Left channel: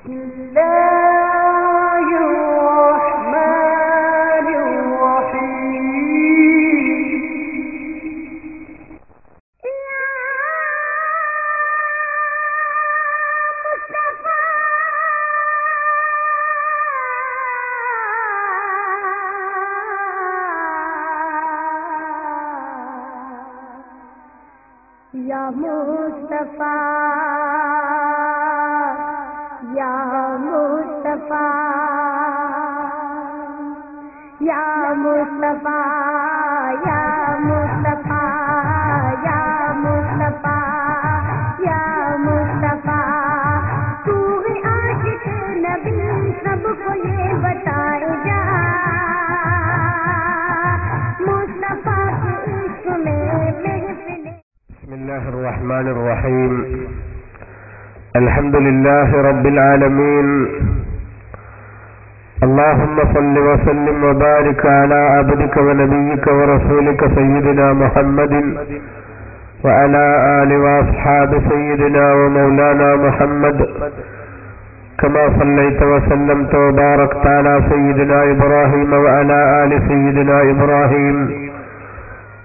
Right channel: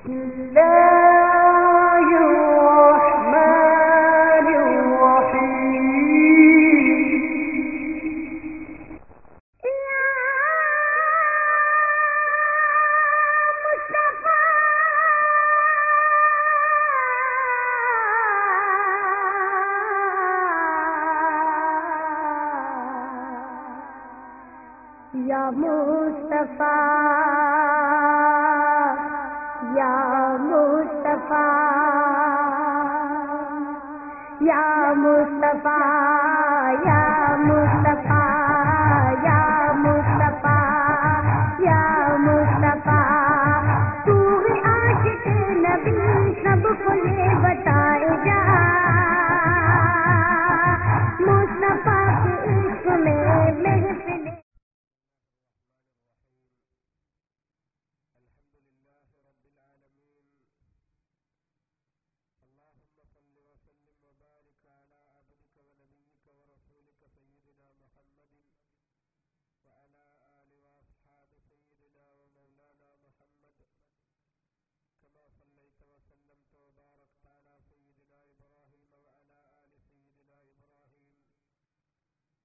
या मुस्तफा या मुस्तफा या मुस्तफा या मुस्तफा या मुस्तफा या मुस्तफा तू है आशिक नबी सबको ये बताए जा मुस्तफा के इश्क में महफिल। बिस्मिल्लाहिर रहमानिर रहीम अल्हम्दुलिल्लाहि रब्बिल आलमीन अल्लाहुम्मा सल्लि व सल्लिम व बारिक अला अब्दिका व नबिय्यिका व रसूलिका सय्यिदिना मुहम्मदिन व अला आलि व अस्हाबि सय्यिदिना व मौलाना मुहम्मद कमा सल्लैता व सल्लमता व बारकता अला सय्यिदिना इब्राहीम व अला आलि सय्यिदिना इब्राहीम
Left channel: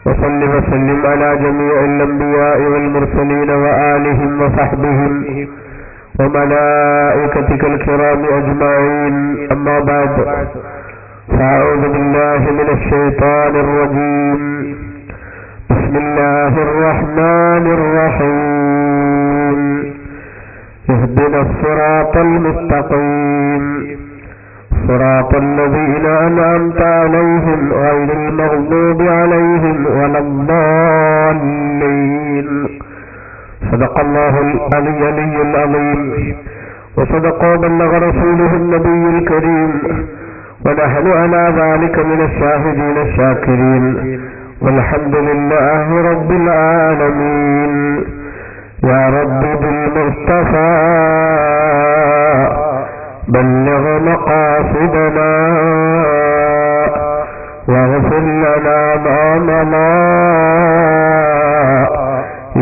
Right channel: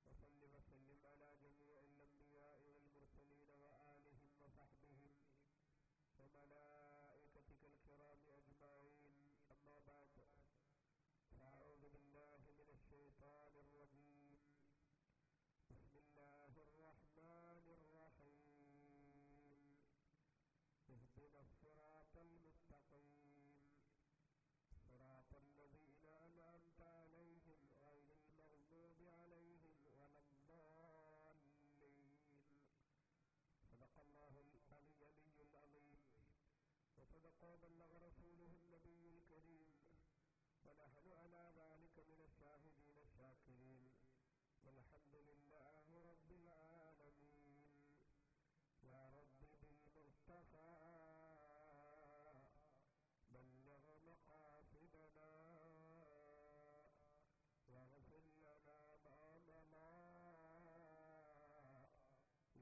وصل وسلم على جميع الأنبياء والمرسلين وآلهم وصحبهم وملائكتك الكرام أجمعين أما بعد فأعوذ بالله من الشيطان الرجيم بسم الله الرحمن الرحيم اهدنا الصراط المستقيم صراط الذين أنعمت عليهم غير المغضوب عليهم ولا الضالين صدق الله العلي العظيم وصدق وبلغ رسوله النبي الكريم ونحن على ذلك من الشاهدين الشاكرين والحمد لله رب العالمين يا رب بالمصطفى بلغ مقاصدنا واغفر لنا ما مضى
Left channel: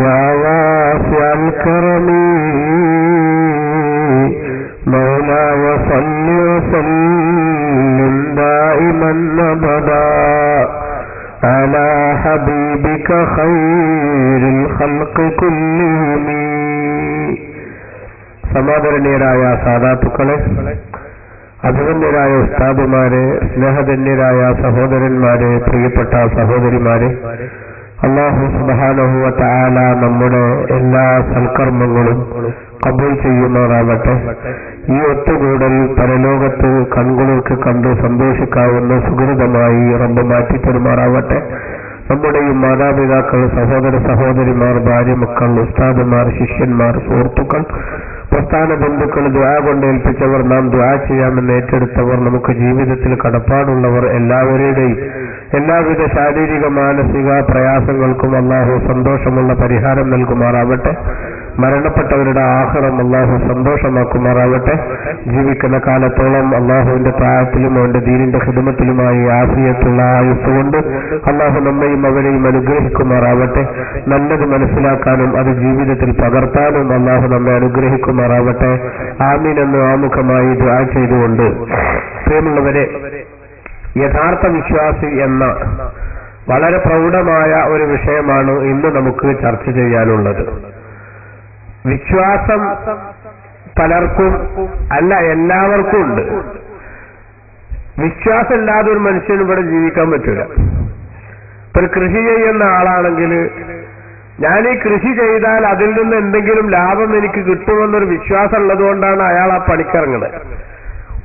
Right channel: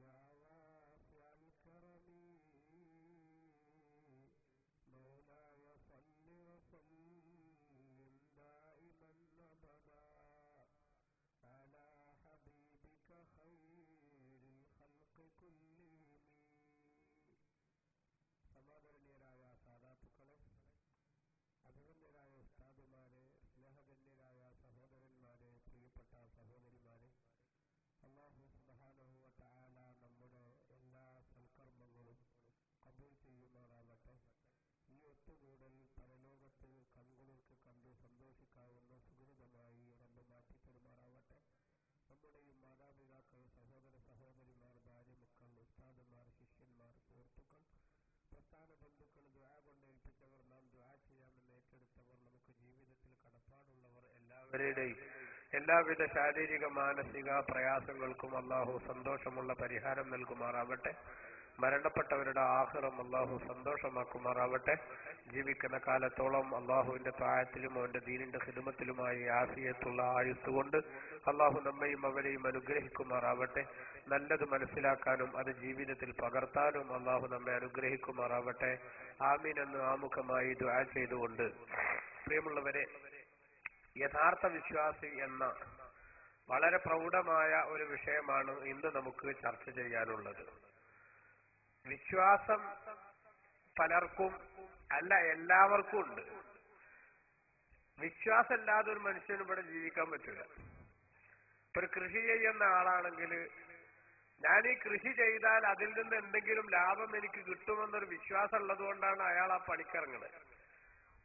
يا واسع الكرم مولاي صل وسلم دائما أبدا على حبيبك خير الخلق كلهم. സമാദരണീയരായ സാദാത്തുക്കളെ, അഭിമന്യരായ ഉസ്താദുമാരെ, സ്നേഹധന്യരായ സഹോദരന്മാരെ, പ്രിയപ്പെട്ട സഹോദരിമാരെ, അല്ലാഹു സുബ്ഹാനഹു വ തആല നമ്മുടെ എല്ലാ സൽക്കർമ്മങ്ങളും ഖബൂൽ ചെയ്യുമാറാവട്ടെ. ഈ ഒത്തുകൂടൽ പരലോകത്ത് കൺകുളിർക്ക് കണ്ടു സന്തോഷിക്കാവുന്ന സുഹൃതമായി റബ്ബ് മാറ്റിത്തരുമാറാവട്ടെ. നമ്മുടെയും മാതാപിതാക്കൾ, സഹോദര സഹോദരിമാർ, ഭാര്യ മക്കൾ, ഉസ്താദുമാർ, ശിഷ്യന്മാർ, സുഹൃത്തുക്കൾ, പ്രസ്ഥാന ബന്ധുക്കൾ, ദുആ കൊണ്ട് ഏൽപ്പിച്ചവർ, നാം ദുആ ചെയ്യാമെന്ന് ഏറ്റെടുത്തവർ, നമുക്ക് ജീവിതത്തിൽ കടപ്പാടുള്ളവർ എല്ലാവരുടെയും എല്ലാവിധ ശാരീരിക മാനസിക പ്രയാസങ്ങൾക്കും അല്ലാഹു സന്തോഷമുള്ള പരിഹാരം നൽകുമാറാവട്ടെ. മരണപ്പെട്ടവരുടെ ആഖിറം അല്ലാഹു സന്തോഷമാക്കുമാറാവട്ടെ. ജീവിക്കുന്ന കാലത്തോളം അല്ലാഹുവിന്റെ താഅത്തിലും അവന്റെ ദീനിന്റെ ഖിദ്മത്തിലുമായി ആഫിയത്തുള്ള ആയുസ്സ് കൊണ്ട് അല്ലാഹു നമ്മയും അവരെയും അനുഗ്രഹിക്കുമാറാവട്ടെ. നല്ലത് മനസ്സിലാക്കാനും അത് ജീവിതത്തിൽ പകർത്താനും അല്ലാഹു നമ്മെ അനുഗ്രഹിക്കുമാറാവട്ടെ. ആമീൻ എന്ന് ആമുഖമായി ദുആ ചെയ്തുകൊണ്ട്, പ്രിയമുള്ളവരെ, യഥാർത്ഥ വിശ്വാസി എന്ന വളരെ പ്രൗഢമായ ഒരു വിഷയമാണ് ഇന്ന് നമുക്ക് ചർച്ച ചെയ്യാനുള്ളത്. വിശ്വാസം പലർക്കും അല്ല, എല്ലാവർക്കും ഉണ്ട്. വിശ്വാസം ഇല്ലാതെ ഒരു മനുഷ്യന് ഇവിടെ ജീവിക്കാൻ പറ്റൂല. ഇപ്പൊ ഒരു കൃഷി ചെയ്യുന്ന ആളാണെങ്കിൽ, ഞാൻ ഈ കൃഷി ചെയ്താൽ അതിൽ നിന്ന് എന്തെങ്കിലും ലാഭം എനിക്ക് കിട്ടുമെന്നൊരു വിശ്വാസം ഉള്ളതുകൊണ്ടാണ് അയാൾ ആ പണിക്കിറങ്ങുന്നത്.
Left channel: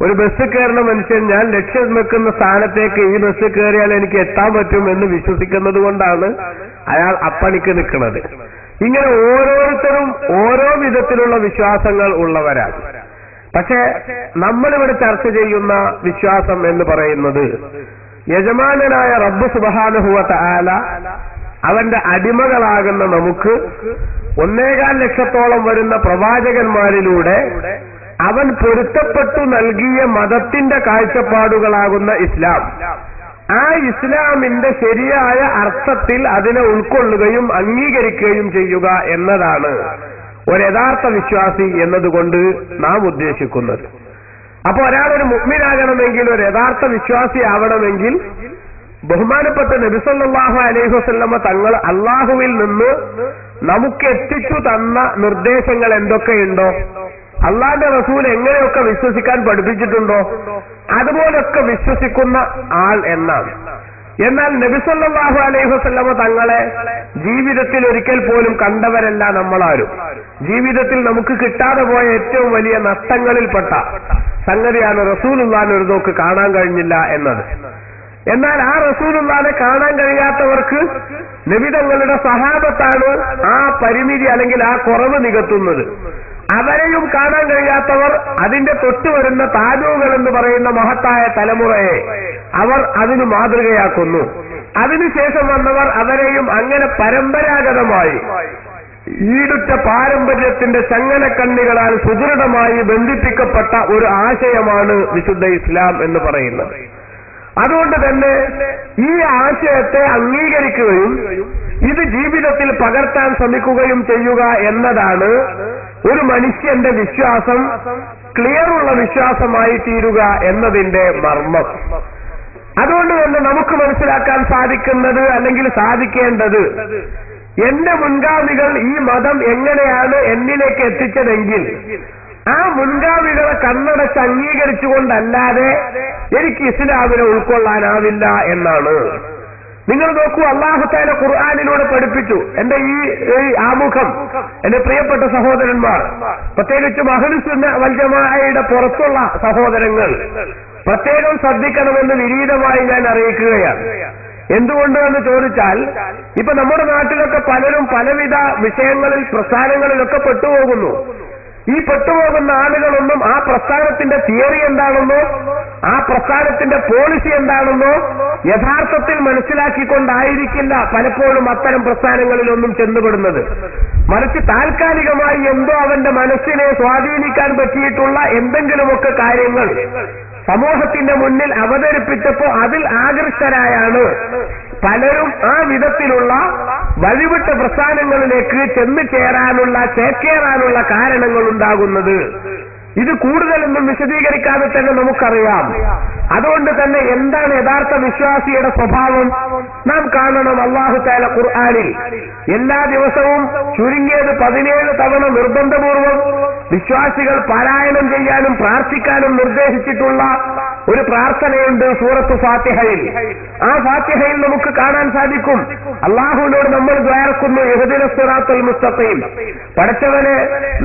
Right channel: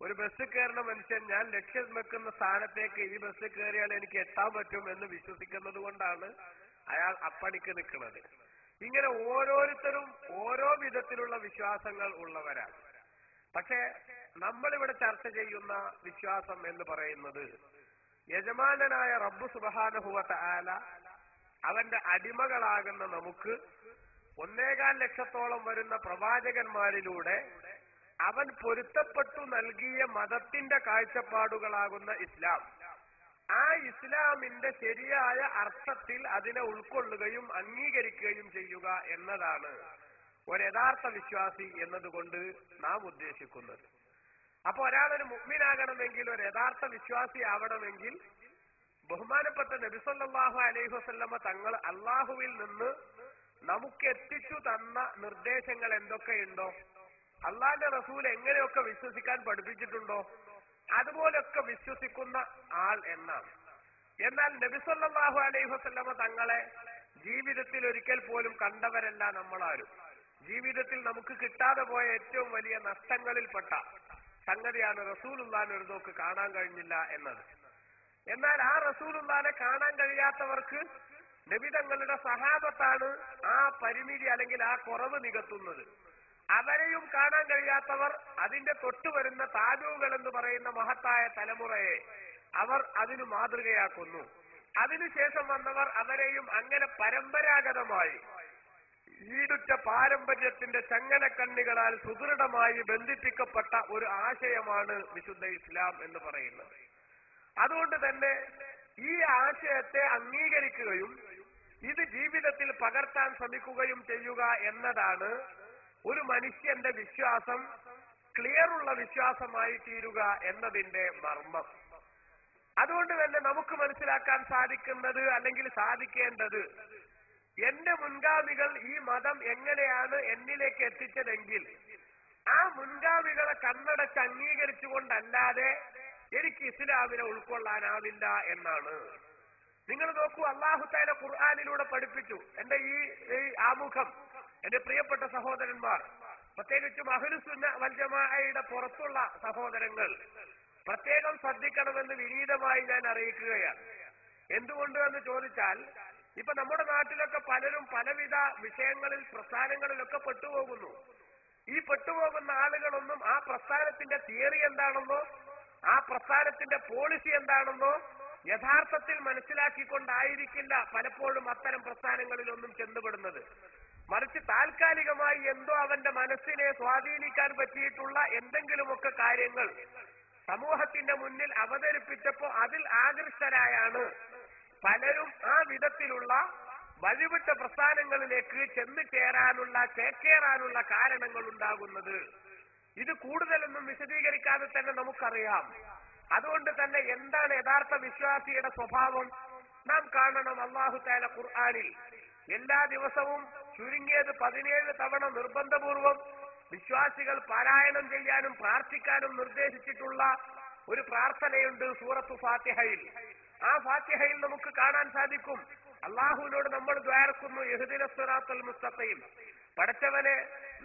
ഒരു ബസ് കയറുന്ന മനുഷ്യൻ, ഞാൻ ലക്ഷ്യം വെക്കുന്ന സ്ഥാനത്തേക്ക് ഈ ബസ് കയറിയാൽ എനിക്ക് എത്താൻ പറ്റും എന്ന് വിശ്വസിക്കുന്നത് കൊണ്ടാണ് അയാൾ അപ്പണിക്ക് നിൽക്കുന്നത്. ഇങ്ങനെ ഓരോരുത്തരും ഓരോ വിധത്തിലുള്ള വിശ്വാസങ്ങൾ ഉള്ളവരാണ്. പക്ഷെ നമ്മളിവിടെ ചർച്ച ചെയ്യുന്ന വിശ്വാസം എന്ന് പറയുന്നത്, യജമാനനായ റബ്ബ് സുബ്ഹാനഹു വ തആല അവന്റെ അടിമകളാകുന്ന നമുക്ക് 1.25 ലക്ഷത്തോളം വരുന്ന പ്രവാചകന്മാരിലൂടെ അവൻ പൊരുത്തപ്പെട്ടു നൽകിയ മതത്തിന്റെ കാഴ്ചപ്പാടുകളാകുന്ന ഇസ്ലാം, ആ ഇസ്ലാമിന്റെ ശരിയായ അർത്ഥത്തിൽ അതിനെ ഉൾക്കൊള്ളുകയും അംഗീകരിക്കുകയും ചെയ്യുക എന്നതാണ് ഒരു യഥാർത്ഥ വിശ്വാസി എന്നതുകൊണ്ട് നാം ഉദ്ദേശിക്കുന്നത്. അപ്പൊ ഒരാളൊരു മുഅ്മിനാകണമെങ്കിൽ, ഒരു യഥാർത്ഥ വിശ്വാസി ആവണമെങ്കിൽ ബഹുമാനപ്പെട്ട നബി സല്ലല്ലാഹു അലൈഹി വസല്ലമ തങ്ങൾ അള്ളാഹുവിൽ നിന്ന് നമുക്ക് എത്തിച്ചു തന്ന നിർദ്ദേശങ്ങൾ എന്തൊക്കെയുണ്ടോ, അള്ളാന്റെ റസൂൽ എങ്ങനെയൊക്കെ വിശ്വസിക്കാൻ പഠിപ്പിച്ചിട്ടുണ്ടോ അതുപോലൊക്കെ വിശ്വസിക്കുന്ന ആൾ എന്നാണ്. എന്നാൽ നബി സല്ലല്ലാഹു അലൈഹി വസല്ലമ തങ്ങളെ ജീവിതത്തിൽ ഒരിക്കൽ പോലും കണ്ടവരല്ല നമ്മളാരും. ജീവിതത്തിൽ നമുക്ക് കിട്ടാതെ പോയ ഏറ്റവും വലിയ നഷ്ടങ്ങളിൽപ്പെട്ട സംഗതിയാണ് റസൂലുള്ളാഹിനെ ഒരു നോക്ക് കാണാൻ കഴിഞ്ഞില്ല എന്നത്. എന്നാൽ ആ റസൂലുള്ളാഹിനെ കാണാൻ കഴിയാത്തവർക്ക് നബി തങ്ങളുടെ സഹാബത്താണ് ആ പരിമിതി അല്ലെങ്കിൽ ആ കുറവ് നികത്തുന്നത്. അവരെയും കാണാൻ കഴിയാത്തവർ അതിന്റെ തൊട്ടു വരുന്ന താജൂകൾ എന്ന് പറയുന്ന മഹത്തായ തലമുറയെ അവർ അതിന് മാതൃകയാക്കുന്നു. അതിനുശേഷം വന്നവർ അവരെയും അങ്ങനെ പരമ്പരാഗതമായി ഈടുറ്റ പാരമ്പര്യത്തിന്റെ ചങ്ങലക്കണ്ണികളാൽ സുദൃഢമായി ബന്ധിപ്പിക്കപ്പെട്ട ഒരു ആശയമാണ് വിശുദ്ധ ഇസ്ലാം എന്ന് പറയുന്നത്. അതുകൊണ്ട് തന്നെ ഈ ആശയത്തെ അംഗീകരിക്കുകയും ഇത് ജീവിതത്തിൽ പകർത്താൻ ശ്രമിക്കുകയും ചെയ്യുക എന്നതാണ് ഒരു മനുഷ്യന്റെ വിശ്വാസം ക്ലിയറുള്ള വിശ്വാസമായി തീരുക എന്നതിന്റെ മർമ്മം. അതുകൊണ്ട് തന്നെ നമുക്ക് മനസ്സിലാക്കാൻ സാധിക്കുന്നത് അല്ലെങ്കിൽ സാധിക്കേണ്ടത്, എന്റെ മുൻഗാമികൾ ഈ മതം എങ്ങനെയാണ് എന്നിലേക്ക് എത്തിച്ചതെങ്കിൽ ആ മുൻഗാമികളെ കണ്ണടച്ച് അംഗീകരിച്ചുകൊണ്ടല്ലാതെ എനിക്ക് ഇസ്ലാമിനെ ഉൾക്കൊള്ളാനാവില്ല എന്നാണ്. നിങ്ങൾ നോക്കൂ, അല്ലാഹു തആല ഖുർആനിലൂടെ പഠിപ്പിച്ചു. എന്റെ ഈ ആമുഖം എന്റെ പ്രിയപ്പെട്ട സഹോദരന്മാർ, പ്രത്യേകിച്ചും അഹ്ലുസുന്ന വൽ ജമാഅയുടെ പുറത്തുള്ള സഹോദരങ്ങൾ പ്രത്യേകം ശ്രദ്ധിക്കണമെന്ന് വിനീതമായി ഞാൻ അറിയിക്കുകയാണ്. എന്തുകൊണ്ട് എന്ന് ചോദിച്ചാൽ, ഇപ്പൊ നമ്മുടെ നാട്ടിലൊക്കെ പലരും പലവിധ വിഷയങ്ങളിൽ പ്രസ്ഥാനങ്ങളിലൊക്കെ പെട്ടുപോകുന്നു. ഈ പെട്ടുപോകുന്ന ആളുകളൊന്നും ആ പ്രസ്ഥാനത്തിന്റെ തിയറി എന്താണെന്നോ ആ പ്രസ്ഥാനത്തിന്റെ പോളിസി എന്താണെന്നോ യഥാർത്ഥത്തിൽ മനസ്സിലാക്കിക്കൊണ്ടായിരിക്കില്ല പലപ്പോഴും അത്തരം പ്രസ്ഥാനങ്ങളിലൊന്നും ചെന്നുപെടുന്നത്. മറിച്ച് താൽക്കാലികമായി എന്തോ അവന്റെ മനസ്സിനെ സ്വാധീനിക്കാൻ പറ്റിയിട്ടുള്ള എന്തെങ്കിലുമൊക്കെ കാര്യങ്ങൾ സമൂഹത്തിന്റെ മുന്നിൽ അവതരിപ്പിച്ചപ്പോ അതിൽ ആകൃഷ്ടരായാണ് പലരും ആ വിധത്തിലുള്ള വഴിവിട്ട പ്രസ്ഥാനങ്ങളിലേക്ക് ചെന്നു ചേക്കേറാനുള്ള കാരണങ്ങൾ ഉണ്ടാകുന്നത്. ഇത് കൂടുതലൊന്നും വിശദീകരിക്കാതെ തന്നെ നമുക്കറിയാം. അതുകൊണ്ട് തന്നെ എന്താണ് യഥാർത്ഥ വിശ്വാസിയുടെ സ്വഭാവം നാം കാണണം. അല്ലാഹു തആല ഖുർആനിൽ എല്ലാ ദിവസവും ചുരുങ്ങിയത് 17 തവണ നിർബന്ധപൂർവം വിശ്വാസികൾ പാരായണം ചെയ്യാനും പ്രാർത്ഥിക്കാനും നിർദ്ദേശിച്ചിട്ടുള്ള ഒരു പ്രാർത്ഥനയുണ്ട് സൂറത്ത് ഫാത്തിഹയിൽ. ആ ഫാത്തിഹയിൽ നമുക്ക് കാണാൻ സാധിക്കും, അല്ലാഹുവിനോട് നമ്മൾ ദ്വാരക്കുന്നു, ഇഹ്ദിനസ് സിറാത്തൽ മുസ്തഖീം, പടച്ചവനെ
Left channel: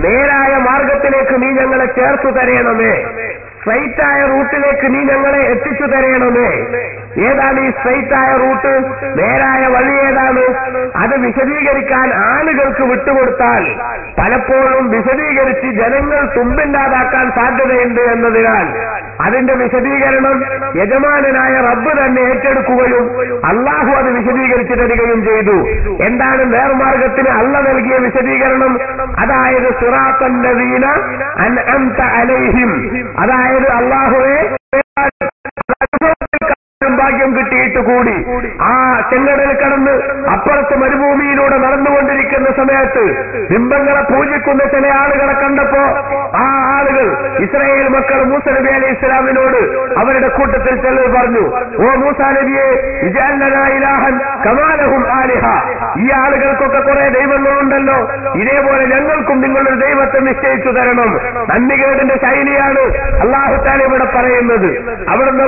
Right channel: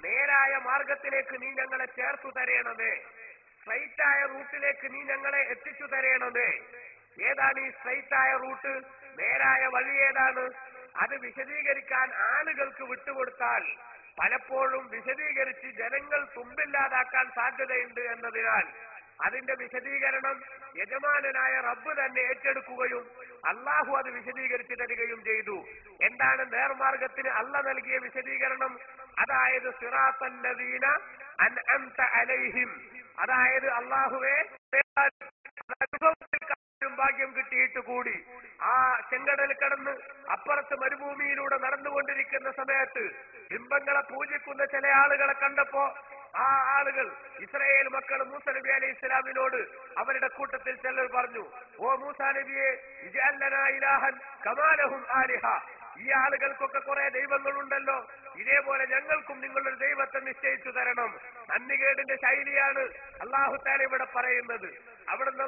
നേരായ മാർഗത്തിലേക്ക് നീ ഞങ്ങളെ ചേർത്തു തരയണമേ, സ്ട്രൈറ്റായ റൂട്ടിലേക്ക് നീ ഞങ്ങളെ എത്തിച്ചു തരയണമേ. ഏതാണ് ഈ സ്ട്രൈറ്റായ റൂട്ട്, നേരായ വഴി ഏതാണ്? അത് വിശദീകരിക്കാൻ ആളുകൾക്ക് വിട്ടുകൊടുത്താൽ പലപ്പോഴും വിശദീകരിച്ച് ജനങ്ങൾ തുമ്പില്ലാതാക്കാൻ സാധ്യതയുണ്ട് എന്നതിനാൽ അതിന്റെ വിശദീകരണം യജമാനനായ റബ്ബ് തന്നെ ഏറ്റെടുക്കുകയും അള്ളാഹു അത് വിശദീകരിച്ചു തരികയും ചെയ്തു. എന്താണ് നേർമാർഗത്തിന് അള്ള നൽകിയ വിശദീകരണം? അതായത് സിറാത്തൽ ലദീന അൻഅംത അലൈഹിം, അതായത് അള്ളാഹുവേ ഭാഗ്യം കിട്ടിയിട്ട് കൂടി ആ ചെങ്കടൽ കടന്ന് അപ്പുറത്ത് മരുഭൂമിയിലൂടെ നടന്നുകൊണ്ടിരിക്കുന്ന സമയത്ത് ബിംബങ്ങളെ പൂജിക്കുന്ന ചില ആളുകളെ കണ്ടപ്പോ ആ ആളുകൾ ഇസ്രായേൽ മക്കൾ മൂസ നബി അലൈഹി ഇസ്ലാമിനോട് അവരുടെ കൂട്ടത്തിൽ ചിലർ പറഞ്ഞു, ഓ മൂസാ നബിയെ, ഇജ്അൽ ലനാ ഇലാഹൻ കമാ ലഹും ആലിഹ, ഈ ആളുകൾക്കൊക്കെ കുറെ ദൈവങ്ങളുണ്ടല്ലോ, ഇതേപോലെ ഞങ്ങൾക്കും നിങ്ങളൊരു ദൈവത്തെ നിശ്ചയിച്ചു തരണം. നന്ദികേടിന്റെ ശൈലിയാണ് അല്ലാഹു തആല ഇവിടെ പറയുന്നത്. അവിടുന്ന്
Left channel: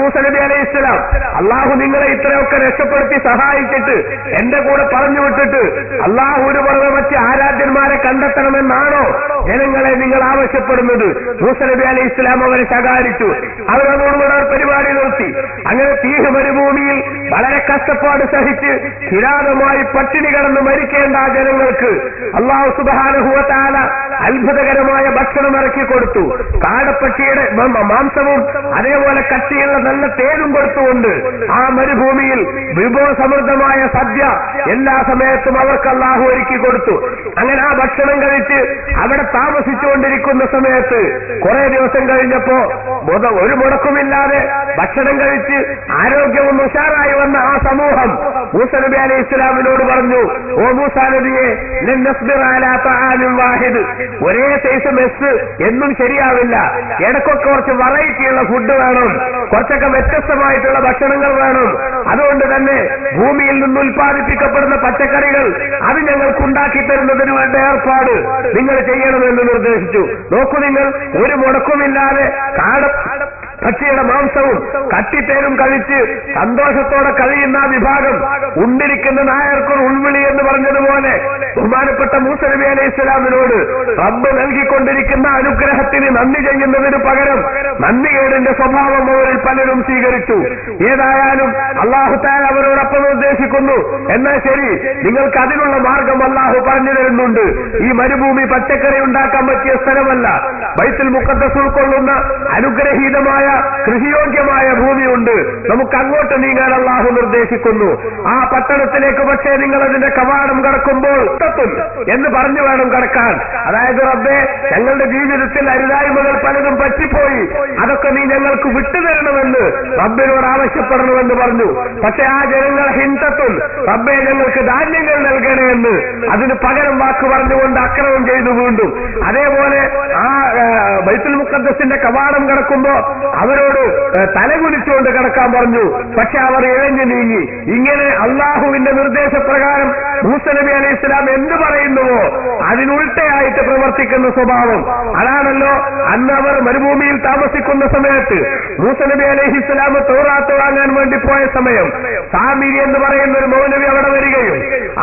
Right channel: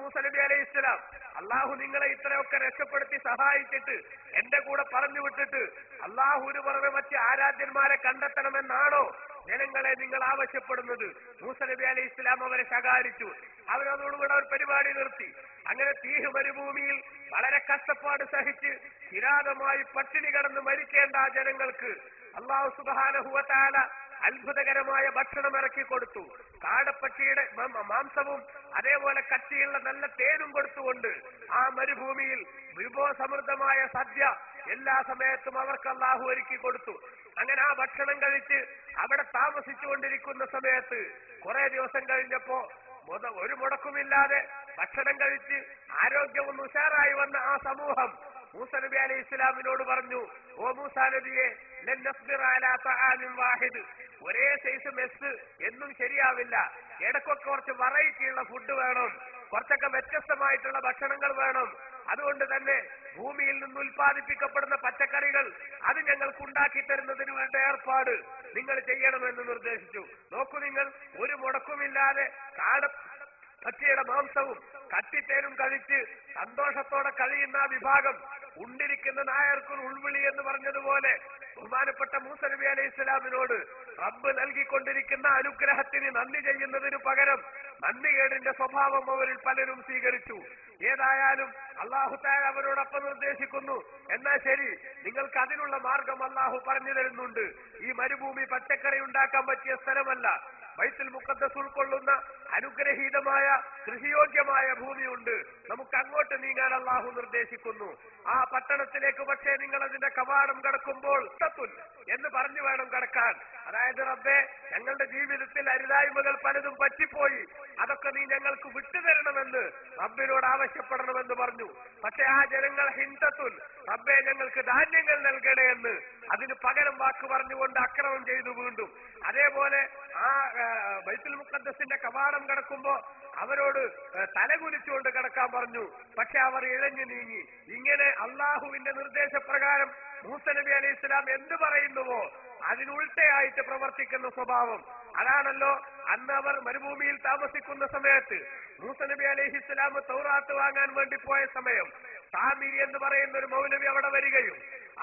മൂസ നബി അലൈഹി ഇസ്ലാം, അള്ളാഹു നിങ്ങളെ ഇത്രയൊക്കെ രക്ഷപ്പെടുത്തി സഹായിച്ചിട്ട് എന്റെ കൂടെ പറഞ്ഞു വിട്ടിട്ട് അള്ളാഹുവിന് പുറമെ മറ്റ് ആരാധ്യന്മാരെ കണ്ടെത്തണമെന്നാണോ ജനങ്ങളെ നിങ്ങൾ ആവശ്യപ്പെടുന്നത്? മൂസ നബി അലൈഹി ഇസ്ലാം അവരെ ശകാരിച്ചു. അവരതോടുകൂടെ പരിപാടി നിർത്തി. അങ്ങനെ തീഹ് മരുഭൂമിയിൽ വളരെ കഷ്ടപ്പാട് സഹിച്ച് കിരാതമായി പട്ടിണി കടന്ന് മരിക്കേണ്ട ജനങ്ങൾക്ക് അല്ലാഹു സുബ്ഹാനഹു വ തആല അത്ഭുതകരമായ ഭക്ഷണം ഇറക്കി കൊടുത്തു. കാടപ്പക്ഷിയുടെ മാംസവും അതേപോലെ കട്ടിയുള്ള നല്ല തേനും കൊടുത്തുകൊണ്ട് ആ മരുഭൂമിയിൽ വിഭവസമൃദ്ധമായ സദ്യ എല്ലാ സമയത്തും അവർക്ക് അല്ലാഹു ഒരുക്കി കൊടുത്തു. അങ്ങനെ ആ ഭക്ഷണം കഴിച്ച് അവിടെ താമസിച്ചുകൊണ്ടിരിക്കുന്ന സമയത്ത് കുറെ ദിവസം കഴിഞ്ഞപ്പോ ഒരു മുടക്കുമില്ലാതെ ഭക്ഷണം കഴിച്ച് ആരോഗ്യവും ഉഷാറായി വന്ന ആ സമൂഹം മൂസാ നബി അലൈഹി ഇസ്ലാമിനോട് പറഞ്ഞു, ഓ മൂസാ നബിയെ, ലൻ നസ്ബിറ അലാ തആമിൻ വാഹിദ്, ഒരേ സൈസ് മെസ്സ് എന്നും ശരിയാവില്ല, ഇടയ്ക്കൊക്കെ കുറച്ച് വെറൈറ്റിയുള്ള ഫുഡ് വേണം, കുറച്ചൊക്കെ വ്യത്യസ്തമായിട്ടുള്ള ഭക്ഷണങ്ങൾ വേണം. അതുകൊണ്ട് തന്നെ ഭൂമിയിൽ നിന്ന് ഉൽപ്പാദിപ്പിക്കപ്പെടുന്ന പച്ചക്കറികൾ അത് ഞങ്ങൾക്ക് ഉണ്ടാക്കി തരുന്നതിന് വേണ്ട ഏർപ്പാട് നിങ്ങൾ ചെയ്യണമെന്ന് നിർദ്ദേശിച്ചു. നോക്കൂ, നിങ്ങൾ ഒരു മുടക്കുമില്ലാതെ പക്ഷിയുടെ മാംസവും കട്ടിത്തേനും കഴിച്ച് സന്തോഷത്തോടെ കഴിയുന്ന ആ വിഭാഗം ഉണ്ടിരിക്കുന്ന നായർക്കൊരു ഉൾവിളി എന്ന് പറഞ്ഞതുപോലെ ബഹുമാനപ്പെട്ട മൂസാ നബി അലൈഹി ഇസ്ലാമിനോട് റബ്ബ് നൽകിക്കൊണ്ടിരിക്കുന്ന അനുഗ്രഹത്തിന് നന്ദി ചെയ്യുന്നതിന് പകരം നന്ദികേടിന്റെ സ്വഭാവം അവരിൽ പലരും സ്വീകരിച്ചു. ഏതായാലും അല്ലാഹു തആല അവരോടൊപ്പം നിർദ്ദേശിക്കുന്നു, എന്നാൽ ശരി, നിങ്ങൾക്ക് അതിനുള്ള മാർഗം അല്ലാഹു പറഞ്ഞു തരുന്നുണ്ട്. ഈ മരുഭൂമി പച്ചക്കറി ഉണ്ടാക്കാൻ പറ്റിയ സ്ഥലമല്ല. ബൈത്തുൽ മുഖദ്ദസ് ഉൾക്കൊള്ളുന്ന അനുഗ്രഹീതമായ കൃഷിയോഗ്യമായ ഭൂമിയുണ്ട്. നമുക്ക് അങ്ങോട്ട് നീങ്ങാൻ അല്ലാഹു നിർദ്ദേശിക്കുന്നു. ആ പട്ടണത്തിലേക്ക് പക്ഷേ നിങ്ങൾ അതിന്റെ കവാടം കടക്കുമ്പോൾ എന്ന് പറഞ്ഞു വേണം കടക്കാൻ. അതായത്, റബ്ബേ, ഞങ്ങളുടെ ജീവിതത്തിൽ അരുതായ്മകൾ പലതും പറ്റിപ്പോയി, അതൊക്കെ നീ ഞങ്ങൾക്ക് വിട്ടുതരണമെന്ന് റബ്ബിനോട് ആവശ്യപ്പെടണമെന്ന് പറഞ്ഞു. പക്ഷെ ആ ജനങ്ങൾ ഹിന്തത്തും, റബ്ബേ, ഞങ്ങൾക്ക് ധാന്യങ്ങൾ നൽകണേ എന്ന് അതിന് പകരം വാക്ക് പറഞ്ഞുകൊണ്ട് അക്രമം ചെയ്തു വീണ്ടും. അതേപോലെ ആ ബൈത്തുൽ മുഖദ്ദസിന്റെ കവാടം കടക്കുമ്പോ അവരോട് തലകുലിച്ചുകൊണ്ട് കിടക്കാൻ പറഞ്ഞു. പക്ഷെ അവർ ഇഴഞ്ഞു നീങ്ങി. ഇങ്ങനെ അള്ളാഹുവിന്റെ നിർദ്ദേശപ്രകാരം മൂസാ നബി അലൈഹി ഇസ്ലാം എന്ത് പറയുന്നുവോ അതിനുൾട്ടയായിട്ട് പ്രവർത്തിക്കുന്ന സ്വഭാവം. അതാണല്ലോ അന്ന് അവർ മരുഭൂമിയിൽ താമസിക്കുന്ന സമയത്ത് മൂസാ നബി അലൈഹി ഇസ്ലാം തൗറാത്ത് വാങ്ങാൻ വേണ്ടി പോയ സമയം സാമിരി എന്ന് പറയുന്ന ഒരു മൗലവി അവിടെ വരികയും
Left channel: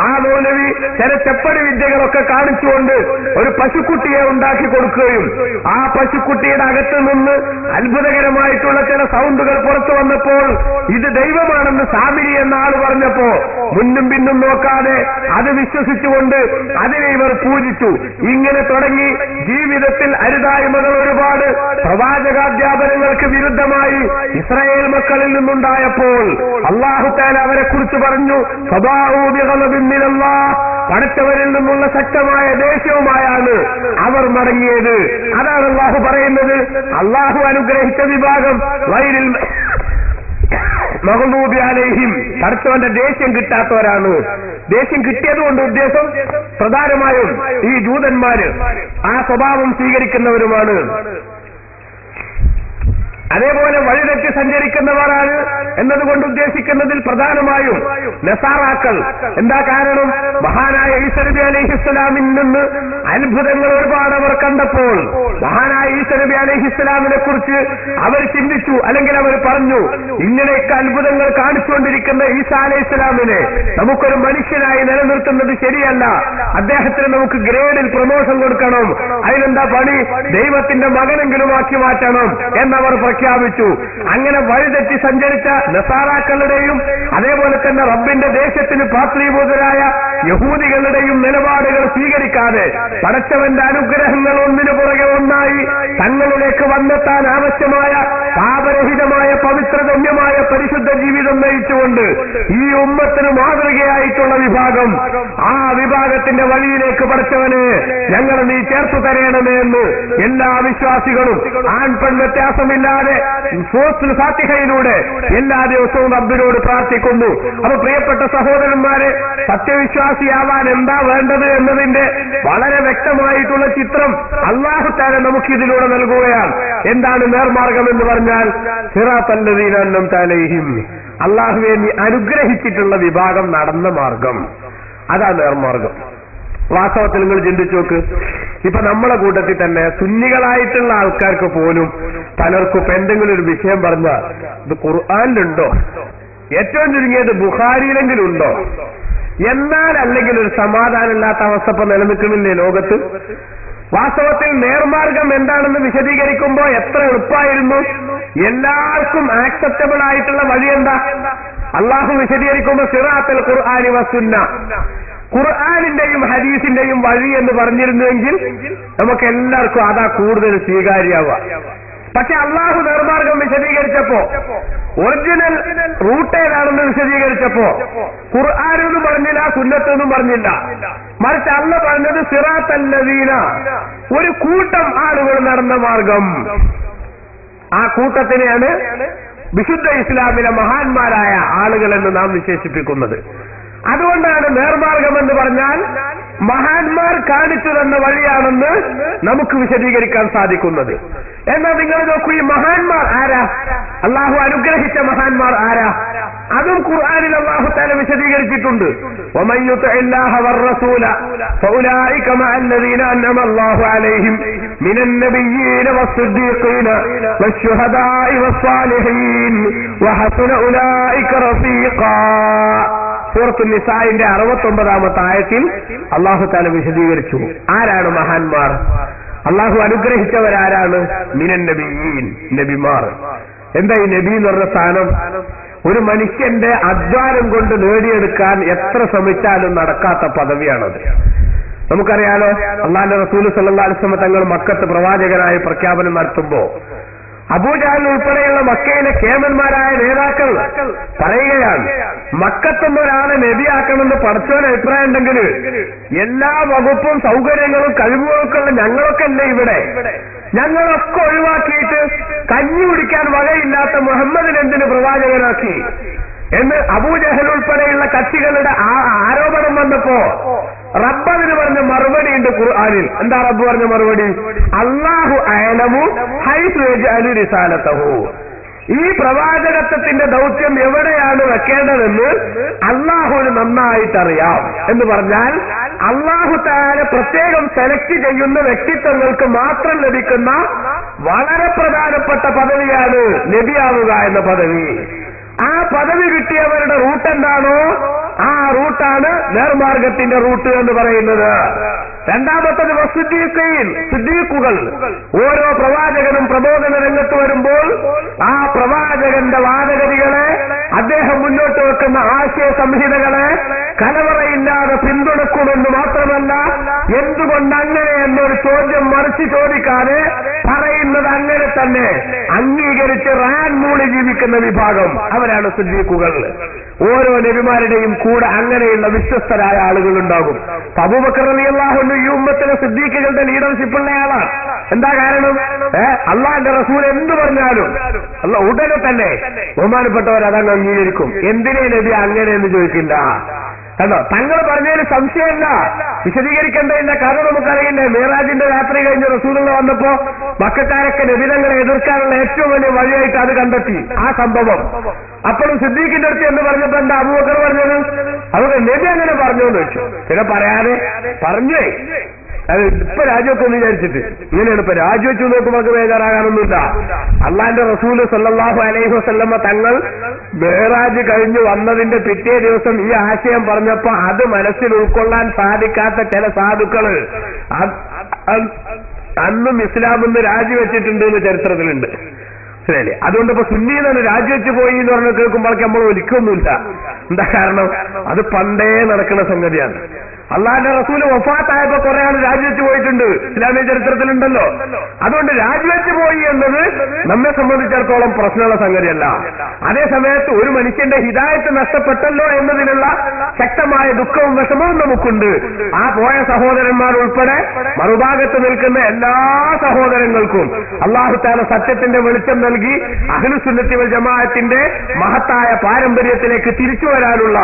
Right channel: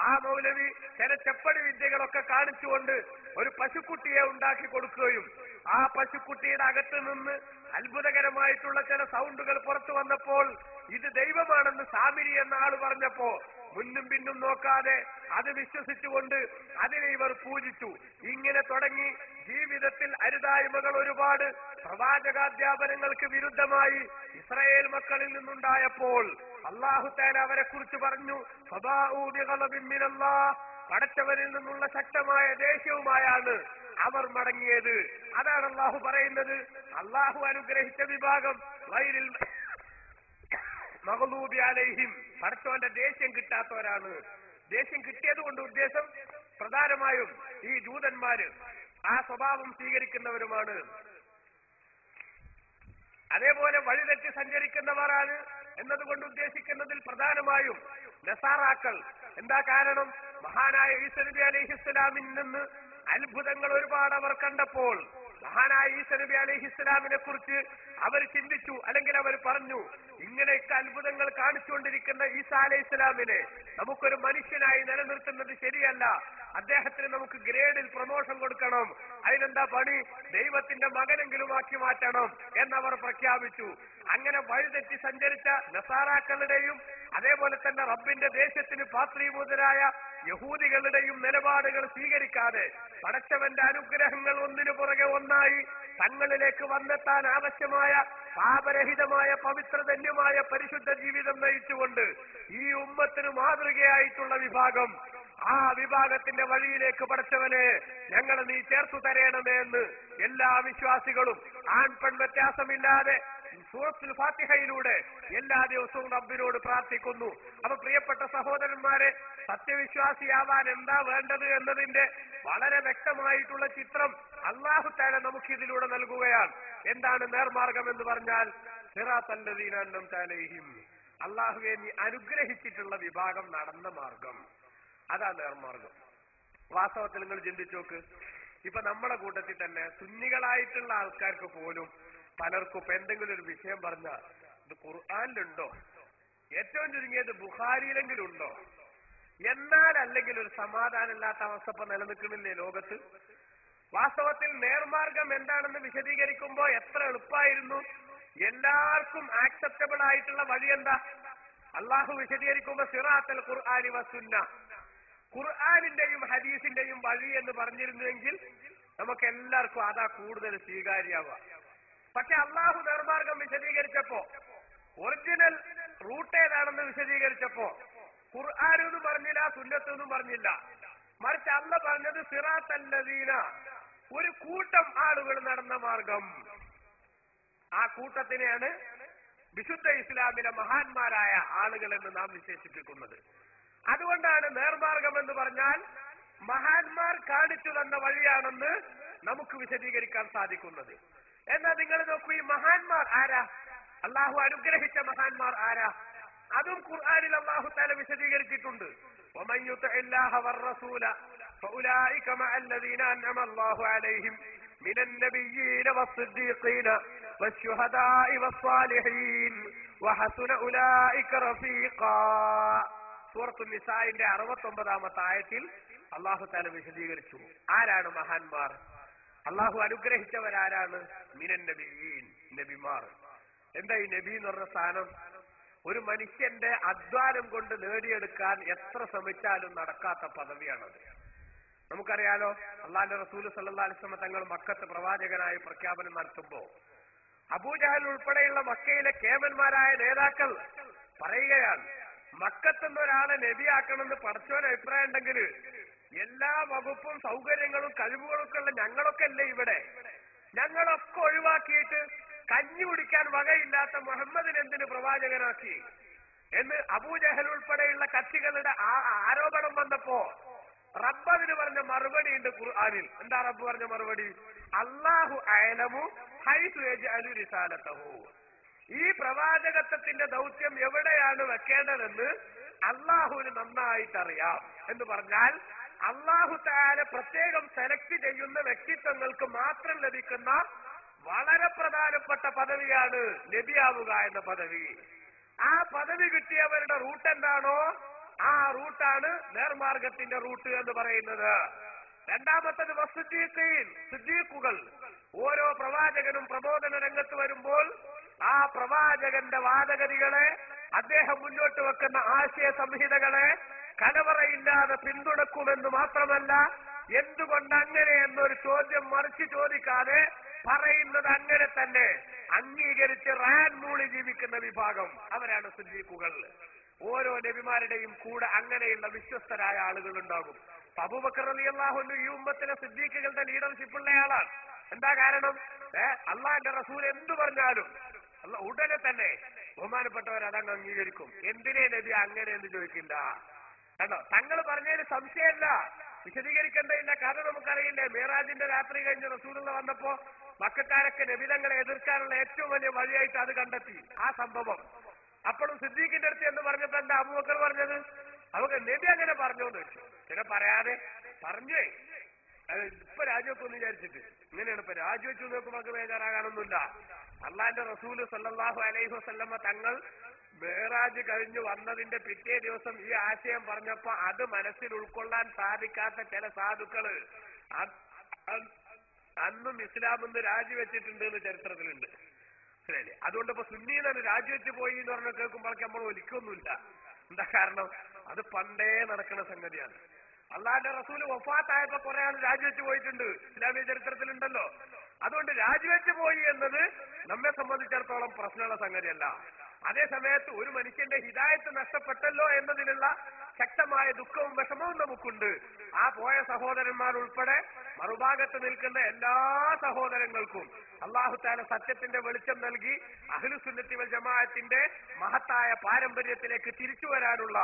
ആ മൗലവി ചില ചെപ്പടി വിദ്യകളൊക്കെ കാണിച്ചുകൊണ്ട് ഒരു പശുക്കുട്ടിയെ ഉണ്ടാക്കി കൊടുക്കുകയും ആ പശുക്കുട്ടിയുടെ അകത്ത് നിന്ന് അത്ഭുതകരമായിട്ടുള്ള ചില സൗണ്ടുകൾ പുറത്തു വന്നപ്പോൾ ഇത് ദൈവമാണെന്ന് സാമിരി എന്ന ആൾ പറഞ്ഞപ്പോ മുന്നും പിന്നും നോക്കാതെ അത് വിശ്വസിച്ചുകൊണ്ട് അതിനെ ഇവർ പൂജിച്ചു. ഇങ്ങനെ തുടങ്ങി ജീവിതത്തിൽ അരുതായ്മകൾ ഒരുപാട് പ്രവാചകാധ്യാപനങ്ങൾക്ക് വിരുദ്ധമായി ഇസ്രായേൽ മക്കളിൽ നിന്നുണ്ടായപ്പോൾ അല്ലാഹു തആല അവരെ കുറിച്ച് പറഞ്ഞു, പടച്ചവരിൽ നിന്നുള്ള ശക്തമായ ദേഷ്യവുമായാണ് അവർ മടങ്ങിയത്. അതാണ് അല്ലാഹു പറയുന്നത്. അല്ലാഹു അനുഗ്രഹിച്ച വിഭാഗം വൈരിൽ മഗ്ദൂബി അലൈഹിം, പടച്ചവന്റെ ദേഷ്യം കിട്ടാത്തവരാണ്. ദേഷ്യം കിട്ടിയതുകൊണ്ട് ഉദ്ദേശം പ്രധാനമായും ഈ ജൂതന്മാര് ആ സ്വഭാവം സ്വീകരിക്കുന്നവരുമാണ്. അതേപോലെ വഴിതെറ്റി സഞ്ചരിക്കുന്നവരാണ് എന്നതുകൊണ്ട് ഉദ്ദേശിക്കുന്നതിൽ പ്രധാനമായും നസാറാക്കൾ. എന്താ കാരണം? മഹാനായ ഈസാ നബി അലൈഹിസ്സലാമിൽ നിന്ന് അത്ഭുതങ്ങൾ ഒരുപാട് അവർ കണ്ടപ്പോൾ മഹാനായ ഈസാ നബി അലൈഹിസ്സലാമിനെ കുറിച്ച് അവർ ചിന്തിച്ചു, അല്ലെങ്കിൽ അവർ പറഞ്ഞു, ഇങ്ങനെയൊക്കെ അത്ഭുതങ്ങൾ കാണിച്ചുകൊണ്ടിരിക്കുന്ന ഈസാ അലൈഹിസ്സലാമിനെ നമുക്കൊരു മനുഷ്യനായി നിലനിർത്തുന്നത് ശരിയല്ല, അദ്ദേഹത്തിന് നമുക്ക് ഗ്രേഡിൽ പ്രമോഷൻ കൊടുക്കണം, അതിനെന്താ പണി, ദൈവത്തിന്റെ മകനെങ്കിലും ആക്കി മാറ്റണം എന്നവർ പ്രഖ്യാപിച്ചു. അങ്ങനെ വഴിതെറ്റി സഞ്ചരിച്ച നസാറാക്കളുടെയും അതേപോലെ തന്നെ റബ്ബിന്റെ ദേശത്തിന് പാത്രീഭൂതരായ യഹൂദികളുടെയും നിലപാടുകൾ സ്വീകരിക്കാതെ പടച്ചവന്റെ അനുഗ്രഹങ്ങൾ ഒന്നിനു പുറകെ ഒന്നായി തങ്ങളിലേക്ക് വന്നെത്താൻ ആവശ്യമായ പാപരഹിതമായ പവിത്രഗമ്യമായ പരിശുദ്ധ ജീവിതം നയിച്ചുകൊണ്ട് ഈ ഉമ്മത്തിന് മാതൃകയായിട്ടുള്ള വിഭാഗം, ആ വിഭാഗത്തിന്റെ വഴിയിലേക്ക് പടച്ചവനെ ഞങ്ങൾ നീ ചേർത്തു തരേണമേ എന്ന് എല്ലാ വിശ്വാസികളും ആൺപെൺ വ്യത്യാസമില്ലാതെ സൂറത്തുൽ ഫാത്തിഹയിലൂടെ എല്ലാ ദിവസവും റബ്ബിനോട് പ്രാർത്ഥിക്കുന്നു. അപ്പൊ പ്രിയപ്പെട്ട സഹോദരന്മാരെ, സത്യവിശ്വാസിയാവാൻ എന്താ വേണ്ടത് എന്നതിന്റെ വളരെ വ്യക്തമായിട്ടുള്ള ചിത്രം അല്ലാഹു തആല നമുക്കിതിലൂടെ നൽകുകയാണ്. എന്താണ് നേർമാർഗം എന്ന് പറഞ്ഞാൽ, സിറാത്തൽ ലദീന അൻഅംത അലൈഹിം, അല്ലാഹുവേ നീ അനുഗ്രഹിച്ചിട്ടുള്ള വിഭാഗം നടന്ന മാർഗം, അതാ നേർമാർഗം. വാസ്തവത്തിൽ നിങ്ങൾ ചിന്തിച്ചു നോക്ക്, ഇപ്പൊ നമ്മളെ കൂട്ടത്തിൽ തന്നെ സുന്നികളായിട്ടുള്ള ആൾക്കാർക്ക് പോലും പലർക്കും ഇപ്പൊ എന്തെങ്കിലും ഒരു വിഷയം പറഞ്ഞാൽ ഇത് ഖുർആനിലുണ്ടോ, ഏറ്റവും ചുരുങ്ങിയത് ബുഖാരിയിലെങ്കിലും ഉണ്ടോ, എന്നാൽ അല്ലെങ്കിൽ ഒരു സമാധാനമില്ലാത്ത അവസ്ഥ ഇപ്പൊ നിലനിൽക്കുന്നില്ലേ ലോകത്ത്. വാസ്തവത്തിൽ നേർമാർഗം എന്താണെന്ന് വിശദീകരിക്കുമ്പോൾ എത്ര എളുപ്പമായിരുന്നു, എല്ലാവർക്കും ആക്സെപ്റ്റബിൾ ആയിട്ടുള്ള വഴി എന്താ? അള്ളാഹു വിശദീകരിക്കുമ്പോൾ സിറാത്തുൽ ഖുർആനി വസുന്ന, ഖുർആനിന്റെയും ഹദീസിന്റെയും വഴി എന്ന് പറഞ്ഞിരുന്നുവെങ്കിൽ നമുക്ക് എല്ലാവർക്കും അതാ കൂടുതൽ സ്വീകാര്യാവുക. പക്ഷെ അള്ളാഹു നേർമാർഗം വിശദീകരിച്ചപ്പോ, ഒറിജിനൽ റൂട്ട് ഏതാണെന്ന് വിശദീകരിച്ചപ്പോ ഖുർആനെന്നും പറഞ്ഞില്ല, സുന്നത്തൊന്നും പറഞ്ഞില്ല. മറിച്ച് അള്ളാഹ് പറഞ്ഞത് സിറാത്തല്ലദീന, ഒരു കൂട്ടം ആളുകൾ നടന്ന മാർഗം. ആ കൂട്ടത്തിനെയാണ് വിശുദ്ധ ഇസ്ലാമിലെ മഹാന്മാരായ ആളുകൾ എന്ന് നാം വിശേഷിപ്പിക്കുന്നത്. അതുകൊണ്ടാണ് നേർമാർഗം എന്ന് പറഞ്ഞാൽ മഹാന്മാർ കാണിച്ചു തന്ന വഴിയാണെന്ന് നമുക്ക് വിശദീകരിക്കാൻ സാധിക്കുന്നത്. എന്നാൽ നിങ്ങൾ നോക്കൂ, ഈ മഹാന്മാർ ആരാ? അള്ളാഹു അനുഗ്രഹിച്ച മഹാന്മാർ ആരാ? അതും ഖുർആനിൽ അള്ളാഹു തആല വിശദീകരിച്ചിട്ടുണ്ട്. വമൻ യുതിഇല്ലാഹ വറസൂല ഫഉലൈക മഅല്ലദീന അൻഅമ അല്ലാഹു അലൈഹിം മിനൻ നബിയ്യീന വസ്സിദ്ദീഖീന വശുഹദാഇ വസ്സാലിഹീൻ വഹസന ഉലൈക റഫീഖാ. സൂറത്തുൽ നിസാഇന്റെ 69ാമത്തെ ആയത്തിൽ അല്ലാഹു തആല വിശദീകരിച്ചു ആരാണ് മഹാന്മാർ, അല്ലാഹു അനുഗ്രഹിച്ചവരാരാണ്. മിനൻ നബിയ്യീൻ, നബിമാർ. എന്താ ഈ നബി എന്ന് പറഞ്ഞ സ്ഥാനം? ഒരു മനുഷ്യന്റെ അധ്വാനം കൊണ്ട് നേടിയെടുക്കാൻ എത്ര ശ്രമിച്ചാലും നടക്കാത്ത പദവിയാണത്. നമുക്കറിയാലോ, അല്ലാഹുവിന്റെ റസൂൽ സല്ലല്ലാഹു അലൈഹി വസല്ലം തങ്ങൾ മക്കത്ത് പ്രവാചകനായി പ്രഖ്യാപനം നടത്തുമ്പോ അബൂജഹൽ ഉൾപ്പെടെയുള്ള മക്കയിലെ കേമന്മാരായ നേതാക്കൾ പറയുകയാണ്, മക്കത്തുനിന്ന് ഒരാളെ നബിയാക്കണമെന്ന് പടച്ചോന് അഭിപ്രായം ഉണ്ടെങ്കിൽ എല്ലാ വകുപ്പും സൗകര്യങ്ങളും കഴിവുകൾക്കുള്ള ഞങ്ങളൊക്കെ അല്ലേ ഇവിടെ, ഞങ്ങളൊക്കെ ഒഴിവാക്കിയിട്ട് കഞ്ഞി കുടിക്കാൻ വകയില്ലാത്ത മുഹമ്മദിനെ എന്തിന് പ്രവാചകനാക്കി എന്ന് അബൂജഹൽ ഉൾപ്പെടെയുള്ള കക്ഷികളുടെ ആരോപണം വന്നപ്പോ റബ്ബ് അതിന് പറഞ്ഞ മറുപടി ഉണ്ട് ഖുർആനിൽ. എന്താ റബ്ബ് പറഞ്ഞ മറുപടി? അല്ലാഹു അഅലമു ഹൈസു യജ്അലു റിസാലതഹു. ഈ പ്രവാചകത്വത്തിന്റെ ദൗത്യം എവിടെയാണ് വെക്കേണ്ടതെന്ന് അള്ളാഹുവിന് നന്നായിട്ടറിയാം എന്ന് പറഞ്ഞാൽ അള്ളാഹു തആല പ്രത്യേകം സെലക്ട് ചെയ്യുന്ന വ്യക്തിത്വങ്ങൾക്ക് മാത്രം ലഭിക്കുന്ന വളരെ പ്രധാനപ്പെട്ട പദവിയാണ് നബിയാവുക എന്ന പദവി. ആ പദവി കിട്ടിയവരുടെ റൂട്ട് എന്താണോ ആ റൂട്ടാണ് നേർമാർഗത്തിന്റെ റൂട്ട് എന്ന് പറയുന്നത്. രണ്ടാമത്തത് വസ്സുദ്ദീഖീൻ, സിദ്ദീഖുകൾ. ഓരോ പ്രവാചകനും പ്രബോധന രംഗത്ത് വരുമ്പോൾ ആ പ്രവാചകന്റെ വാദഗതികളെ, അദ്ദേഹം മുന്നോട്ട് വെക്കുന്ന ആശയ സംഹിതകളെ കലവറയില്ലാതെ പിന്തുണക്കുമെന്ന് മാത്രമല്ല, എന്തുകൊണ്ട് അങ്ങനെ എന്നൊരു ചോദ്യം മറിച്ച് ചോദിക്കാതെ പറയുന്നത് അങ്ങനെ തന്നെ അംഗീകരിച്ച് റാൻ മൂളി ജീവിക്കുന്ന വിഭാഗം അവരാണ് സിദ്ദീഖുകൾ. ഓരോ നബിമാരുടെയും കൂടെ അങ്ങനെയുള്ള വിശ്വസ്തരായ ആളുകൾ ഉണ്ടാകും. അബൂബക്കർ റളിയല്ലാഹു അൻഹു ഈ ഉമ്മത്തിലെ സിദ്ദീഖുകളുടെ ലീഡർഷിപ്പ് ഉള്ള ആളാണ്. എന്താ കാരണം? അള്ളാന്റെ റസൂൽ എന്ത് പറഞ്ഞാലും അള്ളാഹ് ഉടനെ തന്നെ ബഹുമാനപ്പെട്ടവർ അതങ്ങ് അംഗീകരിക്കും. എന്തിനേ നബി അങ്ങനെ എന്ന് ചോദിക്കില്ല. കണ്ടോ, തങ്ങൾ പറഞ്ഞതിന് സംശയമല്ല, വിശദീകരിക്കേണ്ടതില്ല. കാരണം നമുക്കറിയില്ലേ, മിഅ്റാജിന്റെ രാത്രി കഴിഞ്ഞ് റസൂലുള്ള വന്നപ്പോ മക്കക്കാരൊക്കെ നബിതങ്ങളെ എതിർക്കാനുള്ള ഏറ്റവും വലിയ വഴിയായിട്ട് അത് കണ്ടെത്തി ആ സംഭവം. അപ്പോഴും സിദ്ദീഖിന്റെ അടുത്ത് എന്ന് പറഞ്ഞപ്പോ എന്താ അബൂബക്കർ പറഞ്ഞത്? അവർക്ക് നബി അങ്ങനെ പറഞ്ഞു എന്ന് വെച്ചു. പിന്നെ പറയാതെ പറഞ്ഞേ അത് ഇപ്പൊ രാജിവെക്കൊന്ന് വിചാരിച്ചിട്ട് ഇങ്ങനെയാണ്. ഇപ്പൊ രാജിവെച്ചു നോക്കുമ്പോൾ നമുക്ക് ബേജാറാകാനൊന്നുമില്ല. അള്ളാന്റെ റസൂല് സല്ലല്ലാഹു അലൈഹി വസല്ലമ തങ്ങൾ മിഅ്റാജ് കഴിഞ്ഞു വന്നതിന്റെ പിറ്റേ ദിവസം ഈ ആശയം പറഞ്ഞപ്പോ അത് മനസ്സിൽ ഉൾക്കൊള്ളാൻ സാധിക്കാത്ത ചില സാധുക്കള് അന്നും ഇസ്ലാമെന്ന് രാജിവെച്ചിട്ടുണ്ട് എന്ന് ചരിത്രത്തിലുണ്ട്. ശരിയല്ലേ? അതുകൊണ്ട് ഇപ്പൊ സുന്നി തന്നെ രാജിവെച്ച് പോയി എന്ന് പറഞ്ഞ് കേൾക്കുമ്പോഴേക്ക് നമ്മൾ ഒരിക്കൊന്നുമില്ല. എന്താ കാരണം? അത് പണ്ടേ നടക്കുന്ന സംഗതിയാണ്. അള്ളാന്റെ റസൂല് വഫാത്തായപ്പോ കുറെ ആൾ രാജിവെച്ച് പോയിട്ടുണ്ട്, ഇസ്ലാമിക ചരിത്രത്തിലുണ്ടല്ലോ. അതുകൊണ്ട് രാജിവെച്ച് പോയി എന്നത് നമ്മെ സംബന്ധിച്ചിടത്തോളം പ്രശ്നമുള്ള സംഗതിയല്ല. അതേ സമയത്ത് ഒരു മനുഷ്യന്റെ ഹിദായത്ത് നഷ്ടപ്പെട്ടല്ലോ എന്നതിനുള്ള ശക്തമായ ദുഃഖവും വിഷമവും നമുക്കുണ്ട്. ആ പോയ സഹോദരന്മാർ ഉൾപ്പെടെ മറുഭാഗത്ത് നിൽക്കുന്ന എല്ലാ സഹോദരങ്ങൾക്കും അല്ലാഹു തആല സത്യത്തിന്റെ വെളിച്ചം നൽകി അഹ്ലുസുന്നത്തി വൽ ജമാഅത്തിന്റെ മഹത്തായ പാരമ്പര്യത്തിലേക്ക് തിരിച്ചു വരാനുള്ള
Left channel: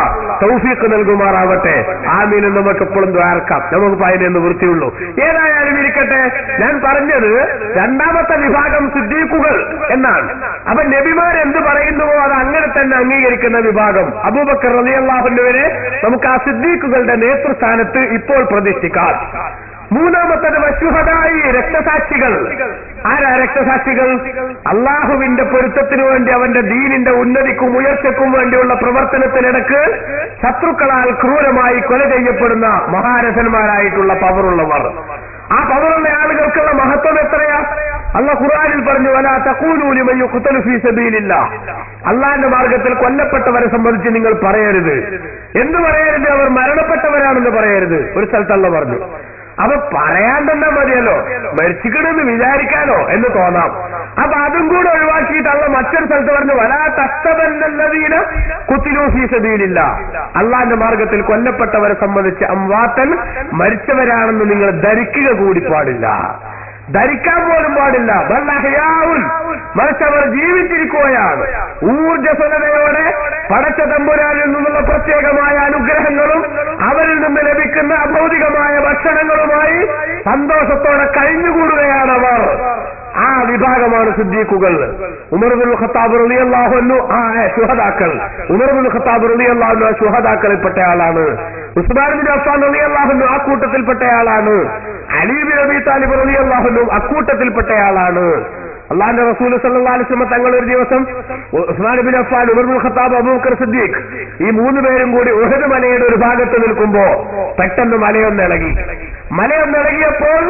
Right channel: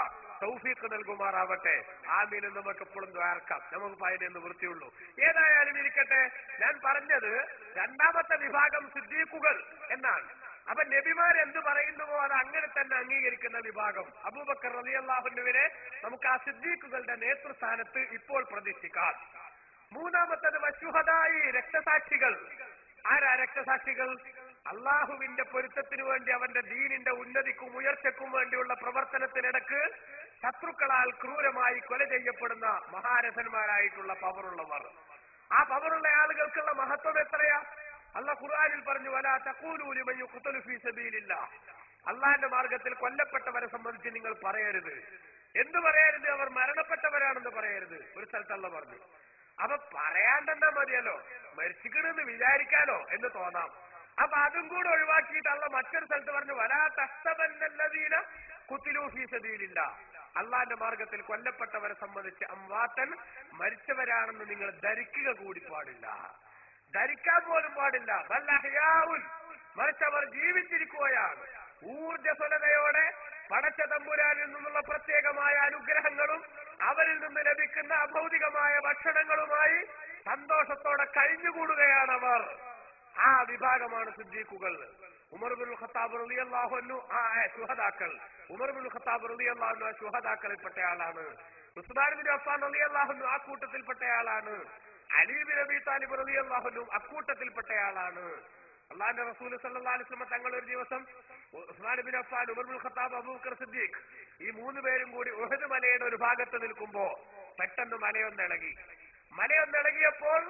തൗഫീഖ് നൽകുമാറാവട്ടെ. ആമീൻ എന്ന് നമുക്ക് എപ്പോഴും ദ്വാരക്കാം. നമുക്ക് അതിനൊന്ന് വൃത്തിയുള്ളൂ. ഏതായാലും ഇരിക്കട്ടെ, ഞാൻ പറഞ്ഞത് രണ്ടാമത്തെ വിഭാഗം സിദ്ദീഖുകൾ എന്നാണ്. അപ്പൊ നബിമാർ എന്ത് പറയുന്നുവോ അത് അങ്ങനെ തന്നെ അംഗീകരിക്കുന്ന വിഭാഗം. അബൂബക്കർ റളിയല്ലാഹു അൻഹുവിനെ നമുക്ക് ആ സിദ്ദീഖുകളുടെ നേതൃസ്ഥാനത്ത് ഇപ്പോൾ പ്രതിഷ്ഠിക്കാം. മൂന്നാമത്തത് വശുഹദായി, രക്തസാക്ഷികൾ. ആരാ രക്തസാക്ഷികൾ? അള്ളാഹുവിന്റെ പൊരുത്തത്തിനു വേണ്ടി അവന്റെ ദീനിന്റെ ഉന്നതിക്കും ഉയർച്ചയ്ക്കും വേണ്ടിയുള്ള പ്രവർത്തനത്തിനിടക്ക് ശത്രുക്കളാൽ ക്രൂരമായി കൊല ചെയ്യപ്പെടുന്ന മഹാരഥന്മാരായിട്ടുള്ള പവറുള്ളവർ. ആ പവറുള്ള ആളുകൾക്കുള്ള മഹത്വം എത്രയാ? അല്ലാഹു ഖുർആനിൽ പറഞ്ഞു വലാ തഖൂലൂ ലിമൻ യുഖ്തലു ഫീ സബീലില്ലാഹ്, അള്ളാന്റെ മാർഗത്തിൽ കൊല്ലപ്പെട്ടവരെ സംബന്ധിച്ച് നിങ്ങൾ പറയരുത്. എന്ത് പറയരുത്? അവർ മരണപ്പെട്ടവരാണെന്ന് പറയരുത്. ഒരു സ്ഥലത്ത് അല്ലാഹു പറഞ്ഞു. അപ്പൊ പറയാൻ തന്നെ മതിയല്ലോ, മരിച്ചിക്കണെന്ന് വിചാരിക്കാനോ എന്ന് തോന്നാം. അപ്പൊ അതും കൂടെ ഒഴിവാക്കിയിട്ടല്ല മറ്റൊരു സ്ഥലത്ത് പറഞ്ഞു വലാ തഹ്സബന്നല്ലദീന ഖുതിലൂ ഫീ സബീലില്ലാഹ്, അള്ളാന്റെ മാർഗത്തിൽ കൊല്ലപ്പെട്ടവരെ സംബന്ധിച്ച് അംവാതൻ, മരിച്ചവരാണെന്ന് നിങ്ങൾ ധരിക്കുക കൂടി പാടില്ല, ധരിക്കാൻ പോലും പാടില്ല. ബല്ലഹയാഉൻ, മറിച്ച് അവർ ജീവിച്ചിരിക്കുകയാണ്. ഊർജ്ജസ്വലതയോടെ പടച്ച തമ്പുരാനിൽ നിന്നുള്ള പ്രത്യേകമായ അനുഗ്രഹങ്ങളും അവരിൽ നിന്ന് ലഭിക്കുന്ന അഭൗതികമായ ഭക്ഷണങ്ങളുമായി സന്തോഷത്തോടെ കഴിഞ്ഞുകൂടുകയാണ് അവർ. ആ വിഭാഗമാണ് സിദ്ദീഖുകൾ. ഉമർ ഇബ്നുൽ ഖത്താബ് റളിയല്ലാഹു അൻഹു ശുഹദാക്കൾ. ഉമർ ഇബ്നുൽ ഖത്താബ് റളിയല്ലാഹു അൻഹു ശുഹദാക്കളിൽപ്പെട്ട ആളാണ്. ഉസ്മാൻ ബിൻ അഫ്ഫാൻ റളിയല്ലാഹു അൻഹു അക്കൂട്ടത്തിൽപ്പെട്ട ആളാണ്. അലി ബിൻ അബീ താലിബ് റളിയല്ലാഹു അൻഹു അക്കൂട്ടത്തിൽപ്പെട്ട ആളാണ്. അള്ളാഹുവിന്റെ റസൂൽ സല്ലല്ലാഹു അലൈഹി വസല്ലം തങ്ങൾ ഒരു ദിവസം ഉസ്മാൻ ബിൻ അഫ്ഫാൻ, ഉമർ ഇബ്നുൽ ഖത്താബ്, അബൂബക്കർ സിദ്ദീഖ് ഈ മൂന്ന് പേരും കൂടി ഉഹദ് മലയുടെ ഒരു ഭാഗത്ത് നിൽക്കുമ്പോ പെട്ടെന്ന് മലയൊന്നിളകി. മലയൊന്നിളകിയപ്പോൾ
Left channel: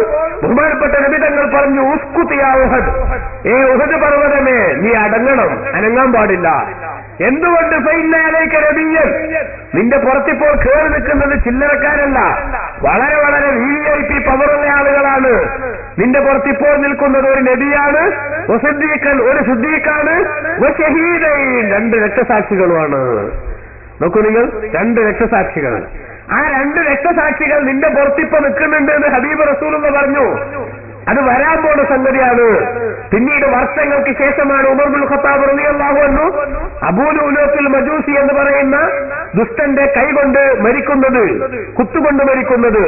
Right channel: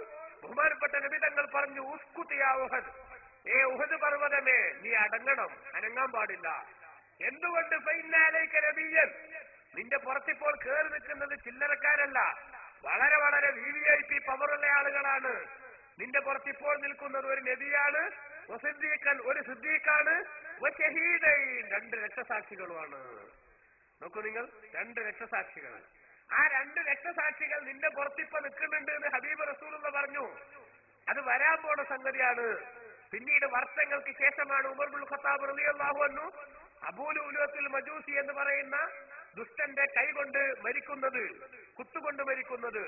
ബഹുമാനപ്പെട്ട നബി തങ്ങൾ പറഞ്ഞു ഉസ്കുത് യാ ഉഹദ്, ഉഹദ് പർവ്വതമേ നീ അടങ്ങണം, അനങ്ങാൻ പാടില്ല. എന്തുകൊണ്ട്? ഫഇന്ന അലൈക നബിയ്യൻ, നിന്റെ പുറത്തിപ്പോൾ കേറി നിൽക്കുന്നത് ചില്ലറക്കാരല്ല, വളരെ വളരെ VIP പവറുള്ള ആളുകളാണ്. നിന്റെ പുറത്തിപ്പോൾ നിൽക്കുന്നത് ഒരു നബിയാണ്, വസിദ്ദീഖൻ ഒരു സിദ്ദീഖാണ്, വശഹീദൈൻ രണ്ട് രക്തസാക്ഷികളുമാണ്. നോക്കൂ നിങ്ങൾ, രണ്ട് രക്തസാക്ഷികൾ. ആ രണ്ട് രക്തസാക്ഷികൾ നിന്റെ പുറത്തിപ്പോ നിൽക്കുന്നുണ്ട് എന്ന് ഹബീബ് റസൂലുള്ളാഹി പറഞ്ഞു. അത് വരാൻ പോണ സംഗതിയാണ്. പിന്നീട് വർഷങ്ങൾക്ക് ശേഷമാണ് ഉമർ ഇബ്നുൽ ഖത്താബ് റളിയല്ലാഹു അൻഹു അബൂ ലുഅ്ലുഅത്തുൽ മജൂസി എന്ന് പറയുന്ന ദുഷ്ടന്റെ കൈകൊണ്ട് മരിക്കുന്നത്, കുത്തുകൊണ്ട് മരിക്കുന്നത്.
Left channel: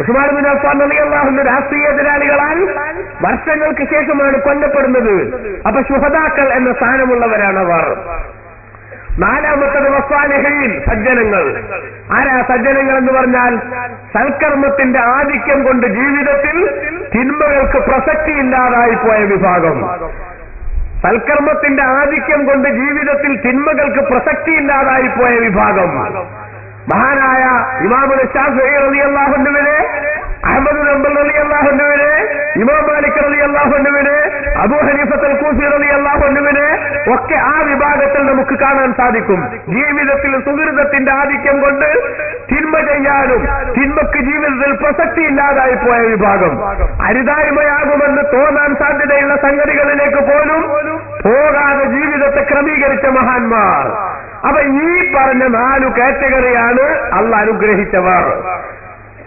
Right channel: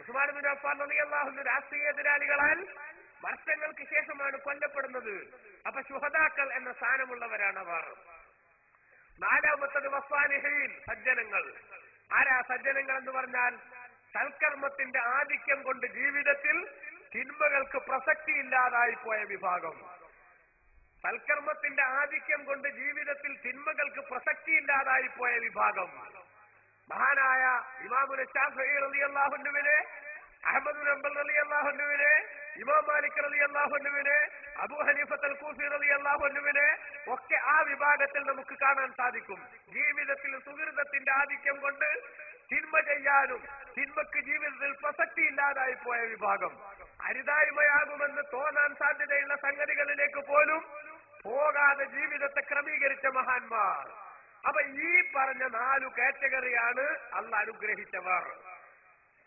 ഉസ്മാൻ ബിൻ അഫ്ഫാൻ റളിയല്ലാഹു അൻഹു രാഷ്ട്രീയ എതിരാളികളാൽ വർഷങ്ങൾക്ക് ശേഷമാണ് കൊല്ലപ്പെടുന്നത്. അപ്പൊ ശുഹദാക്കൾ എന്ന സ്ഥാനമുള്ളവരാണ് അവർ. നാലാമത്തത് വസ്സാലിഹീൻ, സജ്ജനങ്ങൾ. ആരാ സജ്ജനങ്ങൾ എന്ന് പറഞ്ഞാൽ? സൽക്കർമ്മത്തിന്റെ ആധിക്യം കൊണ്ട് ജീവിതത്തിൽ തിന്മകൾക്ക് പ്രസക്തിയില്ലാതായി പോയ വിഭാഗം. സൽക്കർമ്മത്തിന്റെ ആധിക്യം കൊണ്ട് ജീവിതത്തിൽ തിന്മകൾക്ക് പ്രസക്തിയില്ലാതായി പോയ വിഭാഗം. മഹാനായ ഇമാമുൽ ശാഫിഈ റളിയല്ലാഹു അൻഹുവിനെ, അഹ്മദ് ബിൻ ഹംബൽ റളിയല്ലാഹു അൻഹുവിനെ, ഇമാം മാലിക് റളിയല്ലാഹു അൻഹുവിനെ, അബൂ ഹനീഫത്തുൽ കൂഫി റളിയല്ലാഹു അൻഹുവിനെ ഒക്കെ ആ വിഭാഗത്തിൽ നമുക്ക് കാണാൻ സാധിക്കും. ജീവിതത്തിൽ സുഹൃതത്തിന്റെ ആധിക്യം കൊണ്ട് തിന്മ ചെയ്യാനും തിന്മക്ക് ജീവിതത്തിൽ പ്രസക്തി ഇല്ലാതായി പോയ വിഭാഗം. അരുതായ്മയാകുമെന്ന് തോന്നാൻ സാധ്യതയുള്ള സംഗതികളിലേക്ക് പോലും പോകാതെ ജീവിതത്തെ ക്രമീകരിച്ച മഹാന്മാർ. അപ്പൊ ഈ പറഞ്ഞ 4 കാറ്റഗറിയാണ് അള്ളാഹ് അനുഗ്രഹിച്ചവർ.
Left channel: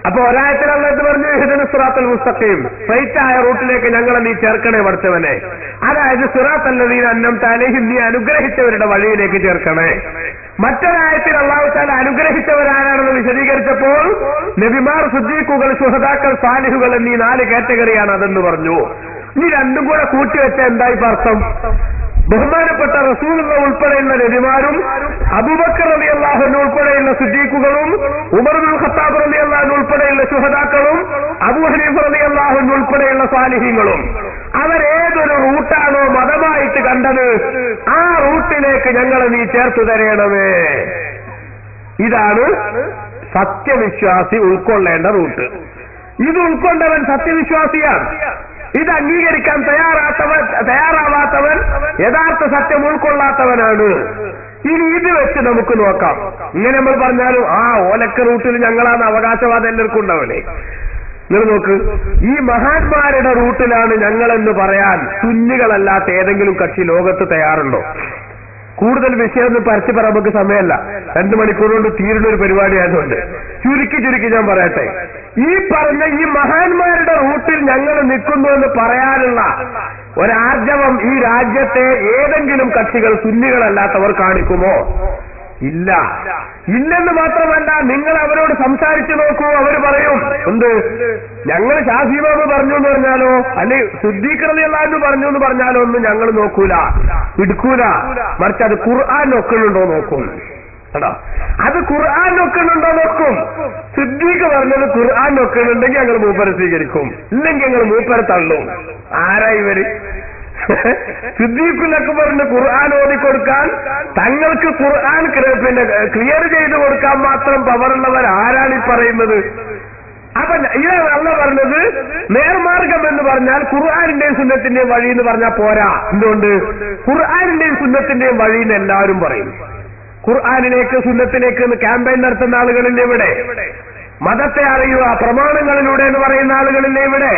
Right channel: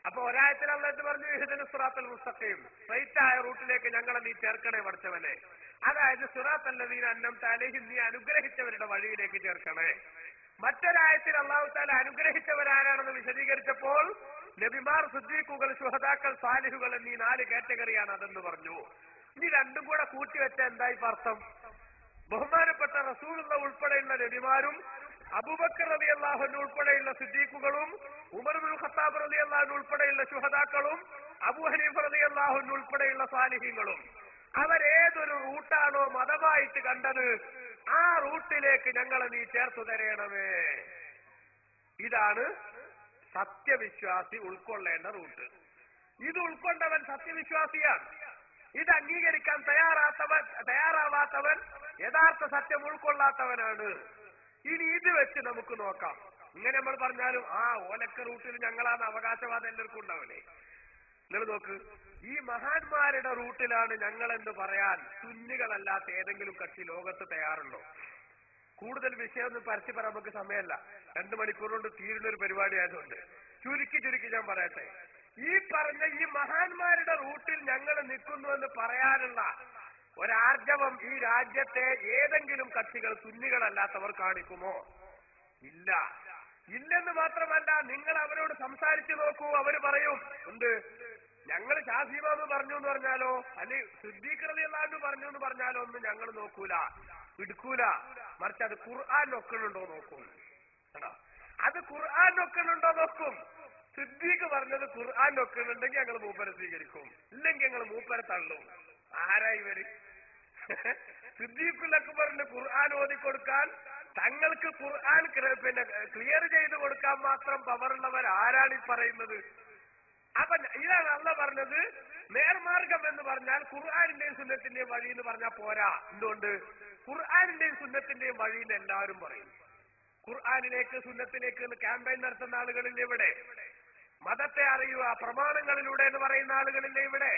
അപ്പൊ ഒരായത്തിൽ അല്ലാഹ് പറഞ്ഞു ഇഹ്ദിന സിറാത്തൽ മുസ്തഖീം, സ്ട്രൈറ്റായ റൂട്ടിലേക്ക് ഞങ്ങളെ നീ ചേർക്കണേ പഠിച്ചവനെ. അതായത് സിറാത്തൽ ലദീന അൻഅംത അലൈഹിം, നീ അനുഗ്രഹിച്ചവരുടെ വഴിയിലേക്ക് ചേർക്കണേ. മറ്റൊരായത്തിൽ അല്ലാഹു തആല അനുഗ്രഹിച്ചവരാരാണെന്ന് വിശദീകരിച്ചപ്പോൾ നബിമാർ, സിദ്ദീഖുകൾ, ശുഹദാക്കൾ, സാലിഹുകൾ എന്നീ 4 കാറ്റഗറിയാണ് അതെന്ന് പറഞ്ഞു. ഇനി രണ്ടും കൂടെ കൂട്ടിവെച്ച എന്തായി അർത്ഥം? ബഹുമാനപ്പെട്ട റസൂലുള്ളാഹി ഉൾപ്പെടെയുള്ള നബിമാരും, അബൂബക്കർ റളിയല്ലാഹു അൻഹു ഉൾപ്പെടെയുള്ള സിദ്ദീഖുകളും, ഉമർ ഇബ്നുൽ ഖത്താബ് റളിയല്ലാഹു അൻഹു ഉൾപ്പെടെയുള്ള ശുഹദാക്കളും, അബൂ ഹനീഫ റളിയല്ലാഹു അൻഹു ഉൾപ്പെടെയുള്ള സാലിഹീങ്ങളും അവരേതൊരു റൂട്ടാണോ മതമായിട്ട് കണ്ടത് ആ റൂട്ടിലേക്ക് ഞങ്ങളെ നീ ചേർത്തു തരേണമേ. ഇതാണ് സത്യവിശ്വാസി ഉൾക്കൊള്ളേണ്ട റൂട്ട്. ഇത് ഉൾക്കൊണ്ടവൻ സത്യവിശ്വാസിയാണ്. ഇത് അംഗീകരിക്കാൻ തയ്യാറാവാത്തവൻ യഥാർത്ഥ സത്യം ഉൾക്കൊള്ളാത്തവനാണ്. ഇനി ഇത് വെച്ച് നമുക്ക് നോക്കാം. ഇങ്ങനെ നമ്മൾ പറഞ്ഞാലും ഓലക്ക റൂട്ടിൽ ഞങ്ങളാണ് അവകാശവാദം എല്ലാവർക്കും ഉണ്ടാവില്ലേ? നിങ്ങൾ നോക്ക്, ഈ മഹാന്മാരുടെ റൂട്ടിലാണ് ഞങ്ങളെന്ന് പറയാൻ സുന്നികളല്ലാത്ത ഏതെങ്കിലും കക്ഷി ലോകത്ത് തയ്യാറുണ്ടോ? കൂടുതൽ വിഷയമൊന്നും പരസ്യം പറയാൻ നമുക്ക് സമയമല്ല, 2 മണിക്കൂർ കൊണ്ട് തീരുന്ന ഒരു പരിപാടിയായതുകൊണ്ട് ചുരുക്കി ഞാൻ പറയട്ടെ. ഈ പറഞ്ഞ ഈ മഹാന്മാരുടെ റൂട്ടിൽ ഞങ്ങൾ നിൽക്കുന്നു എന്ന് പറയാനുള്ള ഒരാർജവം ഈ രാജ്യത്തെ ഏതെങ്കിലും കക്ഷികൾ സുന്നികളല്ലാത്തവർ കാണിക്കുമോ? ഇല്ല. ഇല്ലെന്ന് മാത്രമല്ല, നിങ്ങൾ അവരോട് സംസാരിച്ചു നോക്കൂ, അവർ പറയും എന്ത്, ഞങ്ങൾ ഷാഫി ഇമാം പറഞ്ഞു എന്ന് പറഞ്ഞാലോ അല്ലെങ്കിൽ സിദ്ദീഖ് റളിയല്ലാഹു അൻഹു പറഞ്ഞു എന്ന് പറഞ്ഞാലോ ഒന്നും ഞങ്ങൾ നോക്കൂല, എടുക്കൂല. മറിച്ച് അത് ഖുർആൻ നോക്കുന്നുണ്ടോ നോക്കും. കേട്ടോ, അത് ഖുർആൻ നോക്കുന്നുണ്ടോ നോക്കും. സിദ്ദീഖ് പറഞ്ഞത് ഖുർആൻ നോക്കുന്നുണ്ടെങ്കിൽ ഞങ്ങൾ മൂപ്പരെ സ്വീകരിക്കും, ഇല്ലെങ്കിൽ ഞങ്ങൾ മൂപ്പരെ തള്ളും. ആരാ ഇവര്? സിദ്ദീഖുൽ അക്ബറിന് ഖുർആൻ ഓതിക്കൊടുക്കാൻ, തങ്ങൾക്ക് ഖുർആൻ ക്ലിയർ ചെയ്ത് കൊടുക്കാൻ മാത്രം പവറുള്ളവർ ആരാണ് ഈ പറയുന്നത്? അപ്പൊ ഇതാണ് അള്ളാഹ് പറഞ്ഞത്, നേർമാർഗ മാർഗം എന്ന് പറഞ്ഞാൽ ഖുർആനിന്റെയും സുന്നത്തിന്റെയും വഴി എന്ന് പറഞ്ഞാൽ പോരാ. എന്തുകൊണ്ട്? ഖുർആനിന്റെയും സുന്നത്തിന്റെയും വഴി എന്ന് എല്ലാവരും പറയും. ഖുർആനിലേക്ക് സുന്നത്തിലേക്ക് എന്ന് ക്യാമ്പയിൻ നടത്തുന്ന ആളുകളില്ലേ ഇവിടെ? മതത്തെ അറിയുക പ്രമാണങ്ങളിലൂടെ എന്ന് പറയുന്ന ആളുകളില്ലേ ഇവിടെ?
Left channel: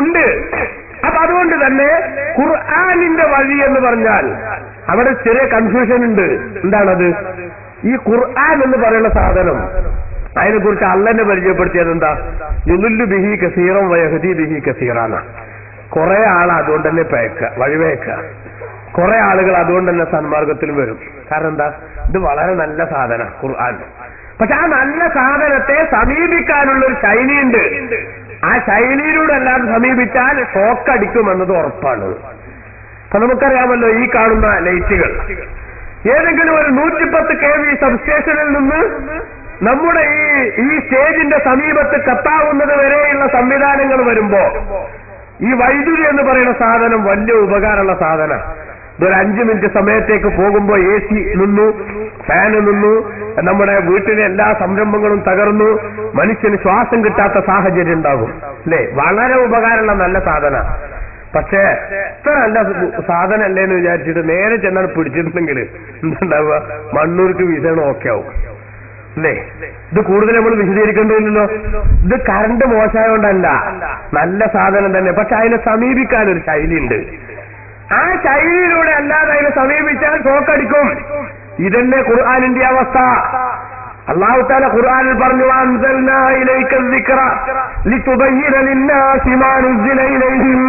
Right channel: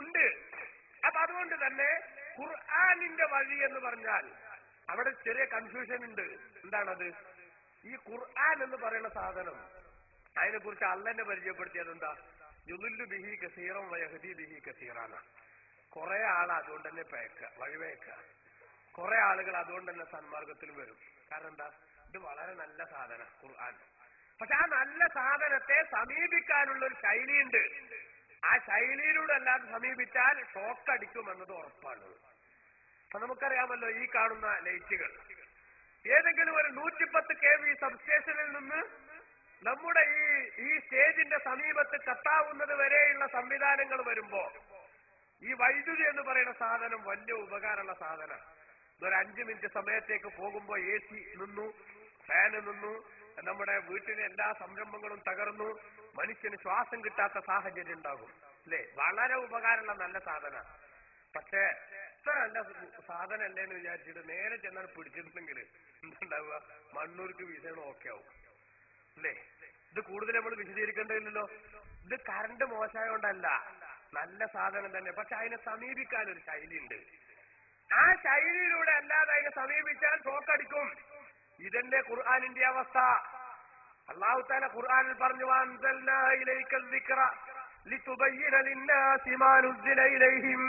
ഉണ്ട്. അപ്പൊ അതുകൊണ്ട് തന്നെ ഖുർആനിന്റെ വഴി എന്ന് പറഞ്ഞാൽ അവിടെ ചെറിയ കൺഫ്യൂഷൻ ഉണ്ട്. എന്താണത്? ഈ ഖുർആൻ എന്ന് പറയുന്ന സാധനം അതിനെക്കുറിച്ച് അള്ളനെ പരിചയപ്പെടുത്തിയത് എന്താ? യുലുല്ലു ബിഹി കസീറൻ വയഹദി ബിഹി കസീറാന. കുറെ ആൾ അതുകൊണ്ട് തന്നെ വഴിവേക്കുക, കുറെ ആളുകൾ അതുകൊണ്ട് തന്നെ സന്മാർഗത്തിൽ വരും. കാരണം എന്താ? ഇത് വളരെ നല്ല സാധന ഖുർആൻ. പക്ഷെ ആ നല്ല സാധനത്തെ സമീപിക്കാനുള്ള ഒരു ശൈലിയുണ്ട്. ആ ശൈലിയിലൂടെ അല്ലാതെ സമീപിച്ചാൽ ഷോക്കടിക്കുമെന്നത് ഉറപ്പാണ്. അപ്പൊ നമുക്കറിയാമല്ലോ, ഈ കാണുന്ന ലൈറ്റുകൾ ഏതെങ്കിലും ഒരു 110 kV സബ്സ്റ്റേഷനിൽ നിന്ന് നമ്മുടെ ഈ സ്റ്റേജിന്റെ സമീപത്ത് കത്താവുന്നത് വരെയുള്ള സംവിധാനങ്ങൾ വരുമ്പോ ഈ വൈദ്യുതി എന്ന് പറയുന്ന സാധനം വലിയ ഉപകാരമുള്ള സാധനം. ഇതൊരു 5 മിനിറ്റ് സമയത്തേക്ക് പോകുമ്പോ AC നിന്നു, ഫാന് നിന്നു, നമ്മുടെ വീട്ടിലെ എല്ലാ സംരംഭങ്ങളും തകർന്നു, മനുഷ്യന് ശ്വാസം കിട്ടാത്ത സാഹചര്യം ഉണ്ടാകും. അല്ലേ? വളരെ ഉപകാരമുള്ള നല്ല സാധന. പക്ഷേ ഇത്ര നല്ല സാധനം അല്ലേന്ന് വിചാരിച്ചിട്ട് നേരെ ചെന്നാണ് പിടിച്ചിട്ടുണ്ടെങ്കിൽ എന്തുണ്ടാവുക? മണ്ണൂർക്ക് വിസയണം ഓക്കെ ആവും. അല്ലേ? ഇത് കൂടുതൽ നമ്മൾ വിശദീകരിക്കേണ്ടതില്ലല്ലോ. ഇത് കറണ്ട് മോശമായോണ്ടല്ല, നല്ല സാധനം തന്നെ. പക്ഷെ അതിനെ സമീപിക്കാനൊരു ശൈലിയുണ്ട്. ആ ശൈലിയിലൂടെ അല്ലാതെ അതിനെ സമീപിച്ചാൽ ഷോക്കടിക്കും. ഇതന്നെ ഖുർആനിന്റെ അവസ്ഥ. അല്ലാഹു തആല ഖുർആനിൽ പറഞ്ഞു, അൻസൽനാ ഇലൈക ദിക്റ ലിതുബയ്യിന ലിന്നാസി മാ നുസില ഇലൈഹിം.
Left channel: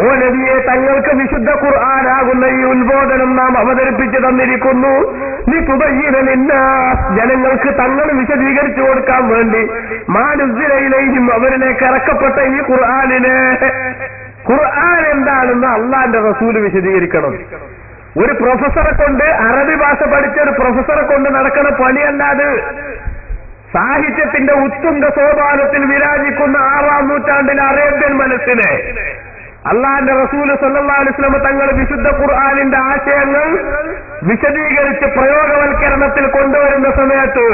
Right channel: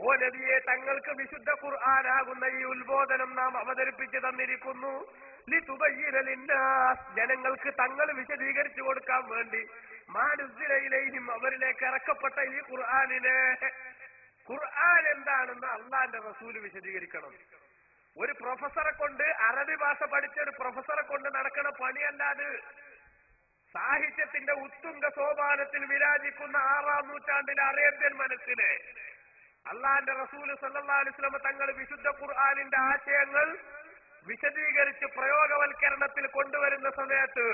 ഓ നബിയെ, തങ്ങൾക്ക് വിശുദ്ധ ഖുർആനാകുന്ന ഈ ഉത്ബോധനം നാം അവതരിപ്പിച്ചു തന്നിരിക്കുന്നു. ലിതുബയ്യിന ലിന്നാസ്, ജനങ്ങൾക്ക് തങ്ങൾ വിശദീകരിച്ചു കൊടുക്കാൻ വേണ്ടി, മാ നുസില ഇലൈഹിം, അവരിലേക്ക് ഇറക്കപ്പെട്ട ഈ ഖുർആനിനെ. ഖുർആൻ എന്താണെന്ന് അള്ളാന്റെ റസൂല് വിശദീകരിക്കണം. ഒരു പ്രൊഫസറെ കൊണ്ട്, അറബി ഭാഷ പഠിച്ച ഒരു പ്രൊഫസറെ കൊണ്ട് നടക്കുന്ന പണിയല്ലാതെ സാഹിത്യത്തിന്റെ ഉത്തുംഗ സോപാനത്തിൽ വിരാജിക്കുന്ന 6-ാം നൂറ്റാണ്ടിലെ അറേബ്യൻ മനസ്സിനെ അള്ളാന്റെ റസൂല് സല്ലല്ലാഹു അലൈഹി വസല്ലം തങ്ങൾ വിശുദ്ധ ഖുർആനിന്റെ ആശയങ്ങൾ വിശദീകരിച്ച് പ്രയോഗവൽക്കരണത്തിൽ കൊണ്ടുവരുന്ന സമയത്ത്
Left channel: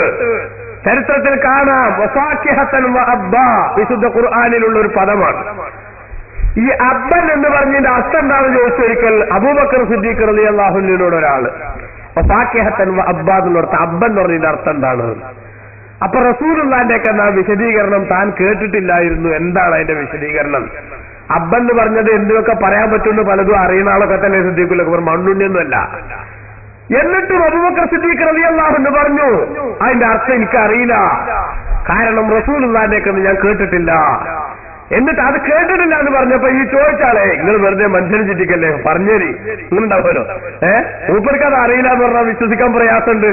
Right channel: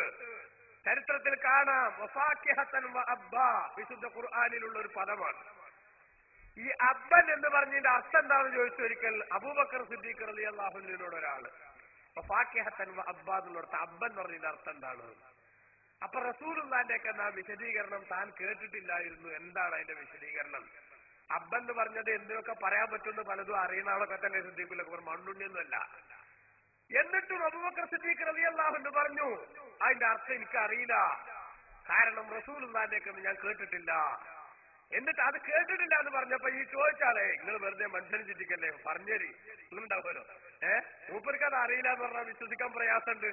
ചരിത്രത്തിൽ കാണാം, വസാക്കിഹത്തൻ വഅബ്ബാ, വിശുദ്ധ ഖുർആനിലുള്ള ഒരു പദമാണ്. ഈ അബ്ബൻ എന്ന് പറഞ്ഞതിന്റെ അർത്ഥം എന്താണെന്ന് ചോദിച്ചൊരിക്കൽ അബൂബക്കർ സിദ്ദീഖ് റളിയല്ലാഹു അൻഹുവിനോട് ഒരാള് ഫാക്കിഹത്തൻ വഅബ്ബാ എന്നർത്ഥം അബ്ബൻ എന്ന് പറഞ്ഞതിന്റെ അർത്ഥം എന്താണ്? അപ്പൊ റസൂലുള്ളാഹിന്റെ ഒക്കെ വിശദീകരണം താൻ കേട്ടിട്ടില്ലായിരുന്നു. എന്താണ് അതിന്റെ വിശദീകരണം? അബ്ബൻ എന്ന് പറഞ്ഞത് എന്തൊക്കെ പറയാൻ പറ്റുമെന്ന് പലതും അറിയുന്ന ആളൊക്കെ തന്നെ സിദ്ദീഖുലൊക്കെ പറഞ്ഞു, മണ്ണുണ്ണിയൊന്നുമല്ല. എന്നിട്ടും അബൂബക്കർ സിദ്ദീഖ് റളിയല്ലാഹു അൻഹു പറഞ്ഞു, അതിന്റെ അർത്ഥം എനിക്കറിയില്ല, കാരണം റസൂലുള്ളാഹിന്റെ ഒക്കെ ഞാൻ കേട്ടിട്ടില്ല. എന്നിട്ട് അത് കേട്ടിട്ടില്ല എന്ന് പറഞ്ഞപ്പോ ഈ ചോദിച്ചാളെ, നിങ്ങൾ വെറുതെ മനുഷ്യനെ ചിറ്റിക്കല്ലേ, പറഞ്ഞേരി ഇങ്ങനുണ്ടാവുമല്ലോ, മൂപ്പർക്ക് അത് അറിയില്ല എന്ന് പറഞ്ഞാൽ വിശ്വസിക്കാൻ പ്രയാസമുണ്ട്.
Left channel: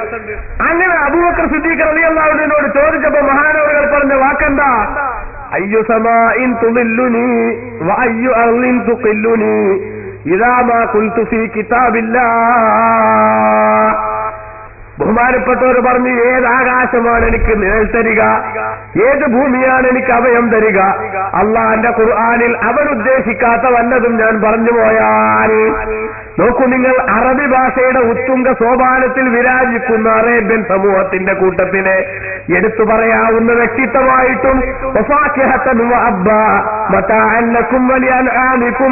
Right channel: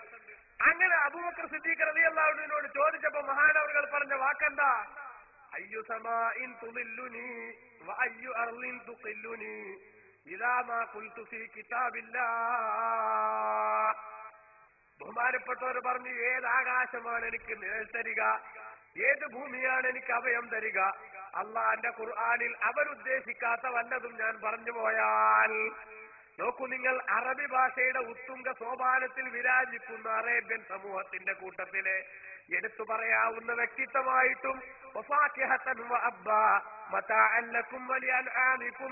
അങ്ങനെ അബൂബക്കർ സിദ്ദീഖ് റളിയല്ലാഹു അൻഹുവിനോട് ചോദിച്ചപ്പോ മഹാനവറുകൾ പറഞ്ഞ വാക്കെന്താ? അയ്യു സമാഇൻ തുളില്ലുനി വഅയ്യു അർളിൻ തുഖില്ലുനി ഇദാ മാ ഖുൽതു ഫീ കിതാബില്ലാഹ്. ബഹുമാനപ്പെട്ടവർ പറഞ്ഞു, ഏത് ആകാശമാണ് എനിക്ക് നിഴൽ തരിക, ഏത് ഭൂമിയാണ് എനിക്ക് അഭയം തരിക, അള്ളാന്റെ ഖുർആനിൽ അവൻ ഉദ്ദേശിക്കാത്ത വല്ലതും ഞാൻ പറഞ്ഞു പോയാൽ. നോക്കൂ നിങ്ങൾ, അറബി ഭാഷയുടെ ഉത്തുംഗ സോപാനത്തിൽ വിരാജിക്കുന്ന അറേബ്യൻ സമൂഹത്തിന്റെ കൂട്ടത്തിലെ എടുത്തു പറയാവുന്ന വ്യക്തിത്വമായിട്ടും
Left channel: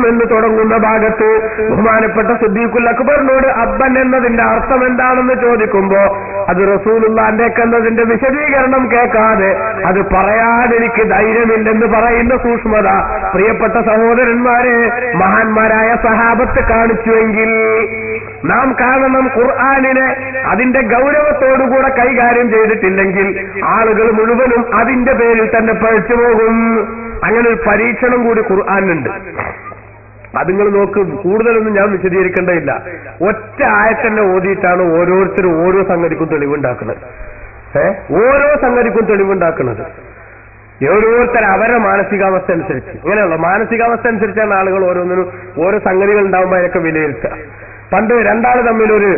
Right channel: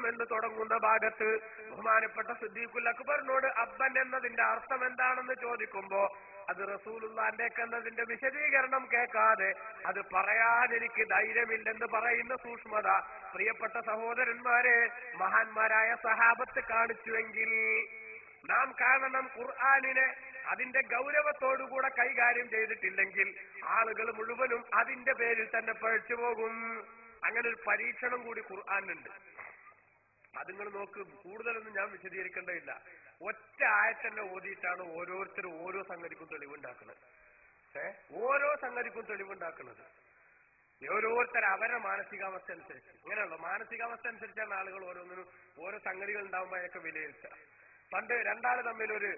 എന്ന് തുടങ്ങുന്ന ഭാഗത്ത് ബഹുമാനപ്പെട്ട സിദ്ദീഖുൽ അക്ബറിനോട് അബ്ബൻ എന്നതിന്റെ അർത്ഥം എന്താണെന്ന് ചോദിക്കുമ്പോ അത് റസൂലുള്ളാഹിന്റെ എന്നതിന്റെ വിശദീകരണം കേൾക്കാതെ അത് പറയാൻ എനിക്ക് ധൈര്യമില്ലെന്ന് പറയുന്ന സൂക്ഷ്മത പ്രിയപ്പെട്ട സഹോദരന്മാരെ, മഹാന്മാരായ സഹാബത്ത് കാണിച്ചുവെങ്കിൽ നാം കാണണം, ഖുർആനിനെ അതിന്റെ ഗൗരവത്തോടുകൂടെ കൈകാര്യം ചെയ്തിട്ടില്ലെങ്കിൽ ആളുകൾ മുഴുവനും അതിന്റെ പേരിൽ തന്നെ പഴിച്ചു പോകും. അങ്ങനെ ഒരു പരീക്ഷണം കൂടി ഖുർആനുണ്ട്. അത് നിങ്ങൾ നോക്ക്, കൂടുതലൊന്നും ഞാൻ വിശദീകരിക്കേണ്ടതില്ല. ഒറ്റ ആയത്തന്നെ ഓതിയിട്ടാണ് ഓരോരുത്തരും ഓരോ സംഗതിക്കും തെളിവുണ്ടാക്കുന്നത്. ഓരോ സംഗതിക്കും തെളിവുണ്ടാക്കുന്നത് ഓരോരുത്തർ അവരുടെ മാനസികാവസ്ഥ അനുസരിച്ച്. ഇങ്ങനെയുള്ള മാനസികാവസ്ഥ അനുസരിച്ചാണ് ആളുകൾ ഓരോന്നിനും ഓരോ സംഗതികൾ ഉണ്ടാകുമ്പോൾ അതിനൊക്കെ വിലയിരുത്തുക. പണ്ട് രണ്ടാള് തമ്മിലൊരു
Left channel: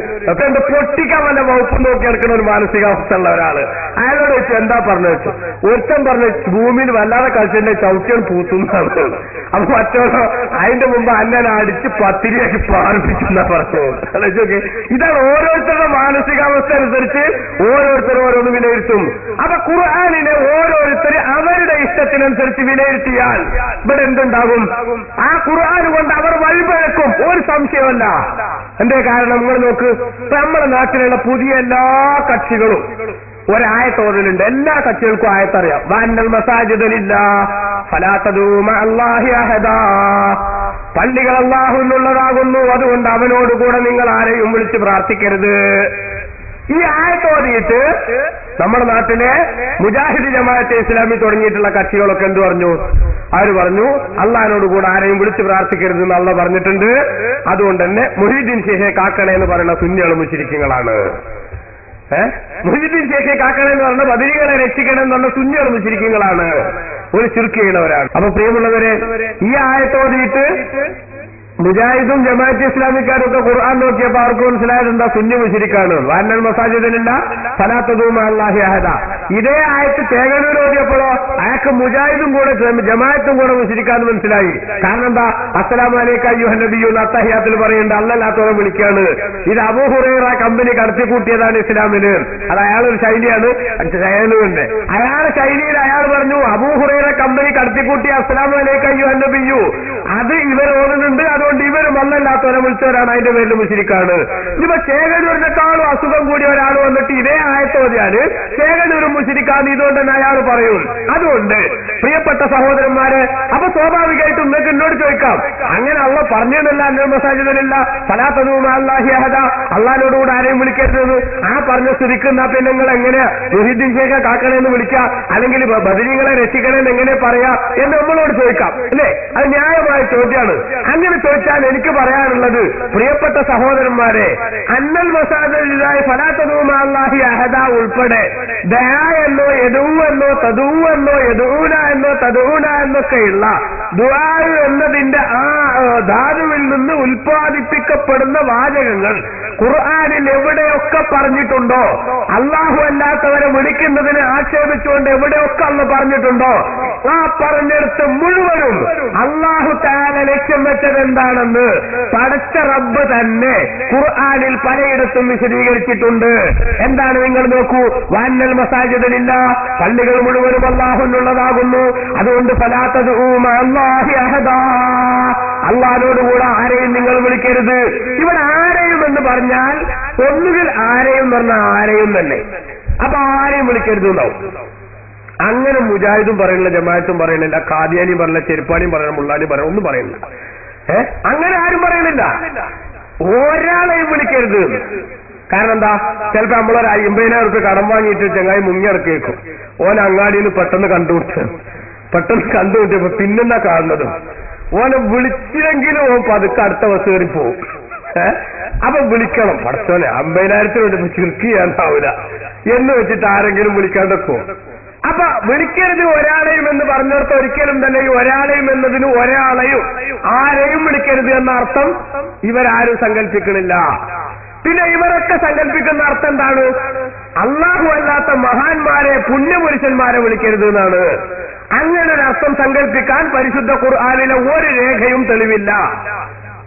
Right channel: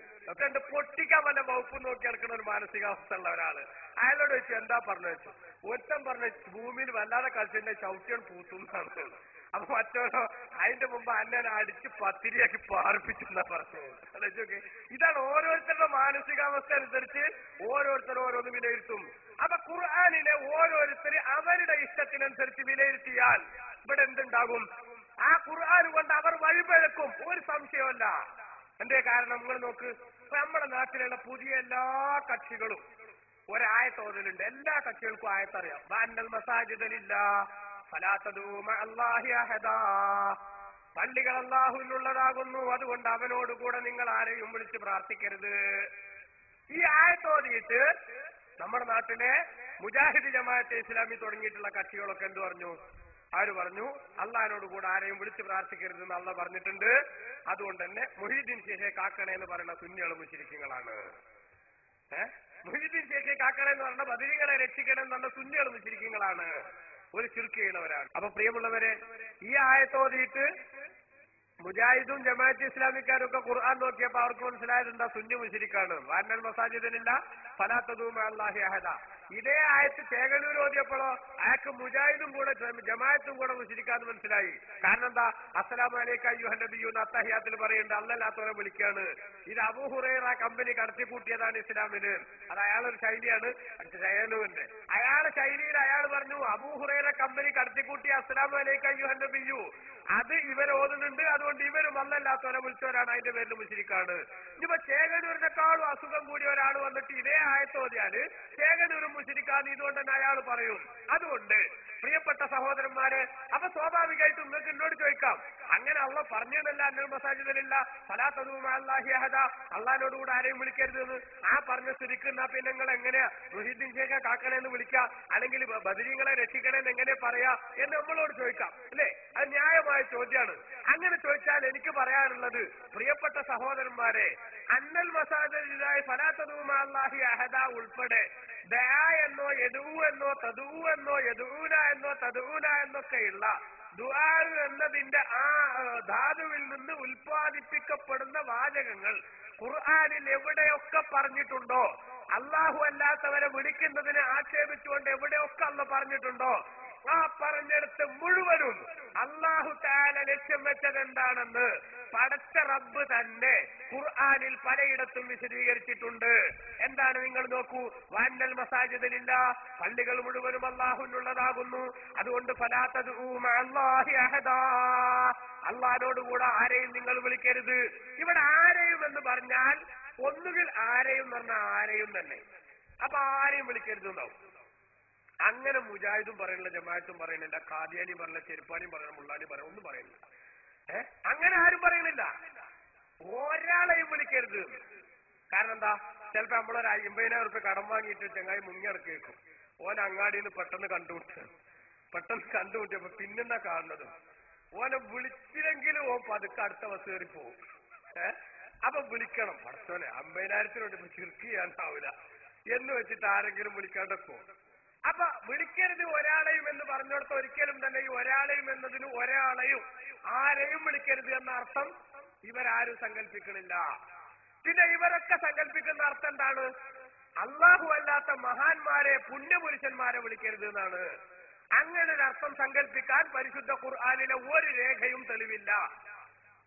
എന്റെ പൊട്ടിക്കാൻ വല്ല വകുപ്പ് നോക്കി എടുക്കുന്ന ഒരു മാനസികാവസ്ഥ ഉള്ള ഒരാള് അയാളോട് വെച്ചു എന്താ പറഞ്ഞു വെച്ചു. ഒരുത്തൻ പറഞ്ഞു ഭൂമിയിൽ വല്ലാതെ കളിച്ചെന്റെ ചവിട്ടിയാണ് പൂത്തുന്നതാണ്. അപ്പൊ മറ്റോടോ അതിന്റെ മുമ്പ് അന്നെ അടിച്ച് പത്തിരിയാക്കി പാർപ്പിച്ചു എന്നാ പറഞ്ഞു. ആലോചിച്ചോക്കെ, ഇതാണ് ഓരോരുത്തരുടെ മാനസികാവസ്ഥ അനുസരിച്ച് ഓരോരുത്തരും ഓരോന്ന് വിലയിരുത്തും. അപ്പൊ ഖുർആനിനെ ഓരോരുത്തര് അവരുടെ ഇഷ്ടത്തിനനുസരിച്ച് വിലയിരുത്തിയാൽ ഇവിടെ എന്തുണ്ടാകും? ആ ഖുർആൻ കൊണ്ട് അവർ വഴിപഴക്കും, ഒരു സംശയമല്ല. എന്തേ കാരണം? നിങ്ങൾ നോക്ക്, നമ്മുടെ നാട്ടിലുള്ള പുതിയ എല്ലാ കക്ഷികളും ഒരായത്തോതിലുണ്ട്. എല്ലാ കക്ഷികൾക്കും ആയത്തറിയാം. വഅന്നൽ മസാജിദ ലില്ലാഹ് ഫലാ തദൂ മഅല്ലാഹി അഹദാ. പള്ളികൾ അല്ലാഹുവിനുള്ളതാകുന്നു, അതുകൊണ്ട് അവനോടുകൂടെ നിങ്ങൾ ആരെയും വിളിച്ച് പ്രാർത്ഥിക്കരുത്. ഈ ആയത്തോതിയിട്ട് നമ്മുടെ നാട്ടിലെ മുജാഹിദ് ജമാഅത്തെ ഇസ്ലാമി തുടങ്ങിയിട്ടുള്ള കക്ഷികളൊക്കെ എന്ത് പറഞ്ഞു? അവര് പറഞ്ഞു അള്ളാഹിനോട് കൂടെ ആരെയും വിളിച്ച് പ്രാർത്ഥിക്കരുത് എന്ന് അള്ളാഹ് പറഞ്ഞിട്ടുണ്ട്. അതുകൊണ്ട് തന്നെ മുഹീദ്ദീൻ ശേഖെ കാക്കണേ എന്ന് പറയുന്ന സുന്നികൾ മുശ്രിക്കുകളാണ്. മുഹീദ്ദീൻ ശേഖെ കാക്കണേ എന്ന് പറഞ്ഞ ബദരികളെ രക്ഷിക്കണം എന്ന് പറഞ്ഞ സുന്നികൾ മുശ്രിക്കുകളാണ്, ഒരു ശിർക്ക് ചെയ്യുന്നവരാണ്. അപ്പൊ പ്രിയമുള്ളവരെ, ഈ ആയത്തോതിയിട്ട് മുജാഹിദും ജമാഅത്ത് ഇസ്ലാമിക്കാരും ഒക്കെ ഖുർആൻ നോക്കിയപ്പോ അവർക്ക് മനസ്സിലായത് എന്താ? സുന്നി മുശ്രിക്കാണ്. വഅന്നൽ മസാജിദിലില്ല ഫലാ തദൂ മഅല്ലാഹി അഹദ. ഇതേ ആയത്ത് തേങ്ങനൂർ ഓതിയപ്പോഴോ അയാൾക്ക് മുജാഹിദും കൂടെ ജമാഅത്തും കൂടെ മുശ്രിക്കാന്ന് മനസ്സിലായി. കാരണം എന്താ? അസ്സലാമു അലൈക അയ്യുഹൻ നബിയ്യു അത്തഹിയാത്തിൽ പറയുന്നുണ്ട് അല്ലല്ലാത്തവരെ വിളിക്കാണ്. ഇത് അബൂ ഹുറൈറ കമ്പനി കടത്തിക്കൂട്ടിയതാണ് ഇസ്ലാമിന്. അത് അയാളൊരു ശൈലിയാണ്. തേങ്ങനൂരിന്റെ അയാളുടെ ശൈലിയിൽ അയാൾ പറഞ്ഞു അബൂ ഹുറൈറ കമ്പനി കടത്തിക്കൂട്ടിയ അസ്സലാമു അലൈക അയ്യുഹൻ നബിയ്യു അത് ഇവർ ഓതുന്നുണ്ട്, അതുകൊണ്ട് ഇവരും അല്ലല്ലാത്തവരെ വിളിച്ചവരാണ്, അതിന്റെ പേരിൽ മുശ്രിക്കാണ്. ഇനിയിപ്പോ ചേകനൂരിനെക്കാളും അസുഖം കൂടിയ ഒരാൾ വന്നിട്ട് ഇതേ ആയത്തോതിയാല് ചേകനൂരും മുശ്രിക്കാന്ന് ഇതുകൊണ്ട് തന്നെ അയാൾ പറയും. അതുകൊണ്ട് പ്രിയപ്പെട്ട സഹോദരന്മാരെ, അപ്പൊ സ്വാഭാവികമായിട്ടും നിങ്ങൾക്ക് എന്നോട് ചോദിക്കാം, അങ്ങനെ അള്ളാഹ് പറഞ്ഞില്ല അന്നൽ മസാജിദിലില്ല ഫലാ തദൂ മഅല്ലാഹി അഹദ, അള്ളാഹിനോടുകൂടെ ആരെയും വിളിക്കരുത്. ആ പറഞ്ഞ സ്ഥിതിക്കുന്ന പിന്നെ നിങ്ങൾ എങ്ങനെയാ മുഹീദ്ദീൻ ശേഖ കാക്കണേന്ന് വിളിക്കുക, അല്ലെങ്കിൽ ബദരീങ്ങളെ രക്ഷിക്കണേന്ന് എങ്ങനെ പറയാ എന്ന് നമ്മളോട് ചോദിക്കാം, അല്ലേ? അത് ന്യായമായ ചോദ്യമാണ്. അങ്ങനെ ചോദിച്ചാൽ എനിക്ക് പറയാനുള്ളത്, പ്രിയപ്പെട്ട സഹോദരന്മാരെ, അന്നൽ മസാജിദിലില്ലാഹി ഫലാ തദൂ മഅല്ലാഹി അഹദ ഉൾപ്പെടെ ദആ എന്നോ യദൂ എന്നോ തദൂ എന്നോ യദൂന എന്നോ തദൂന എന്നൊക്കെയുള്ള ദുആ എന്നതിന്റെ ആ ധാതുവിൽ നിന്ന് ഉൽപ്പാദിപ്പിക്കപ്പെടുന്ന വാചകങ്ങൾ ഖുർആനിൽ എവിടെയൊക്കെ പറഞ്ഞിട്ടുണ്ടോ, അല്ലാഹു അല്ലാത്തവരെ വിളിക്കുന്നതിനെ ആക്ഷേപിച്ചുകൊണ്ട് എവിടെയൊക്കെ അള്ളാഹ് പറഞ്ഞിട്ടുണ്ടോ, ആ പറഞ്ഞെടുത്ത് മുഴുവനും അല്ലാഹു തആല ലക്ഷ്യം വെച്ചത് എന്താണെന്ന് പടച്ച റബ്ബ് തന്നെ ഖുർആനിൽ പലയിടത്തും വിശദീകരിച്ചിട്ടുണ്ട്. എന്താണ്? നിങ്ങൾ നോക്കൂ, വഅന്നൽ മസാജിദിലില്ല, പള്ളികൾ മുഴുവനും അല്ലാഹുവിനുള്ളതാകുന്നു, അതുകൊണ്ട് ഫലാ തദൂ മഅല്ലാഹി അഹദാ, അല്ലാഹുവോടുകൂടെ ആരെയും നിങ്ങൾ വിളിക്കരുത്. ഇവിടെ ആരെയും എന്ന് പറഞ്ഞാൽ ഒന്നുകിൽ ആരെയും പറഞ്ഞാൽ ആരെയും തന്നെ, അപ്പൊ ആരെയും വിളിക്കരുത് എന്നാവും. അങ്ങനെ മുജാഹിദും പറയുന്നില്ല, ജമാഅത്തും പറയുന്നില്ല, ഖാദിയാനിയും പറയില്ല, ചെരുപ്പാനിയും പറയണം, മുള്ളാനിയും പറയണം, ഒന്നും പറയുന്നില്ല. അങ്ങനെ ആരും പറയുന്നില്ല. ഒരാളെയും വിളിക്കരുത്. കാരണം എന്താ? ചിലപ്പോ നമ്മളൊരു 50,000 റുപ്യ കടം വാങ്ങിയിട്ട് ചങ്ങായി മുങ്ങിയിറക്കിയേക്കും. ഓൻ അങ്ങാടിയിൽ പെട്ടെന്ന് കണ്ടുമുട്ടിയപ്പോ പിന്നെന്നാ കാണുന്നതും ഓനെ വിളിച്ചില്ലെങ്കിലും ഓൻ പതുക്കെ അടുത്ത ബസ് കയറി പോവും. അപ്പൊ വിളിക്കണം, പടച്ചോനെ 50,000 വേണ്ടി ചിർക്ക് ചെയ്യാനാവൂല എന്ന് വെച്ചിട്ട് ആരെങ്കിലും വിളിക്കാണ്ടൊക്കെ. അപ്പൊ വിളിക്കരുത് ഒരാളെയും എന്ന് പറഞ്ഞിടത്ത് ഒരിക്കലും തന്നെ ഈ ഒരാളെയും എന്നതിന് ഒരാളെയും ആരെയും വിളിക്കരുത് എന്ന അർത്ഥം ഇവരാരും സങ്കല്പിക്കണില്ല. പിന്നെ ഇവരൊക്കെ സങ്കല്പിക്കുന്ന അർത്ഥം എന്താണ്? അല്ലാഹു അല്ലാത്ത മഹാന്മാരെ, പുണ്യപുരുഷന്മാരെ വിളിക്കരുത് എന്നാണ്. അങ്ങനെ ഒരു അർത്ഥം സങ്കല്പിക്കാൻ പരിശുദ്ധ ഖുർആനിലെ ഒരു രേഖയും തെളിവില്ല.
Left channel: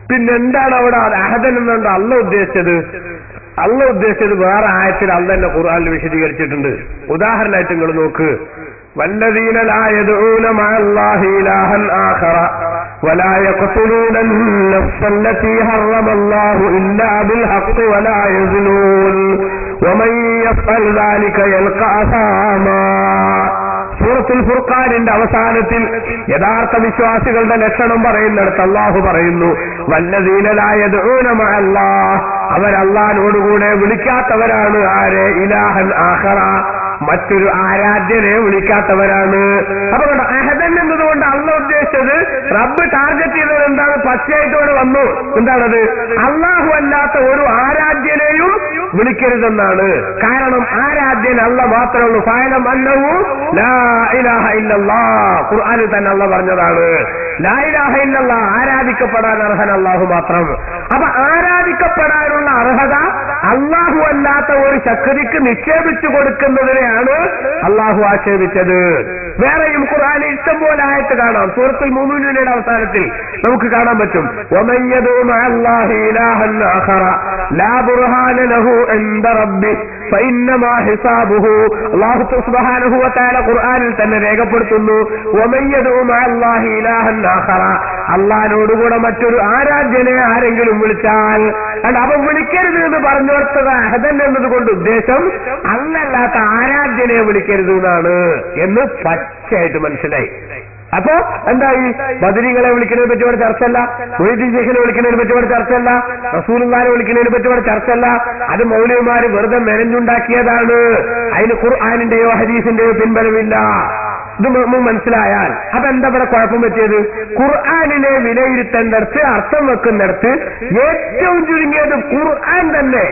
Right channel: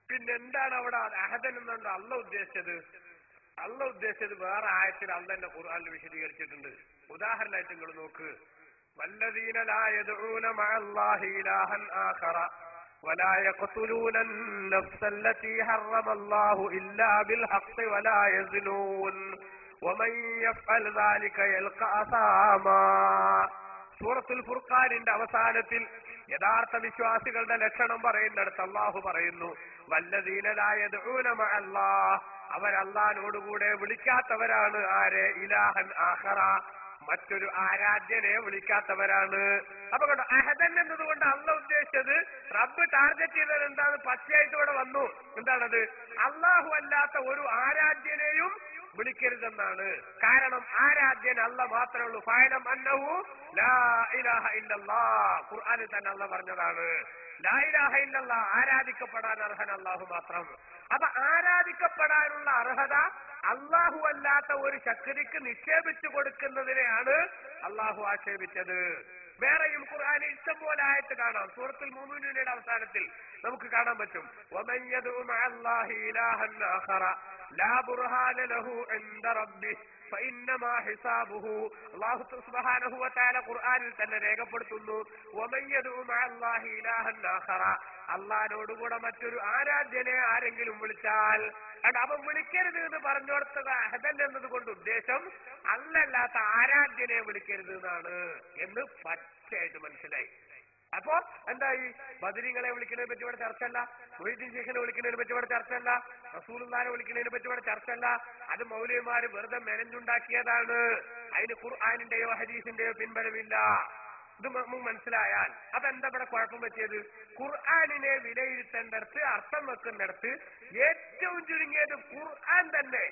പിന്നെന്താണ് അവിടെ അഹദൻ എന്നുണ്ട് അള്ളാഹ് ഉദ്ദേശിച്ചത്? അള്ളാഹ് ഉദ്ദേശിച്ചത് വേറെ ആയത്തിൽ അള്ളാഹ് തന്നെ ഖുർആനിൽ വിശദീകരിച്ചിട്ടുണ്ട്. ഉദാഹരണമായിട്ട് നിങ്ങൾ നോക്ക്, വല്ലദീന ലാ യദ്ഊന മഅല്ലാഹി ഇലാഹൻ ആഖറ വലാ യഖ്തുലൂന അൻ-നഫ്സ അല്ലതീ ഹറമല്ലാഹു ഇല്ലാ ബിൽ ഹഖ് വലാ യസ്നൂൻ വമൻ യഫ്അൽ ദാലിക യൽഖാ അസാമാ. സൂറത്തുൽ ഫുർഖാനിന്റെ അവസാനത്തിൽ യഥാർത്ഥ വിശ്വാസികളുടെ ലക്ഷണം പറയുന്നിടത്ത് അല്ലാഹു പറയുന്നു, വല്ലദീന ലാ യദ്ഊന മഅല്ലാഹ്, അവരല്ലാഹുവോടുകൂടെ വിളിക്കാത്തവരാണ്. ആരെ? ഇലാഹൻ ആഖറ, മറ്റൊരു ആരാധ്യനെ വിളിക്കാത്തവരാണ്. അപ്പൊ കണ്ടോ, അഹദൻ എന്നതുകൊണ്ട് അള്ളാഹ് ഉദ്ദേശിച്ചത്, റബ്ബ് ടാർഗറ്റ് ചെയ്തത് എന്താണ്? പച്ചയായിട്ടോടെ വന്നു. എന്താണത്? അള്ളാഹു അല്ലാത്ത ഒരു ആരാധ്യനെയും വിളിക്കരുതെന്നാണ്. കാരണം ആരാധ്യൻ അല്ലാഹ് മാത്രമേ ഉള്ളൂ. ഫഅലം അന്നഹു ലാ ഇലാഹ ഇല്ലല്ലാഹ്, ഖുർആനിൽ തന്നെ അല്ലാഹ് പറഞ്ഞതാണ്. ലാ ഇലാഹ ഇല്ലല്ലാഹ്, ആരാധിക്കപ്പെടാൻ അർഹൻ അല്ലാഹു മാത്രം. അപ്പൊ ആരാധിക്കപ്പെടാനുള്ള അർഹത അള്ളാഹു അല്ലാത്ത ഒരു ശക്തിക്ക് നിക്ഷേപിച്ചു കൊടുക്കുന്നതിനെയാണ് അള്ളാഹു ആക്ഷേപിച്ചത്. വേറെയും ഖുർആനിൽ ഇഷ്ടംപോലെ ആയത്ത് കാണാം. സൂറത്തുൽ മുഅ്മിനൂനയുടെ അവസാനത്തിൽ നമുക്ക് കാണാൻ പറ്റും, വമൻ യദഉ മഅല്ലാഹി ഇലാഹൻ ആഖറ ലാ ബുർഹാന ലഹു ഇൻദ റബ്ബി ഫഇന്നമാ ഹിസാബുഹു. അല്ലാഹു സുബ്ഹാനഹു വ തആല ഖുർആനിൽ തന്നെ രേഖപ്പെടുത്തുന്നു, വമൻ യദഉ മഅല്ലാഹി ഇലാഹൻ ആഖറ, അല്ലാഹുവോടുകൂടെ മറ്റൊരു ആരാധ്യനെ ആരെങ്കിലും വിളിച്ചാൽ, അപ്പൊ വിളിക്കരുത് എന്ന് പറഞ്ഞോർത്തത് അഹദൻ എന്നതുകൊണ്ട് ഉദ്ദേശം അല്ലല്ലാത്ത ആരാധ്യനെ വിളിക്കരുത് എന്നാണ് എന്ന് പച്ചയായിട്ട് മനസ്സിലായി. അപ്പോ എന്തായി? ബദരീങ്ങളെ വിളിക്കുന്നതിനെ പറ്റി ഇവിടെ ചർച്ചയല്ല, മൊയ്തീൻ ശേഖിനെ വിളിക്കുന്നതിനെ പറ്റി ഇവിടെ ചർച്ചയല്ല, റസൂലുള്ളാഹിനെ വിളിക്കുന്നതിനെ പറ്റി ഇവിടെ ചർച്ചയല്ല. അത് മൗലവിമാര് വെറുതെ മെനഞ്ഞുണ്ടാക്കിയതാണ്. അതിന് ഖുർആനിന്റെയോ ഹദീസിന്റെയോ പിൻബലമില്ല. ഇത് മനസ്സിലായാൽ അതെന്താ ഇവിടെ കുഴപ്പം പറ്റിയത്? ഖുർആനിനെ വിലയിരുത്തേണ്ടടുത്ത്, അർത്ഥം വെക്കുന്നിടത്ത് ഏറ്റവും ചുരുങ്ങിയത് ഖുർആൻ തന്നെ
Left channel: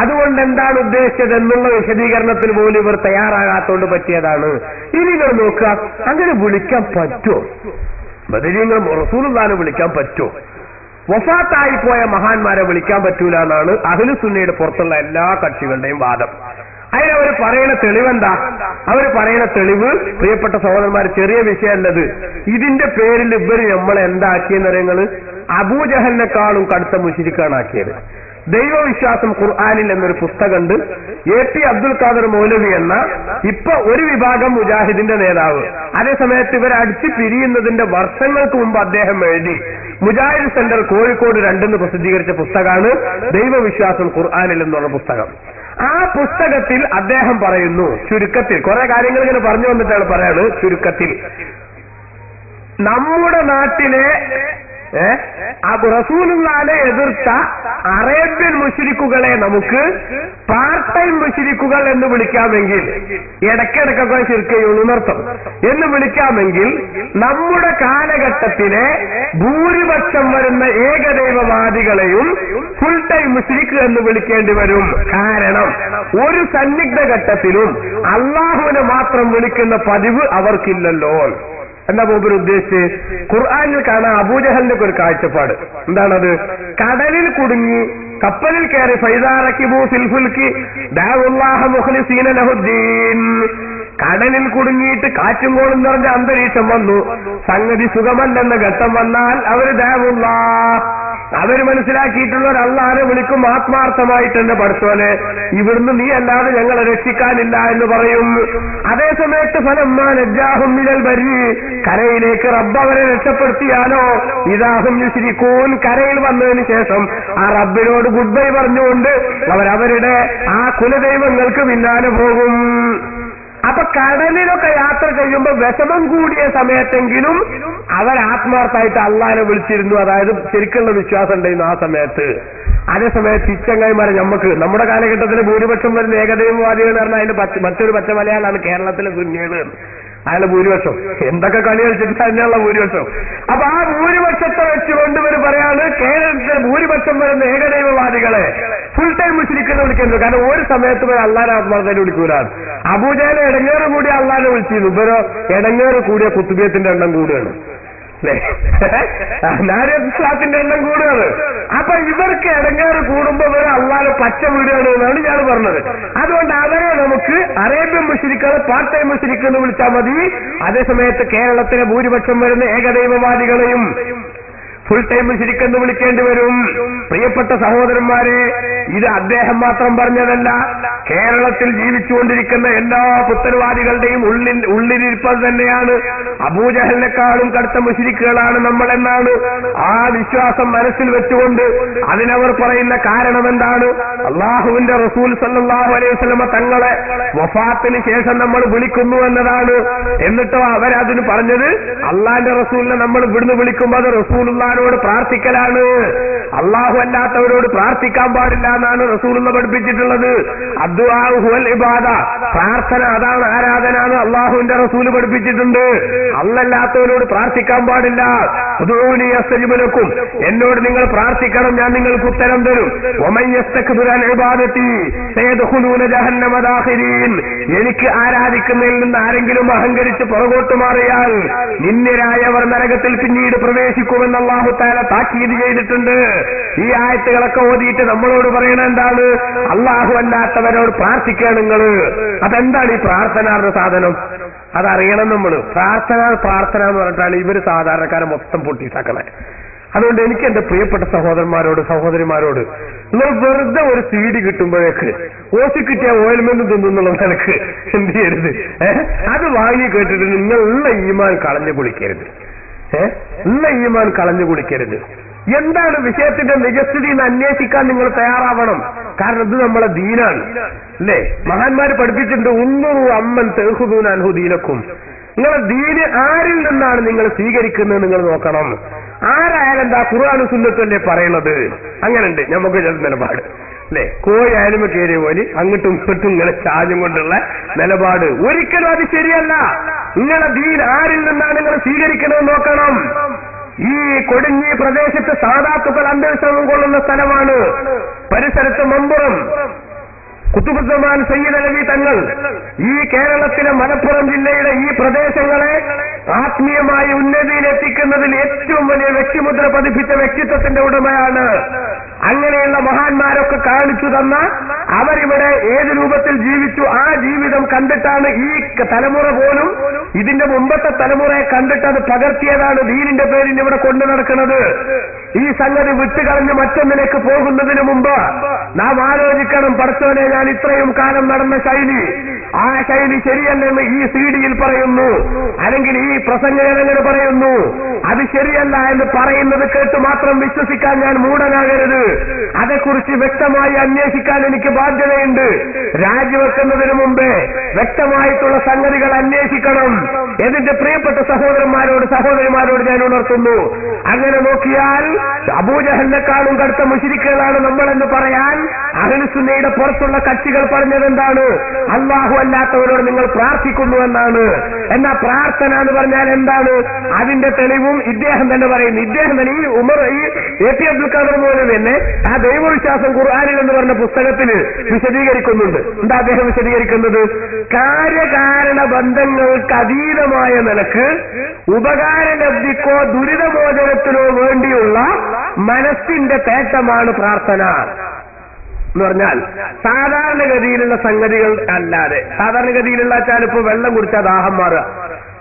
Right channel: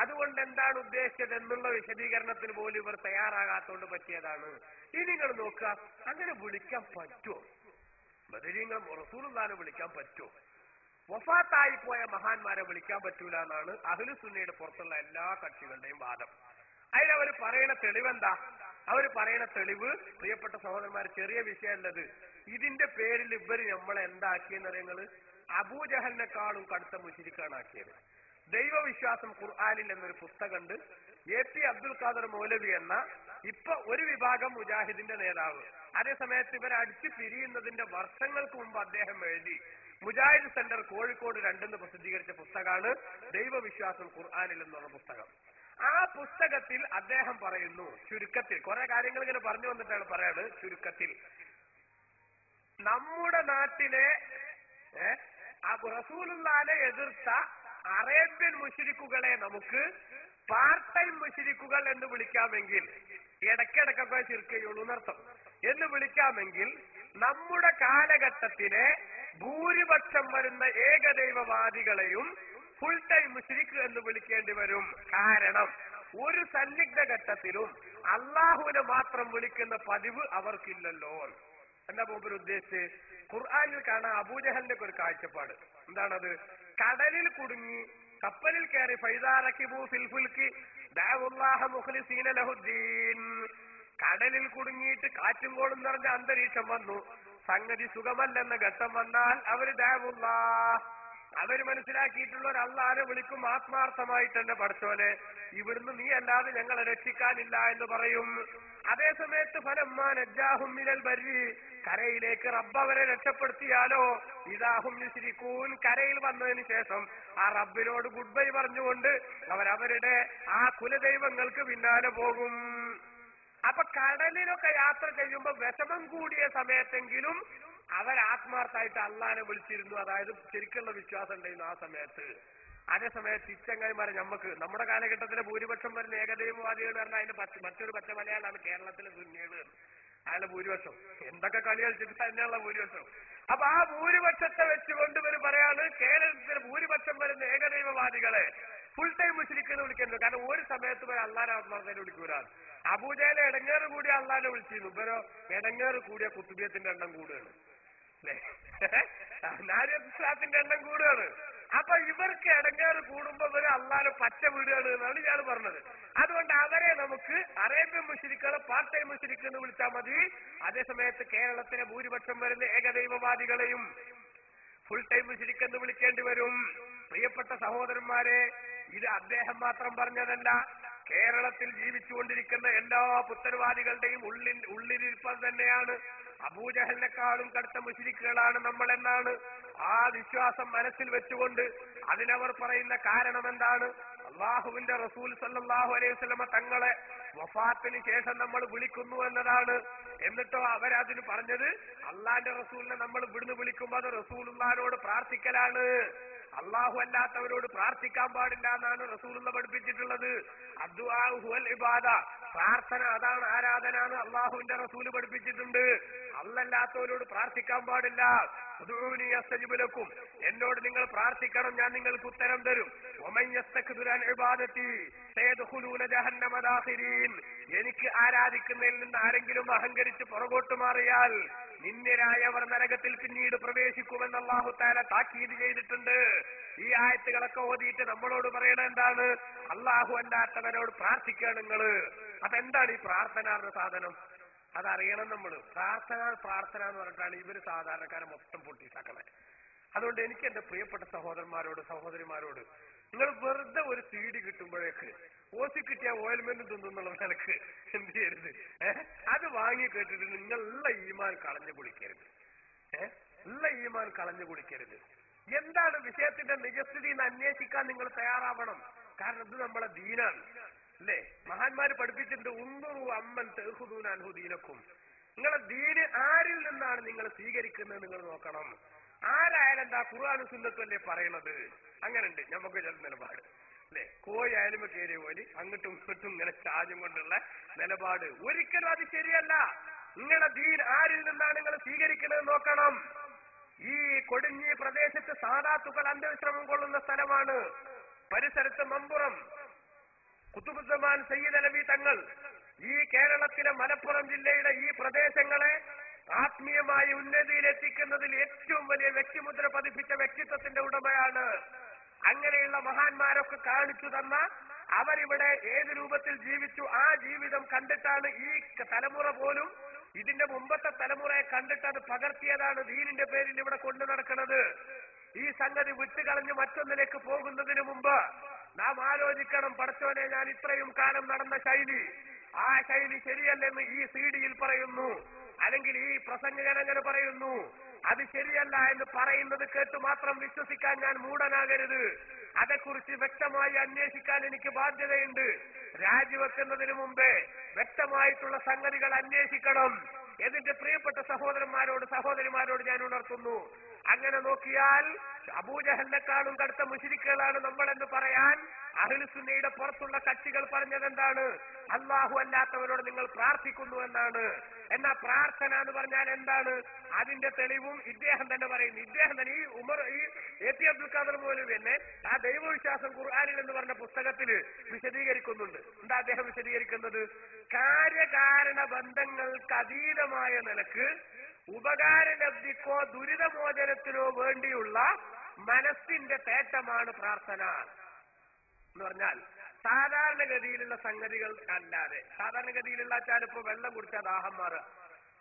അതുകൊണ്ട് എന്താണ് ഉദ്ദേശിച്ചത് എന്നുള്ള വിശദീകരണത്തിന് പോലും ഇവർ തയ്യാറാകാത്തോണ്ട് പറ്റിയതാണ്. ഇനി ഇവർ നോക്കുക, അങ്ങനെ വിളിക്കാൻ പറ്റുമോ? ബദരീങ്ങൾ റസൂലുള്ളാഹിനെ വിളിക്കാൻ പറ്റുമോ? വഫാത്തായി പോയ മഹാന്മാരെ വിളിക്കാൻ പറ്റൂല എന്നാണ് അഹ്ലു സുന്നയുടെ പുറത്തുള്ള എല്ലാ കക്ഷികളുടെയും വാദം. അതിനവർ പറയുന്ന തെളിവെന്താ? അവർ പറയുന്ന തെളിവ്, പ്രിയപ്പെട്ട സഹോദരന്മാർ, ചെറിയ വിഷയമല്ലത്. ഇതിന്റെ പേരിൽ ഇവർ നമ്മളെ എന്താക്കിയെന്ന് പറയുന്നത് അബൂജഹലിനെക്കാളും കടുത്ത മുശ്രിക്കാണാക്കിയത്. ദൈവവിശ്വാസം ഖുർആനിൽ എന്നൊരു പുസ്തകമുണ്ട്. AP അബ്ദുൽ ഖാദർ മൗലവി എന്ന ഇപ്പൊ ഒരു വിഭാഗം മുജാഹിദിന്റെ നേതാവ്. അതേസമയത്ത് ഇവർ അടിച്ചു പിരിയുന്നതിന്റെ വർഷങ്ങൾക്ക് മുമ്പ് അദ്ദേഹം എഴുതി മുജാഹിദ് സെന്റർ കോഴിക്കോട് 2 പ്രസിദ്ധീകരിച്ച പുസ്തകമാണ് ദൈവവിശ്വാസം ഖുർആനിൽ എന്നുള്ള പുസ്തകം. ആ പുസ്തകത്തിൽ അദ്ദേഹം പറയുന്നു, ചുരുക്കത്തിൽ കുറെ കാര്യങ്ങൾ ഇങ്ങനെ പറഞ്ഞു വന്നിട്ടാണ് പറയാണ്, ചുരുക്കത്തിൽ നമ്മുടെ നാട്ടിലെ റസൂലുള്ളാഹിനെ എതിർത്ത അറേബ്യൻ മുശ്രിക്കുകളെ നമുക്ക് പാർട്ട് ടൈം മുശ്രിക്കുകൾ എന്ന് വിളിക്കാമെങ്കിൽ, ഇടയ്ക്കിടയ്ക്കൊക്കെ ശിർക്ക് ചെയ്യുന്നർത്ഥം എന്ന് വിളിക്കാമെങ്കിൽ, നമ്മുടെ കാലഘട്ടത്തിലെ ഭൂരിപക്ഷം വരുന്ന ഏകദൈവവാദികളെയും ഫുൾ ടൈം മുശ്രിക്ക് എന്ന് വിളിക്കേണ്ടി വരും. കാരണം ഒരു സന്നിഗ്ധ ഘട്ടത്തിലും അള്ളാഹുവിനെ മാത്രം വിളിക്കുന്ന പതിവ് അവർക്കില്ലല്ലോ. എന്താ മൂപ്പർ ഉദ്ദേശിച്ച്? ഖുർആനിൽ കാണാൻ അബൂജഹലിന്റെ ഒരു കാഴ്ചപ്പാട് എന്താണത്? കടലിൽ കുടുങ്ങി കപ്പലിൽ കയറി ഫൈദാ റകിബൂ ഫിൽ ഫുൽകി ദഅവുല്ലാഹ മുഖ്ലിസീന ലഹുദ്ദീൻ. കടലിൽ കുടുങ്ങിയിട്ട് കാറ്റും കോളും നിറഞ്ഞ അന്തരീക്ഷം വന്നു, സംഗതി സുഖമല്ലെന്ന ഘട്ടം വന്നാൽ അവര് ദഅവുല്ലാഹ്, അവര് മനസ്സിലാക്കിയിട്ടുള്ള ഒരു അള്ളാഹിനെ വിളിക്കും ആത്മാർത്ഥമായിട്ട് തന്നെ, പഠിച്ചോനെ ഇവിടുന്ന് നീ അല്ലാതെ ഞങ്ങളെ രക്ഷിക്കാനില്ല എന്ന് പറയും. അതേസമയത്ത് ഫലമ്മാ നജ്ജാഹും മിനൽ ബർരി, കരയിലേക്ക് റബ്ബ് അവരെ രക്ഷപ്പെടുത്തിയാലോ ഇദാഹും യുശ്രികൂൻ, കരയിൽ വന്നതിന് ശേഷം ആ റബ്ബിനോട് ഗുഡ് ബൈ പറഞ്ഞുകൊണ്ട് അവരവരുടെ ആ കുലദൈവങ്ങൾക്ക് പിന്നാലെ പോകും. അപ്പൊ കടലിലൊക്കെ യാത്ര ചെയ്യുമ്പോൾ വിഷമം കൂടിയ സമയത്തെങ്കിലും അവർ ആത്മാർത്ഥമായിട്ട് അള്ളാഹിനെ വിളിച്ചിരുന്നു. അതായത് ശരിക്കുള്ള വിശ്വാസം ഉണ്ടായിരുന്നു ആ സമയത്ത്. അതേസമയത്ത് ഇച്ചങ്ങായിമാരെ നമുക്ക് നമ്മുടെ കാലഘട്ടത്തിൽ ഭൂരിപക്ഷം വരുന്ന ഏകദൈവവാദികൾ എന്ന് പറഞ്ഞാൽ അതിന്റെ മറ്റൊരു പച്ച മലയാളാണ് കേരളത്തിലെ സുന്നികൾ. അയാളെ ഭൂരിപക്ഷം എന്തൊക്കെ കളി കളിച്ചിട്ട് തന്നെയുള്ള ഭൂരിപക്ഷം. അപ്പൊ ആ ഭൂരിപക്ഷത്തെ വെച്ചുകൊണ്ട് ഇവർ പറയാണ് കേരളത്തിലെ ഭൂരിപക്ഷം വരുന്ന ഏകദൈവവാദികളെ ഫുൾ ടൈം മുശ്രിക്കെന്ന് വിളിക്കുന്നത്. കാരണം ഒരു സമയത്ത് ഇവർ അള്ളാഹിനെ ആത്മാർത്ഥമായിട്ട് വിളിക്കൂലാണ്. അബൂജഹൽ ഇടങ്ങേറ് കൂടിയ അള്ളാഹിനെ വിളിച്ചിരുന്നു, ഇവരോ ഇടങ്ങേറ് കൂടിയ കുത്തുബിയത്തിന്റെ എണ്ണം കൂടുകയാണ്, നാരിയത്തിന്റെ എണ്ണം കൂടുകയാണ്. അപ്പൊ ഇവർക്ക് ഇടങ്ങേറ് കൂടുമ്പോ ഇവര് അള്ളാഹിനെ പച്ച വീടുകയാണ് എന്നാണ് ഞാൻ പറഞ്ഞത്. അതുകൊണ്ട് അവരെ നമുക്ക് അറേബ്യൻ മുശ്രിക്കുകളെ പാർട്ട് ടൈം മുശ്രിക്ക് എന്ന് വിളിച്ചാൽ മതി. അതേസമയത്ത് കേരളത്തിലെ ഭൂരിപക്ഷം വരുന്ന ഏകദൈവവാദികളെയും ഫുൾ ടൈം മുശ്രിക്കെന്ന് വിളിക്കേണ്ടി വരും. പ്രിയപ്പെട്ട സഹോദരന്മാരെ, ഇത് അദ്ദേഹം മാത്രം പറഞ്ഞതല്ല, കേരളത്തിൽ ജീവിച്ചുകൊണ്ടിരിക്കുന്ന എല്ലാ പുത്തൻവാദികളുടെയും ഉള്ളിലിരിപ്പത് തന്നെയാണ്. അബൂജഹലിനെക്കാളും കടുത്ത മുശ്രിക്കുകളാണ് നമ്മൾ എന്നാണ് ആ വിശ്വാസം മനസ്സിൽ വെച്ചുകൊണ്ട് അതിനവർ പറയുന്ന കാരണം എന്താണ്? അള്ളാഹുവിന്റെ റസൂൽ സല്ലല്ലാഹു അലൈഹി വസല്ലമ തങ്ങളെ വഫാത്തിന് ശേഷം നമ്മൾ വിളിക്കുന്നു എന്നതാണ്. എന്നിട്ടോ അവരതിന് പറഞ്ഞത് അള്ളാഹിന്റെ റസൂലിനെ നമ്മൾ ഇവിടുന്ന് വിളിക്കുമ്പോൾ അത് റസൂലുള്ളാഹിനോട് പ്രാർത്ഥിക്കലാണ്, അള്ളാഹു അല്ലാത്തവരോട് പ്രാർത്ഥിക്കാൻ പാടില്ല എന്നാണ് റസൂലുള്ള പഠിപ്പിച്ചിട്ടുള്ളത്. അദ്ദുആഉ ഹുവൽ ഇബാദ, പ്രാർത്ഥന അതാണ് ആരാധന എന്ന് അള്ളാഹുവിന്റെ റസൂല് പഠിപ്പിച്ചിട്ടുണ്ട്. അല്ലാത്തവരോട് പ്രാർത്ഥിക്കാൻ പാടില്ല. ഉദ്ഊനി അസ്തജിബ് ലക്കും, എന്നോട് നിങ്ങൾ പ്രാർത്ഥിക്കണം, ഞാൻ നിങ്ങൾക്ക് ഉത്തരം തരും. വമൻ യസ്തക്ബിറു അൻ ഇബാദതി സയദ്ഖുലൂന ജഹന്നമ ദാഖിരീൻ, എനിക്ക് ആരാധിക്കുന്നതിൽ നിന്ന് ആരെങ്കിലും അഹങ്കരിച്ച് പുറകോട്ട് മാറിയാൽ നിന്ദ്യരായവർ നരകത്തിൽ പിന്നീട് പ്രവേശിക്കുമെന്ന് അല്ലാഹു തആല താക്കീത് ചെയ്തിട്ടുണ്ട്. ഈ ആയത്തുകളൊക്കെ ഓതിയിട്ട് നമ്മളോട് പറയണ എന്താണ്? അല്ലാഹു അല്ലാത്തവരോട് പ്രാർത്ഥിക്കുക നിങ്ങൾ. അതെന്താണ് ഈ പ്രാർത്ഥന സാധനം? അതറിയണം നമ്മൾ. പ്രാർത്ഥന എന്ന് പറഞ്ഞിട്ടാണ് ഇവര് സാധാരണക്കാരെ മൊത്തം പൊട്ടിസാക്കണേ. അതുകൊണ്ട് എനിക്ക് എന്റെ പ്രിയപ്പെട്ട സഹോദരന്മാരോട് സഹോദരിമാരോട്, നിങ്ങൾ വെറുതെ ഒരു CD കിട്ടുമ്പോഴേക്ക് ഓസി കിട്ടിയ ഓയിൽമെന്റ് തിന്നുള്ള നിലക്ക് എന്ത് ചെയ്യരുത്, അത് വാങ്ങി കേട്ടിട്ട് നിങ്ങൾ ഉള്ള ഈമാൻ കളഞ്ഞു കുളിക്കരുത്. ഉള്ള ഈമാൻ കളഞ്ഞു കുളിക്കരുത്. എന്താണ് വിഷയത്തിന്റെ നിജസ്ഥിതി എന്ന് അന്വേഷിക്കാൻ നിങ്ങൾ തയ്യാറാവണം. കാരണം ഇത് നമ്മളെ ദീനാണ് അല്ലേ? മഹാന്മാര് പഠിപ്പിച്ചിട്ടുണ്ട്, ഉന്നൂറു അമ്മൻ തെഹുദൂൻ അൻഹു ദീനക്കും. നിങ്ങളെ ദീന് ആരിൽ നിന്നാണ് നിങ്ങൾ സ്വീകരിക്കുന്നത് നിങ്ങൾ നോക്കണം. ആരായാലും എന്താ ഖുർആനും സുന്നത്തല്ലേ പറയണത്? അങ്ങനെയുണ്ട് നമുക്ക് ചില നിലപാട് അല്ലെ? കോയായാലും കയറിയ പോലെ അങ്ങോട്ടും ഇങ്ങോട്ടും ഇങ്ങനെ ചാഞ്ഞും കൊണ്ടുള്ള നിലപാട് ഒരിക്കലും അത് ശരിയല്ല. നിങ്ങളെ ദീൻ ആരിൽ നിന്നാണ് നിങ്ങൾ സ്വീകരിക്കുന്നത് നോക്കണം. ഈ കൊടിഞ്ഞി പ്രദേശത്ത് സാദാത്തുക്കൾ അന്വേഷണം കൊള്ളുന്ന സ്ഥലമാണ്. പരിസരത്ത് മമ്പുറം കുത്തുബുസ്സമാൻ സയ്യിദ് അലവി തങ്ങൾ ഈ കേരളത്തിലെ മലപ്പുറം ജില്ലയുടെ ഈ പ്രദേശങ്ങളെ ആത്മീയമായി ഉന്നതിയിലെത്തിക്കുന്നതിൽ ഏറ്റവും വലിയ വ്യക്തിമുദ്ര പതിപ്പിച്ച വ്യക്തിത്വത്തിന്റെ ഉടമയാണ്. അങ്ങനെയുള്ള മഹാന്മാരൊക്കെ കാണിച്ചു തന്ന അവരിവിടെ ഏത് രൂപത്തിൽ ജീവിച്ചു ആ ജീവിതം കണ്ടിട്ടാണ് ഈ തലമുറ പോലും ഇതിന്റെ മുമ്പത്തെ തലമുറയെ കണ്ടിട്ട് അത് പകർത്തിയതാണ് ദീനിന്റെ പേരിൽ ഇവിടെ കൊണ്ടു നടക്കുന്നത്. ഈ സംഗതി വിട്ടുകളഞ്ഞ് മറ്റൊന്നിലേക്ക് പോകുന്നതിന് മുമ്പ് നാം ആലോചിക്കണം, പടച്ചോനെ ഞാൻ ഇത്രയും കാലം നടന്ന ശൈലി, ആ ശൈലി ശരിയല്ലെന്ന് ഈ CD-യിൽ പറയുന്നു, അല്ലെങ്കിൽ ഈ പ്രസംഗകരങ്ങനെ പറയുന്നു. അത് ശരിയല്ല എന്ന് പറയുന്നത് കേട്ട് മാത്രം വിശ്വസിക്കാൻ ഞാൻ മൂഢനാകരുത്. അതേക്കുറിച്ച് വ്യക്തമായി അന്വേഷിക്കാൻ എനിക്ക് ബാധ്യതയുണ്ട്. രാജിവെക്കുന്നതിന് മുമ്പേ വ്യക്തമായിട്ടുള്ള സംഗതികൾ അന്വേഷിക്കണം. എന്നിട്ട് പ്രിയപ്പെട്ട സഹോദരന്മാരോട് സഹോദരിമാരോട് ഞാൻ ഉണർത്തുന്നു, അങ്ങനെ നോക്കിയാൽ അബൂജഹലിനെക്കാളും കടുത്ത മുശ്രിക്കുകളാണ് നമ്മളെന്ന് പറയാൻ അഹ്ലുസുന്നയുടെ പുറത്തുള്ള കക്ഷികൾ പറഞ്ഞതെന്താണ്? അല്ലാഹു അല്ലാത്തവരോട് നിങ്ങൾ പ്രാർത്ഥിക്കുന്നു എന്നാണ്. എന്നാ പ്രാർത്ഥന എന്ന് പറഞ്ഞാൽ എന്താണ്? അതിന്റെ തെളിവും ഇദ്ദേഹം തന്നെ പറയുന്നു. ഇദ്ദേഹം തന്നെ ഈ ഉമർ ഈ AP അബ്ദുൽ ഖാദർ മൗലവി തന്നെ ആ ദൈവവിശ്വാസം ഖുർആനിൽ എന്ന് പറഞ്ഞ പുസ്തകത്തിൽ വിശദീകരിക്കുന്നുണ്ട്. എന്താ അദ്ദേഹം വിശദീകരിക്കുന്നത്? കാര്യകാരണ ബന്ധങ്ങൾക്ക് അതീതമായ നിലക്ക് ഉപകാരലബ്ധിക്കോ ദുരിതമോചനത്തിനോ വേണ്ടിയുള്ള മനസ്സിന്റെ തേട്ടമാണ് പ്രാർത്ഥന എന്ന് പറഞ്ഞാൽ സാധാരണഗതിയിലുള്ള സംഗതികൾ അല്ലാതെ. സാധാരണഗതിയിലുള്ള വെച്ചാൽ ഇപ്പൊ വെള്ളം കുടിച്ചാൽ ദാഹം മാറുക,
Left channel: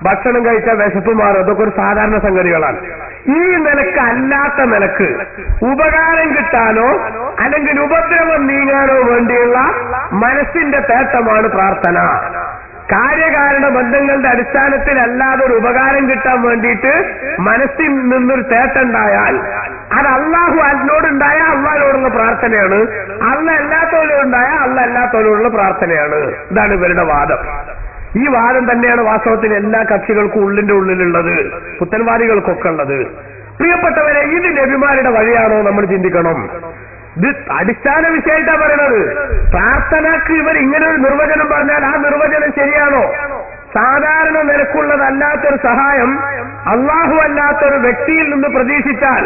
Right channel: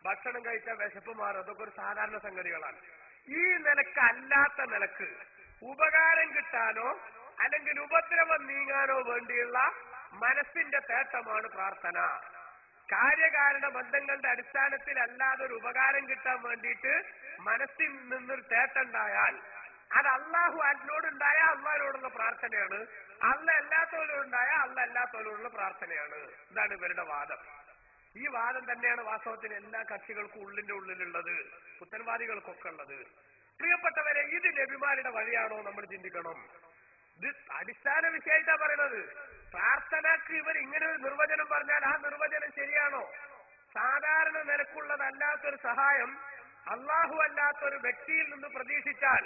ഭക്ഷണം കഴിച്ചാൽ വിശപ്പ് മാറുക, അതൊക്കെ ഒരു സാധാരണ സംഗതികളാണ്. ഈ നിലക്ക് അല്ലാത്ത നിലക്ക് ഉപകാരം കിട്ടാനോ അല്ലെങ്കിൽ ഉപദ്രവം നീങ്ങാനോ വേണ്ടിയുള്ള മനസ്സിന്റെ തേട്ടമാണ് പ്രാർത്ഥന. കാര്യകാരണ ബന്ധങ്ങളുടെ അടിസ്ഥാനത്തിൽ അല്ലാതെ ഒരു ഉപകാരം കിട്ടാൻ വേണ്ടിയിട്ട് മനസ്സിൽ നിന്നൊരു തേട്ടുണ്ടായാൽ അത് അള്ളാഹു അതിനോടുണ്ടായാൽ അള്ളാഹിനോടുള്ള പ്രാർത്ഥനയാണ്, അള്ള അല്ലാത്തവരോടുണ്ടായാൽ അള്ള അല്ലാത്തവരോടുള്ള പ്രാർത്ഥനയാണ്. ഇതാണ് ഇവരുടെ വാദം. ഈ വാദം തന്നെയാണ് വാസ്തവത്തിൽ എല്ലാ കക്ഷികൾക്കും ഉള്ളിന്റെ ഉള്ളിലുള്ളത്, പുത്തൻവാദികൾക്കൊക്കെ ഉള്ളത്. പ്രിയപ്പെട്ടവരെ, ഇത് നബിമാരുടെ വഴിയാണോ നമ്മൾ ചിന്തിക്കണം. ഇത് അടിസ്ഥാന വിഷയമായിട്ടാണ് പറയുന്നത്. പ്രാർത്ഥനക്ക് ഇവർ ഇങ്ങനെ ഒരു നിർവചനം പറഞ്ഞാൽ ആ നിർവചനം ശരിയാണോ? സാധാരണ നിരക്കുള്ളതല്ലാത്തൊരു സഹായം അള്ളാഹു അല്ലാത്തൊരു വ്യക്തിയിൽ നിന്ന് പ്രതീക്ഷിച്ചാൽ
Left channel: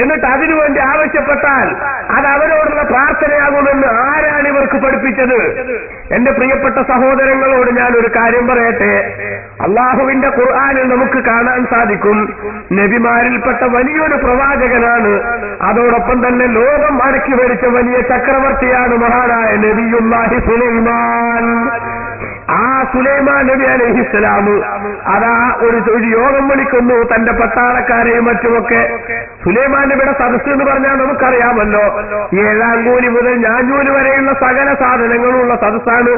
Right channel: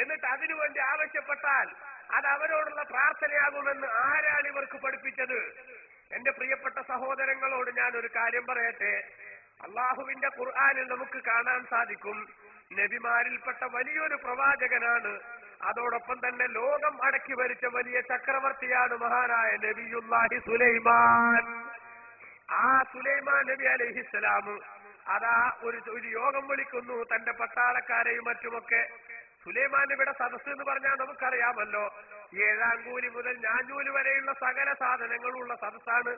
എന്നിട്ട് അതിനുവേണ്ടി ആവശ്യപ്പെട്ടാൽ അത് അവരോടുള്ള പ്രാർത്ഥനയാകുമെന്ന് ആരാണ് ഇവർക്ക് പഠിപ്പിച്ചത്? എന്റെ പ്രിയപ്പെട്ട സഹോദരങ്ങളോട് ഞാൻ ഒരു കാര്യം പറയട്ടെ. അള്ളാഹുവിന്റെ ഖുർആനിൽ നമുക്ക് കാണാൻ സാധിക്കും, നബിമാരിൽപ്പെട്ട വലിയൊരു പ്രവാചകനാണ്, അതോടൊപ്പം തന്നെ ലോകം അടക്കി ഭരിച്ച വലിയ ചക്രവർത്തിയാണ് മഹാനായ നബിയുല്ലാഹി സുലൈമാൻ. ആ സുലൈമാൻ നബി അലൈഹിസ്സലാം അതാ ഒരു യോഗം വിളിക്കുന്നു തന്റെ പട്ടാളക്കാരെയും മറ്റുമൊക്കെ. സുലൈമാൻ നബിയുടെ സദസ്സ് എന്ന് പറഞ്ഞാൽ നമുക്കറിയാമല്ലോ, 7 കൂലി മുതൽ ഞാഞ്ഞൂല് വരെയുള്ള സകല സാധനങ്ങളുള്ള സദസ്സാണ്.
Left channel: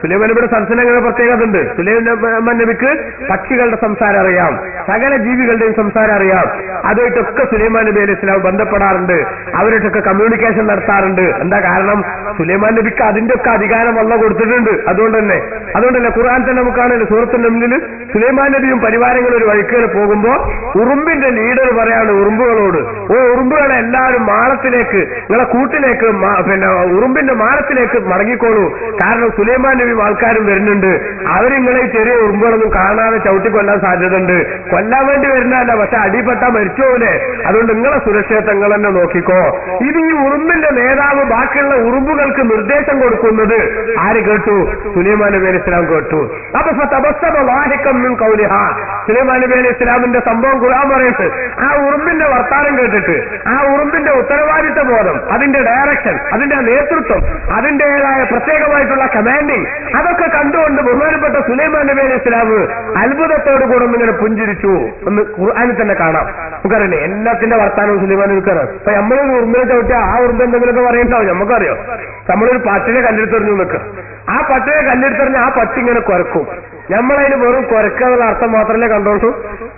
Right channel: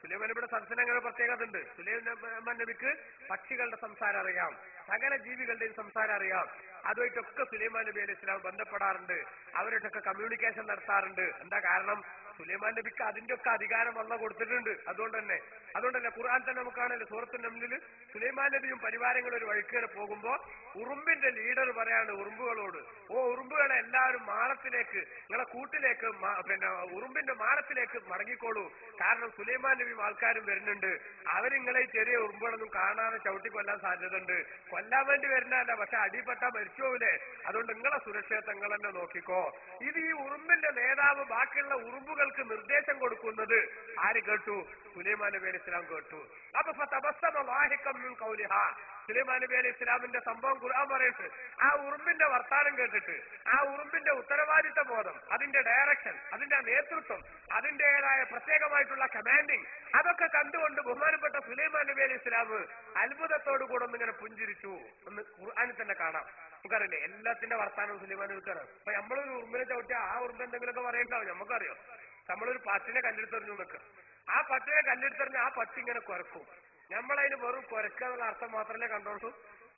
സുലൈമാൻ നബിയുടെ സദസ്സിന് പ്രത്യേകത ഉണ്ട്. സുലൈമാൻ നബിക്ക് പക്ഷികളുടെ സംസാരം അറിയാം, സകല ജീവികളുടെയും സംസാരം അറിയാം. അതുമായിട്ടൊക്കെ സുലൈമാൻ നബി അലൈഹി സ്വലാം ബന്ധപ്പെടാറുണ്ട്, അവരായിട്ടൊക്കെ കമ്മ്യൂണിക്കേഷൻ നടത്താറുണ്ട്. എന്താ കാരണം? സുലൈമാൻ നബിക്ക് അതിന്റെ ഒക്കെ അധികാരം അല്ലാഹു കൊടുത്തിട്ടുണ്ട്. അതുകൊണ്ട് തന്നെ അത് അതുകൊണ്ടല്ലേ ഖുർആൻ തന്നെ നമുക്കാണല്ലോ സൂറത്തുൽ നംലിൽ സുലൈമാൻ നബിയും പരിവാരങ്ങളും ഒരു വഴിക്കേൽ പോകുമ്പോ ഉറുമ്പിന്റെ ലീഡർ പറയാണ് ഉറുമ്പുകളോട്, ഓ ഉറുമ്പുകളെ എല്ലാവരും മാളത്തിലേക്ക്, നിങ്ങളെ കൂട്ടിലേക്ക്, പിന്നെ ഉറുമ്പിന്റെ മാളത്തിലേക്ക് മടങ്ങിക്കോളൂ. കാരണം സുലൈമാൻ നബിയും ആൾക്കാരും വരുന്നുണ്ട്. അവരിങ്ങളെ ചെറിയ ഉറുമ്പുകളൊന്നും കാണാതെ ചവിട്ടി കൊല്ലാൻ സാധ്യതയുണ്ട്. കൊല്ലാൻ വേണ്ടി വരുന്നതല്ല, പക്ഷെ അടിപ്പെട്ടാ മരിച്ചോലെ. അതുകൊണ്ട് നിങ്ങളെ സുരക്ഷയെ നിങ്ങൾ തന്നെ നോക്കിക്കോ. ഇത് ഈ ഉറുമ്പിന്റെ നേതാവ് ബാക്കിയുള്ള ഉറുമ്പുകൾക്ക് നിർദ്ദേശം കൊടുക്കുന്നത് ആര് കേട്ടു? സുലൈമാൻ നബി അലൈഹി ഇസ്ലാം കേട്ടു. അപ്പൊ സുലൈമാൻ നബി അലൈഹി ഇസ്ലാമിന്റെ സംഭവം ഖുർആൻ പറയുന്നത് ആ ഉറുമ്പിന്റെ വർത്താനം കേട്ടിട്ട്, ആ ഉറുമ്പിന്റെ ഉത്തരവാദിത്ത ബോധം, അതിന്റെ ഡയറക്ഷൻ, അതിന്റെ നേതൃത്വം, അതിന്റേതായ പ്രത്യേകമായിട്ടുള്ള കമാൻഡിങ്, അതൊക്കെ കണ്ടുകൊണ്ട് ബഹുമാനപ്പെട്ട സുലൈമാൻ നബി അലൈഹി ഇസ്ലാം അത്ഭുതത്തോടു കൂടെ ഒന്നിങ്ങനെ പുഞ്ചിരിച്ചു എന്ന് ഖുർആനിൽ തന്നെ കാണാം. നമുക്കറിയില്ലേ എല്ലാത്തിന്റെ വർത്താനവും സുലൈമാൻ നബിക്കാണ്. അപ്പൊ നമ്മളൊരു ഉറുമ്പിനെ ചവിട്ടിയാൽ ആ ഉറുമ്പ് എന്തെങ്കിലുമൊക്കെ പറയുന്നുണ്ടാവും. നമുക്കറിയോ, നമ്മളൊരു പട്ടിനെ കല്ലെടുത്തെറിഞ്ഞു നിൽക്കുക, ആ പട്ടിനെ കല്ലെടുത്തെറിഞ്ഞ് ആ പട്ടി ഇങ്ങനെ കുരക്കും. നമ്മളതിന് വെറും കുരക്കാനുള്ള അർത്ഥം മാത്രമല്ലേ കണ്ടോളൂ.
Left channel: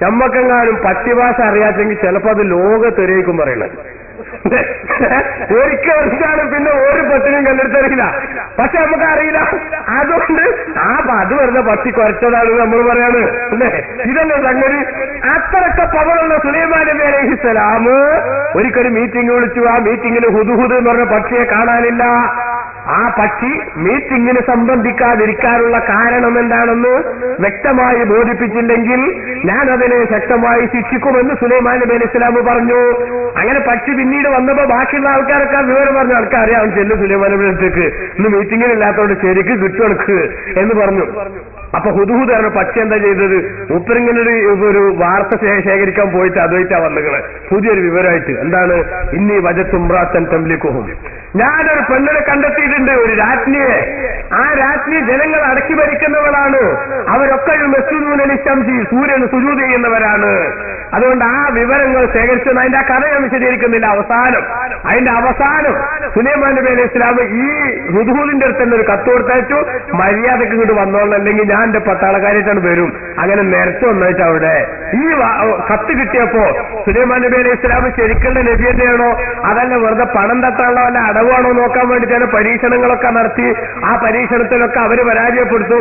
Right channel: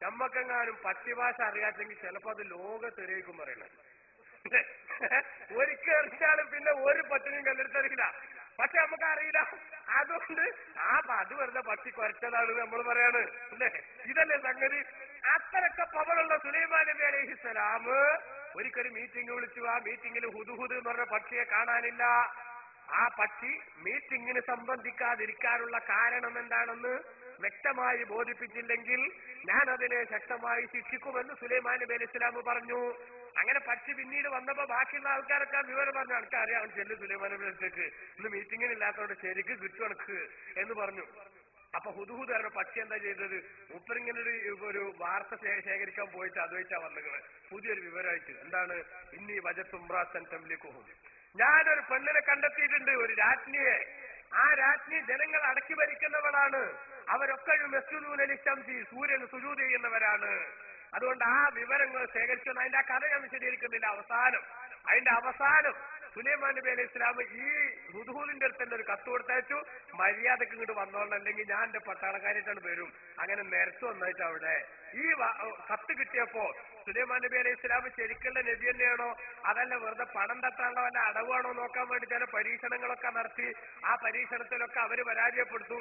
നമ്മക്കെങ്ങാനും പട്ടി ഭാഷ അറിയാച്ചെങ്കിൽ ചിലപ്പോ അത് ലോകത്തെറിയിക്കും പറയണത്. ഒരിക്കലാണ് പിന്നെ ഒരു പട്ടിനും കല്ലെടുത്തറിയില്ല. പക്ഷെ നമുക്കറിയില്ല. അതുകൊണ്ട് അത് വെറുതെ പട്ടി കുരച്ചതാണ് നമ്മൾ പറയാണ് അല്ലേ. ഇതല്ലേ സംഗതി. അത്രയൊക്കെ പവറുള്ള സുലൈമാൻ നബി അലൈഹിസ്സലാം ഒരിക്കലും മീറ്റിംഗ് വിളിച്ചു. ആ മീറ്റിംഗിൽ ഹുദ്ഹുദ് എന്ന് പറഞ്ഞ പക്ഷിയെ കാണാനില്ല. ആ പക്ഷി മീറ്റിംഗിന് സംബന്ധിക്കാതിരിക്കാനുള്ള കാരണം എന്താണെന്ന് വ്യക്തമായി ബോധിപ്പിച്ചില്ലെങ്കിൽ ഞാൻ അതിനെ ശക്തമായി ശിക്ഷിക്കുമെന്ന് സുലൈമാൻ നബി അലൈഹി ഇസ്ലാം പറഞ്ഞു. അങ്ങനെ പക്ഷി പിന്നീട് വന്നപ്പോ ബാക്കിയുള്ള ആൾക്കാരൊക്കെ വിവരം പറഞ്ഞു, ആൾക്കറിയാം ചെല്ലു സുലൈമാൻ നബി അടുത്തേക്ക്, ഇന്ന് മീറ്റിംഗിനില്ലാത്തതുകൊണ്ട് ശരിക്ക് കിട്ടുവെടുക്ക് എന്ന് പറഞ്ഞു. അപ്പൊ ഹുദ്ഹുദാണ് പക്ഷി എന്താ ചെയ്തത്? മൂപ്പരിങ്ങനെ ഒരു വാർത്ത ശേഖരിക്കാൻ പോയിട്ട് അതുമായിട്ടാ വന്നുകള് പുതിയൊരു വിവരമായിട്ട്. എന്താണ്? ഇന്നി വജത്തുംറാത്തൻ തംലിക്കുഹും, ഞാനൊരു പെണ്ണിനെ കണ്ടെത്തിയിട്ടുണ്ട്, ഒരു രാജ്ഞിയെ. ആ രാജ്ഞി ജനങ്ങൾ അടക്കി ഭരിക്കുന്നവളാണ്. അവരൊക്കെ മെസ്സൂനലിശംസി, സൂര്യന് സുജൂദ് ചെയ്യുന്നവരാണ്. അതുകൊണ്ട് ആ വിവരങ്ങൾ ശേഖരിച്ചു. അതിന്റെ ആ കഥ ഞാൻ വിശദീകരിക്കുന്നില്ല. അതിന്റെ അവസാനം സുലൈമാൻ നബി അലൈഹി ഇസ്ലാം ഈ ഹുദ്ഹുദിന്റെ അടുത്ത് തന്നെ ഒരു കത്ത് കൊടുത്തയച്ചു, മര്യാദക്ക് ഇങ്ങോട്ട് വന്നോളണം, അല്ലെങ്കിൽ ഞാൻ എന്റെ പട്ടാളക്കാരായിട്ടാണ് വരും. അങ്ങനെ നിരത്ത് വന്നിട്ട് അവിടെ ഈ കത്ത് കിട്ടിയപ്പോ സുലൈമാൻ നബി അലൈഹി ഇസ്ലാം ശരിക്കുള്ള നബി തന്നെയാണോ അതല്ല വെറുതെ പണം തട്ടാനുള്ള വല്ല അടവാണോ നോക്കാൻ വേണ്ടി ചില പരീക്ഷണങ്ങളൊക്കെ നടത്തി. ആ പരീക്ഷണത്തിലൊക്കെ അവര് പരാജയപ്പെട്ടു.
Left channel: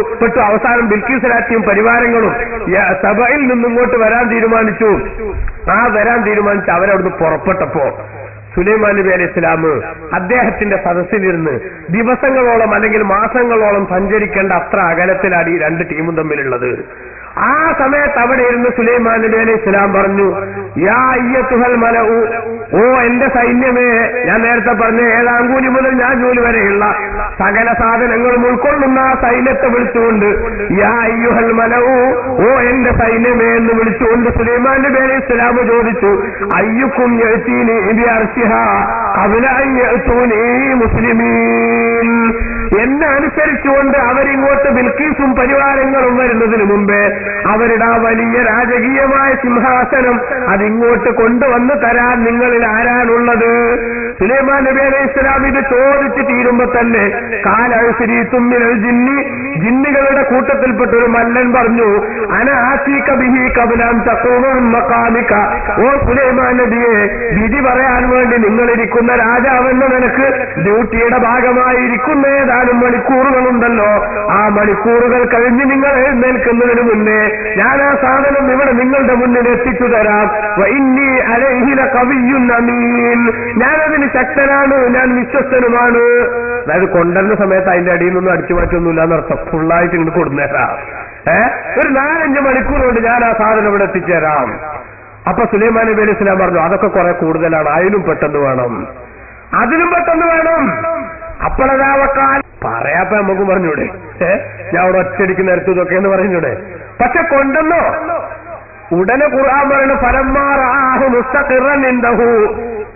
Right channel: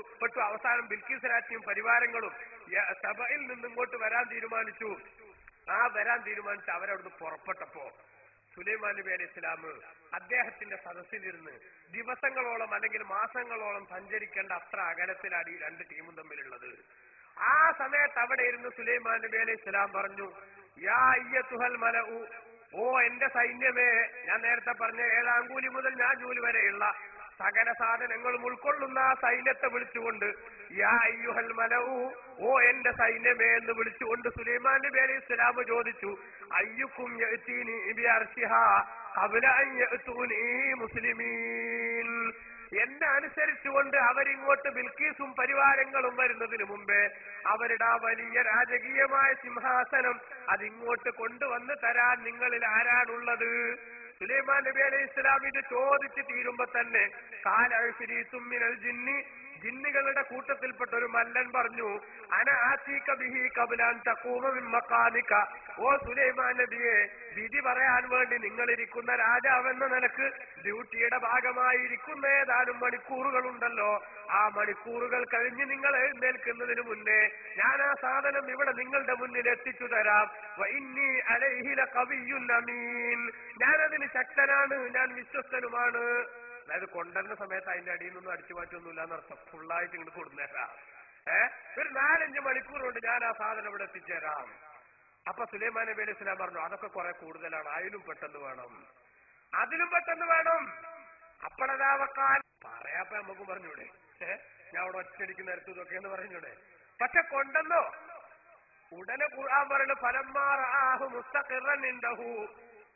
അവസാനം ബിൽക്കീസ് രാജ്ഞിയും പരിവാരങ്ങളും സഭയിൽ നിന്നിങ്ങോട്ട് വരാൻ തീരുമാനിച്ചു. വരാൻ തീരുമാനിച്ച് അവരവിടുന്ന് പുറപ്പെട്ടപ്പോ സുലൈമാൻ നബി അലൈഹി ഇസ്ലാം അദ്ദേഹത്തിന്റെ സദസ്സിലിരുന്ന് ദിവസങ്ങളോളം അല്ലെങ്കിൽ മാസങ്ങളോളം സഞ്ചരിക്കേണ്ട അത്ര അകലത്തിലാണ് ഈ രണ്ട് ടീമും തമ്മിലുള്ളത്. ആ സമയത്ത് അവിടെ ഇരുന്ന് സുലൈമാൻ നബി അലൈഹി ഇസ്ലാം പറഞ്ഞു, യാ അയ്യത്തുഹൽ മലഉ, ഓ എന്റെ സൈന്യമേ, ഞാൻ നേരത്തെ പറഞ്ഞ ഏഴാങ്കൂലി മുതൽ ഞാഞ്ഞൂലി വരെയുള്ള സകല സാധനങ്ങളും ഉൾക്കൊള്ളുന്ന ആ സൈന്യത്തെ വിളിച്ചുകൊണ്ട് യാ അയ്യുഹൽ മലഉ, ഓ എന്റെ സൈന്യമേ എന്ന് വിളിച്ചുകൊണ്ട് സുലൈമാൻ നബി അലൈഹി ഇസ്ലാം ചോദിച്ചു, അയ്യുക്കും യഅ്തീനി ബിഅർശിഹാ ഖബ്ല അൻ യഅ്തൂനി മുസ്ലിമീൻ, എന്നെ അനുസരിച്ചുകൊണ്ട് അവരിങ്ങോട്ട് ബിൽക്കീസും പരിവാരങ്ങളും വരുന്നതിന് മുമ്പേ അവരുടെ ആ വലിയ രാജകീയമായ സിംഹാസനം അതിങ്ങോട്ട് കൊണ്ടുവന്ന് തരാൻ നിങ്ങളിൽ ആരാണുള്ളത്? സുലൈമാൻ നബി അലൈഹി ഇസ്ലാം ഇത് ചോദിച്ച് തീരുമ്പോ തന്നെ കാലഅശ്രീത്തും മിനൽ ജിന്നി, ജിന്നുകളുടെ കൂട്ടത്തിൽപ്പെട്ട ഒരു മല്ലൻ പറഞ്ഞു, അന ആതീക ബിഹി ഖബ്ല അൻ തഖൂമ മിൻ മഖാമിക, ഓ സുലൈമാൻ നബിയെ, വിധി പറയാൻ വേണ്ടി നിങ്ങളിരിക്കുന്ന രാജാവെന്ന നിനക്ക് ഡ്യൂട്ടിയുടെ ഭാഗമായിരിക്കുന്ന ഏതാനും മണിക്കൂറുകളുണ്ടല്ലോ, ആ മണിക്കൂറുകൾ കഴിഞ്ഞ് നിങ്ങൾ എഴുന്നേൽക്കുന്നതിന് മുന്നേ ഞാൻ ആ സാധനം ഇവിടെ നിങ്ങളുടെ മുന്നിൽ എത്തിച്ചു തരാം. വഇന്നി അലൈഹി ലഖവിയ്യുൻ അമീൻ, ഞാനതിന് ശക്തനാണ്, ഞാൻ വിശ്വസ്തനുമാണ്. അതായത് കൊണ്ടുവരുന്ന സമയത്ത് അതിന്റെ അടിയിൽ നിന്നും അടിച്ചു മാറ്റൊന്നുമില്ല എന്നർത്ഥം. ഫുള്ളായിട്ട് ഇങ്ങോട്ട് കൊടുന്നേരാം. ഒരു 4-5 മണിക്കൂർ കൊണ്ട് ഞാൻ ആ സാധനം ഇവിടെ എത്തിച്ചേരാം. അപ്പൊ സുലൈമാൻ നബി അലൈഹി ഇസ്ലാം പറഞ്ഞു, അതൊക്കെ കുറെ കൂടുതലാണ്, അതിലും പെട്ടെന്ന് വേണം, അതിലും പെട്ടെന്ന് വേണം. അപ്പോഴതാവക്കാൽ പറയാപ്പ നമുക്ക് പറഞ്ഞൂടെ, ഞാൻ അവിടെ ഒറ്റടിക്ക് നിരത്തു ഇതൊക്കെ എന്ന് പറഞ്ഞൂടെ. പക്ഷെ കൊണ്ടെന്നോ ഉടനെ ഖുർആൻ പറയുന്ന ഫലമ്മാറാഹു മുസ്തഖിറൻ ഇൻദഹു,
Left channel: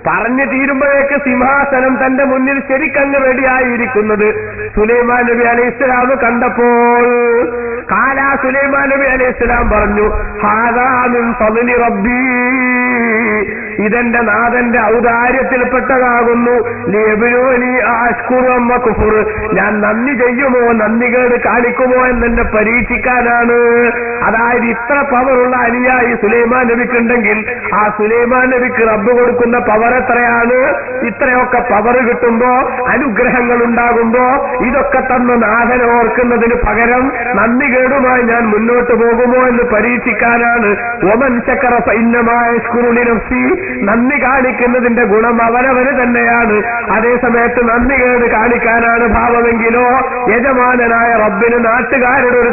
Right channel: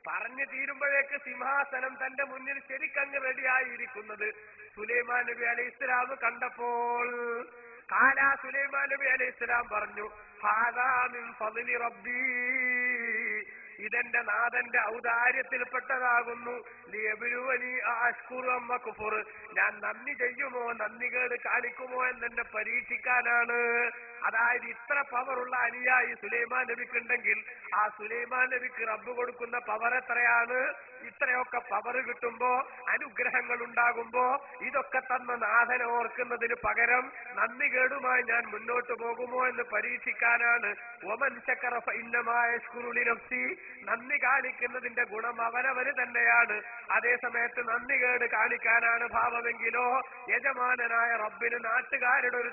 പറഞ്ഞു തീരുമ്പോഴേക്ക് സിംഹാസനം തന്റെ മുന്നിൽ ശരിക്കങ്ങ് റെഡിയായിരിക്കുന്നത് സുലൈമാൻ നബി അലൈഹി ഇസ്ലാം കണ്ടപ്പോൾ സുലൈമാൻ നബി അലൈഹി ഇസ്ലാം പറഞ്ഞു, ഹാദാ മിൻ ഫദ്ലി റബ്ബീ, ഇതെന്റെ നാഥന്റെ ഔദാര്യത്തിൽപ്പെട്ടതാകുന്നു. ലിയബ്ലുവനി അശ്കുറു അം അക്ഫുർ, ഞാൻ നന്ദി ചെയ്യുമോ നന്ദികേട് കാണിക്കുമോ എന്നെ പരീക്ഷിക്കാനാണ്. അതായത് ഇത്ര പവറുള്ള അനുയായി സുലൈമാൻ നബിക്കുണ്ടെങ്കിൽ ആ സുലൈമാൻ നബിക്ക് റബ്ബ് കൊടുക്കുന്ന പവർ എത്രയാണ്? ഇത്രയൊക്കെ പവർ കിട്ടുമ്പോ, അനുഗ്രഹങ്ങൾ ഉണ്ടാകുമ്പോ ഇതൊക്കെ തന്ന നാഥനെ ഓർക്കുന്നതിന് പകരം നന്ദികേടുമായി ഞാൻ മുന്നോട്ട് പോകുമോ എന്ന് പരീക്ഷിക്കാനാണ്. ഒമൻ ശക്കറ ഫഇന്നമാ യശ്കുറു ലിനഫ്സി, നന്ദി കാണിക്കുന്നതിന്റെ ഗുണം അവനവന് തന്നെയാണ്. അതേസമയത്ത് നന്ദികേട് കാണിക്കാനാണ് ഭാവമെങ്കിലോ യജമാനനായ റബ്ബിന് നാട്ടുകാരുടെ ഒരു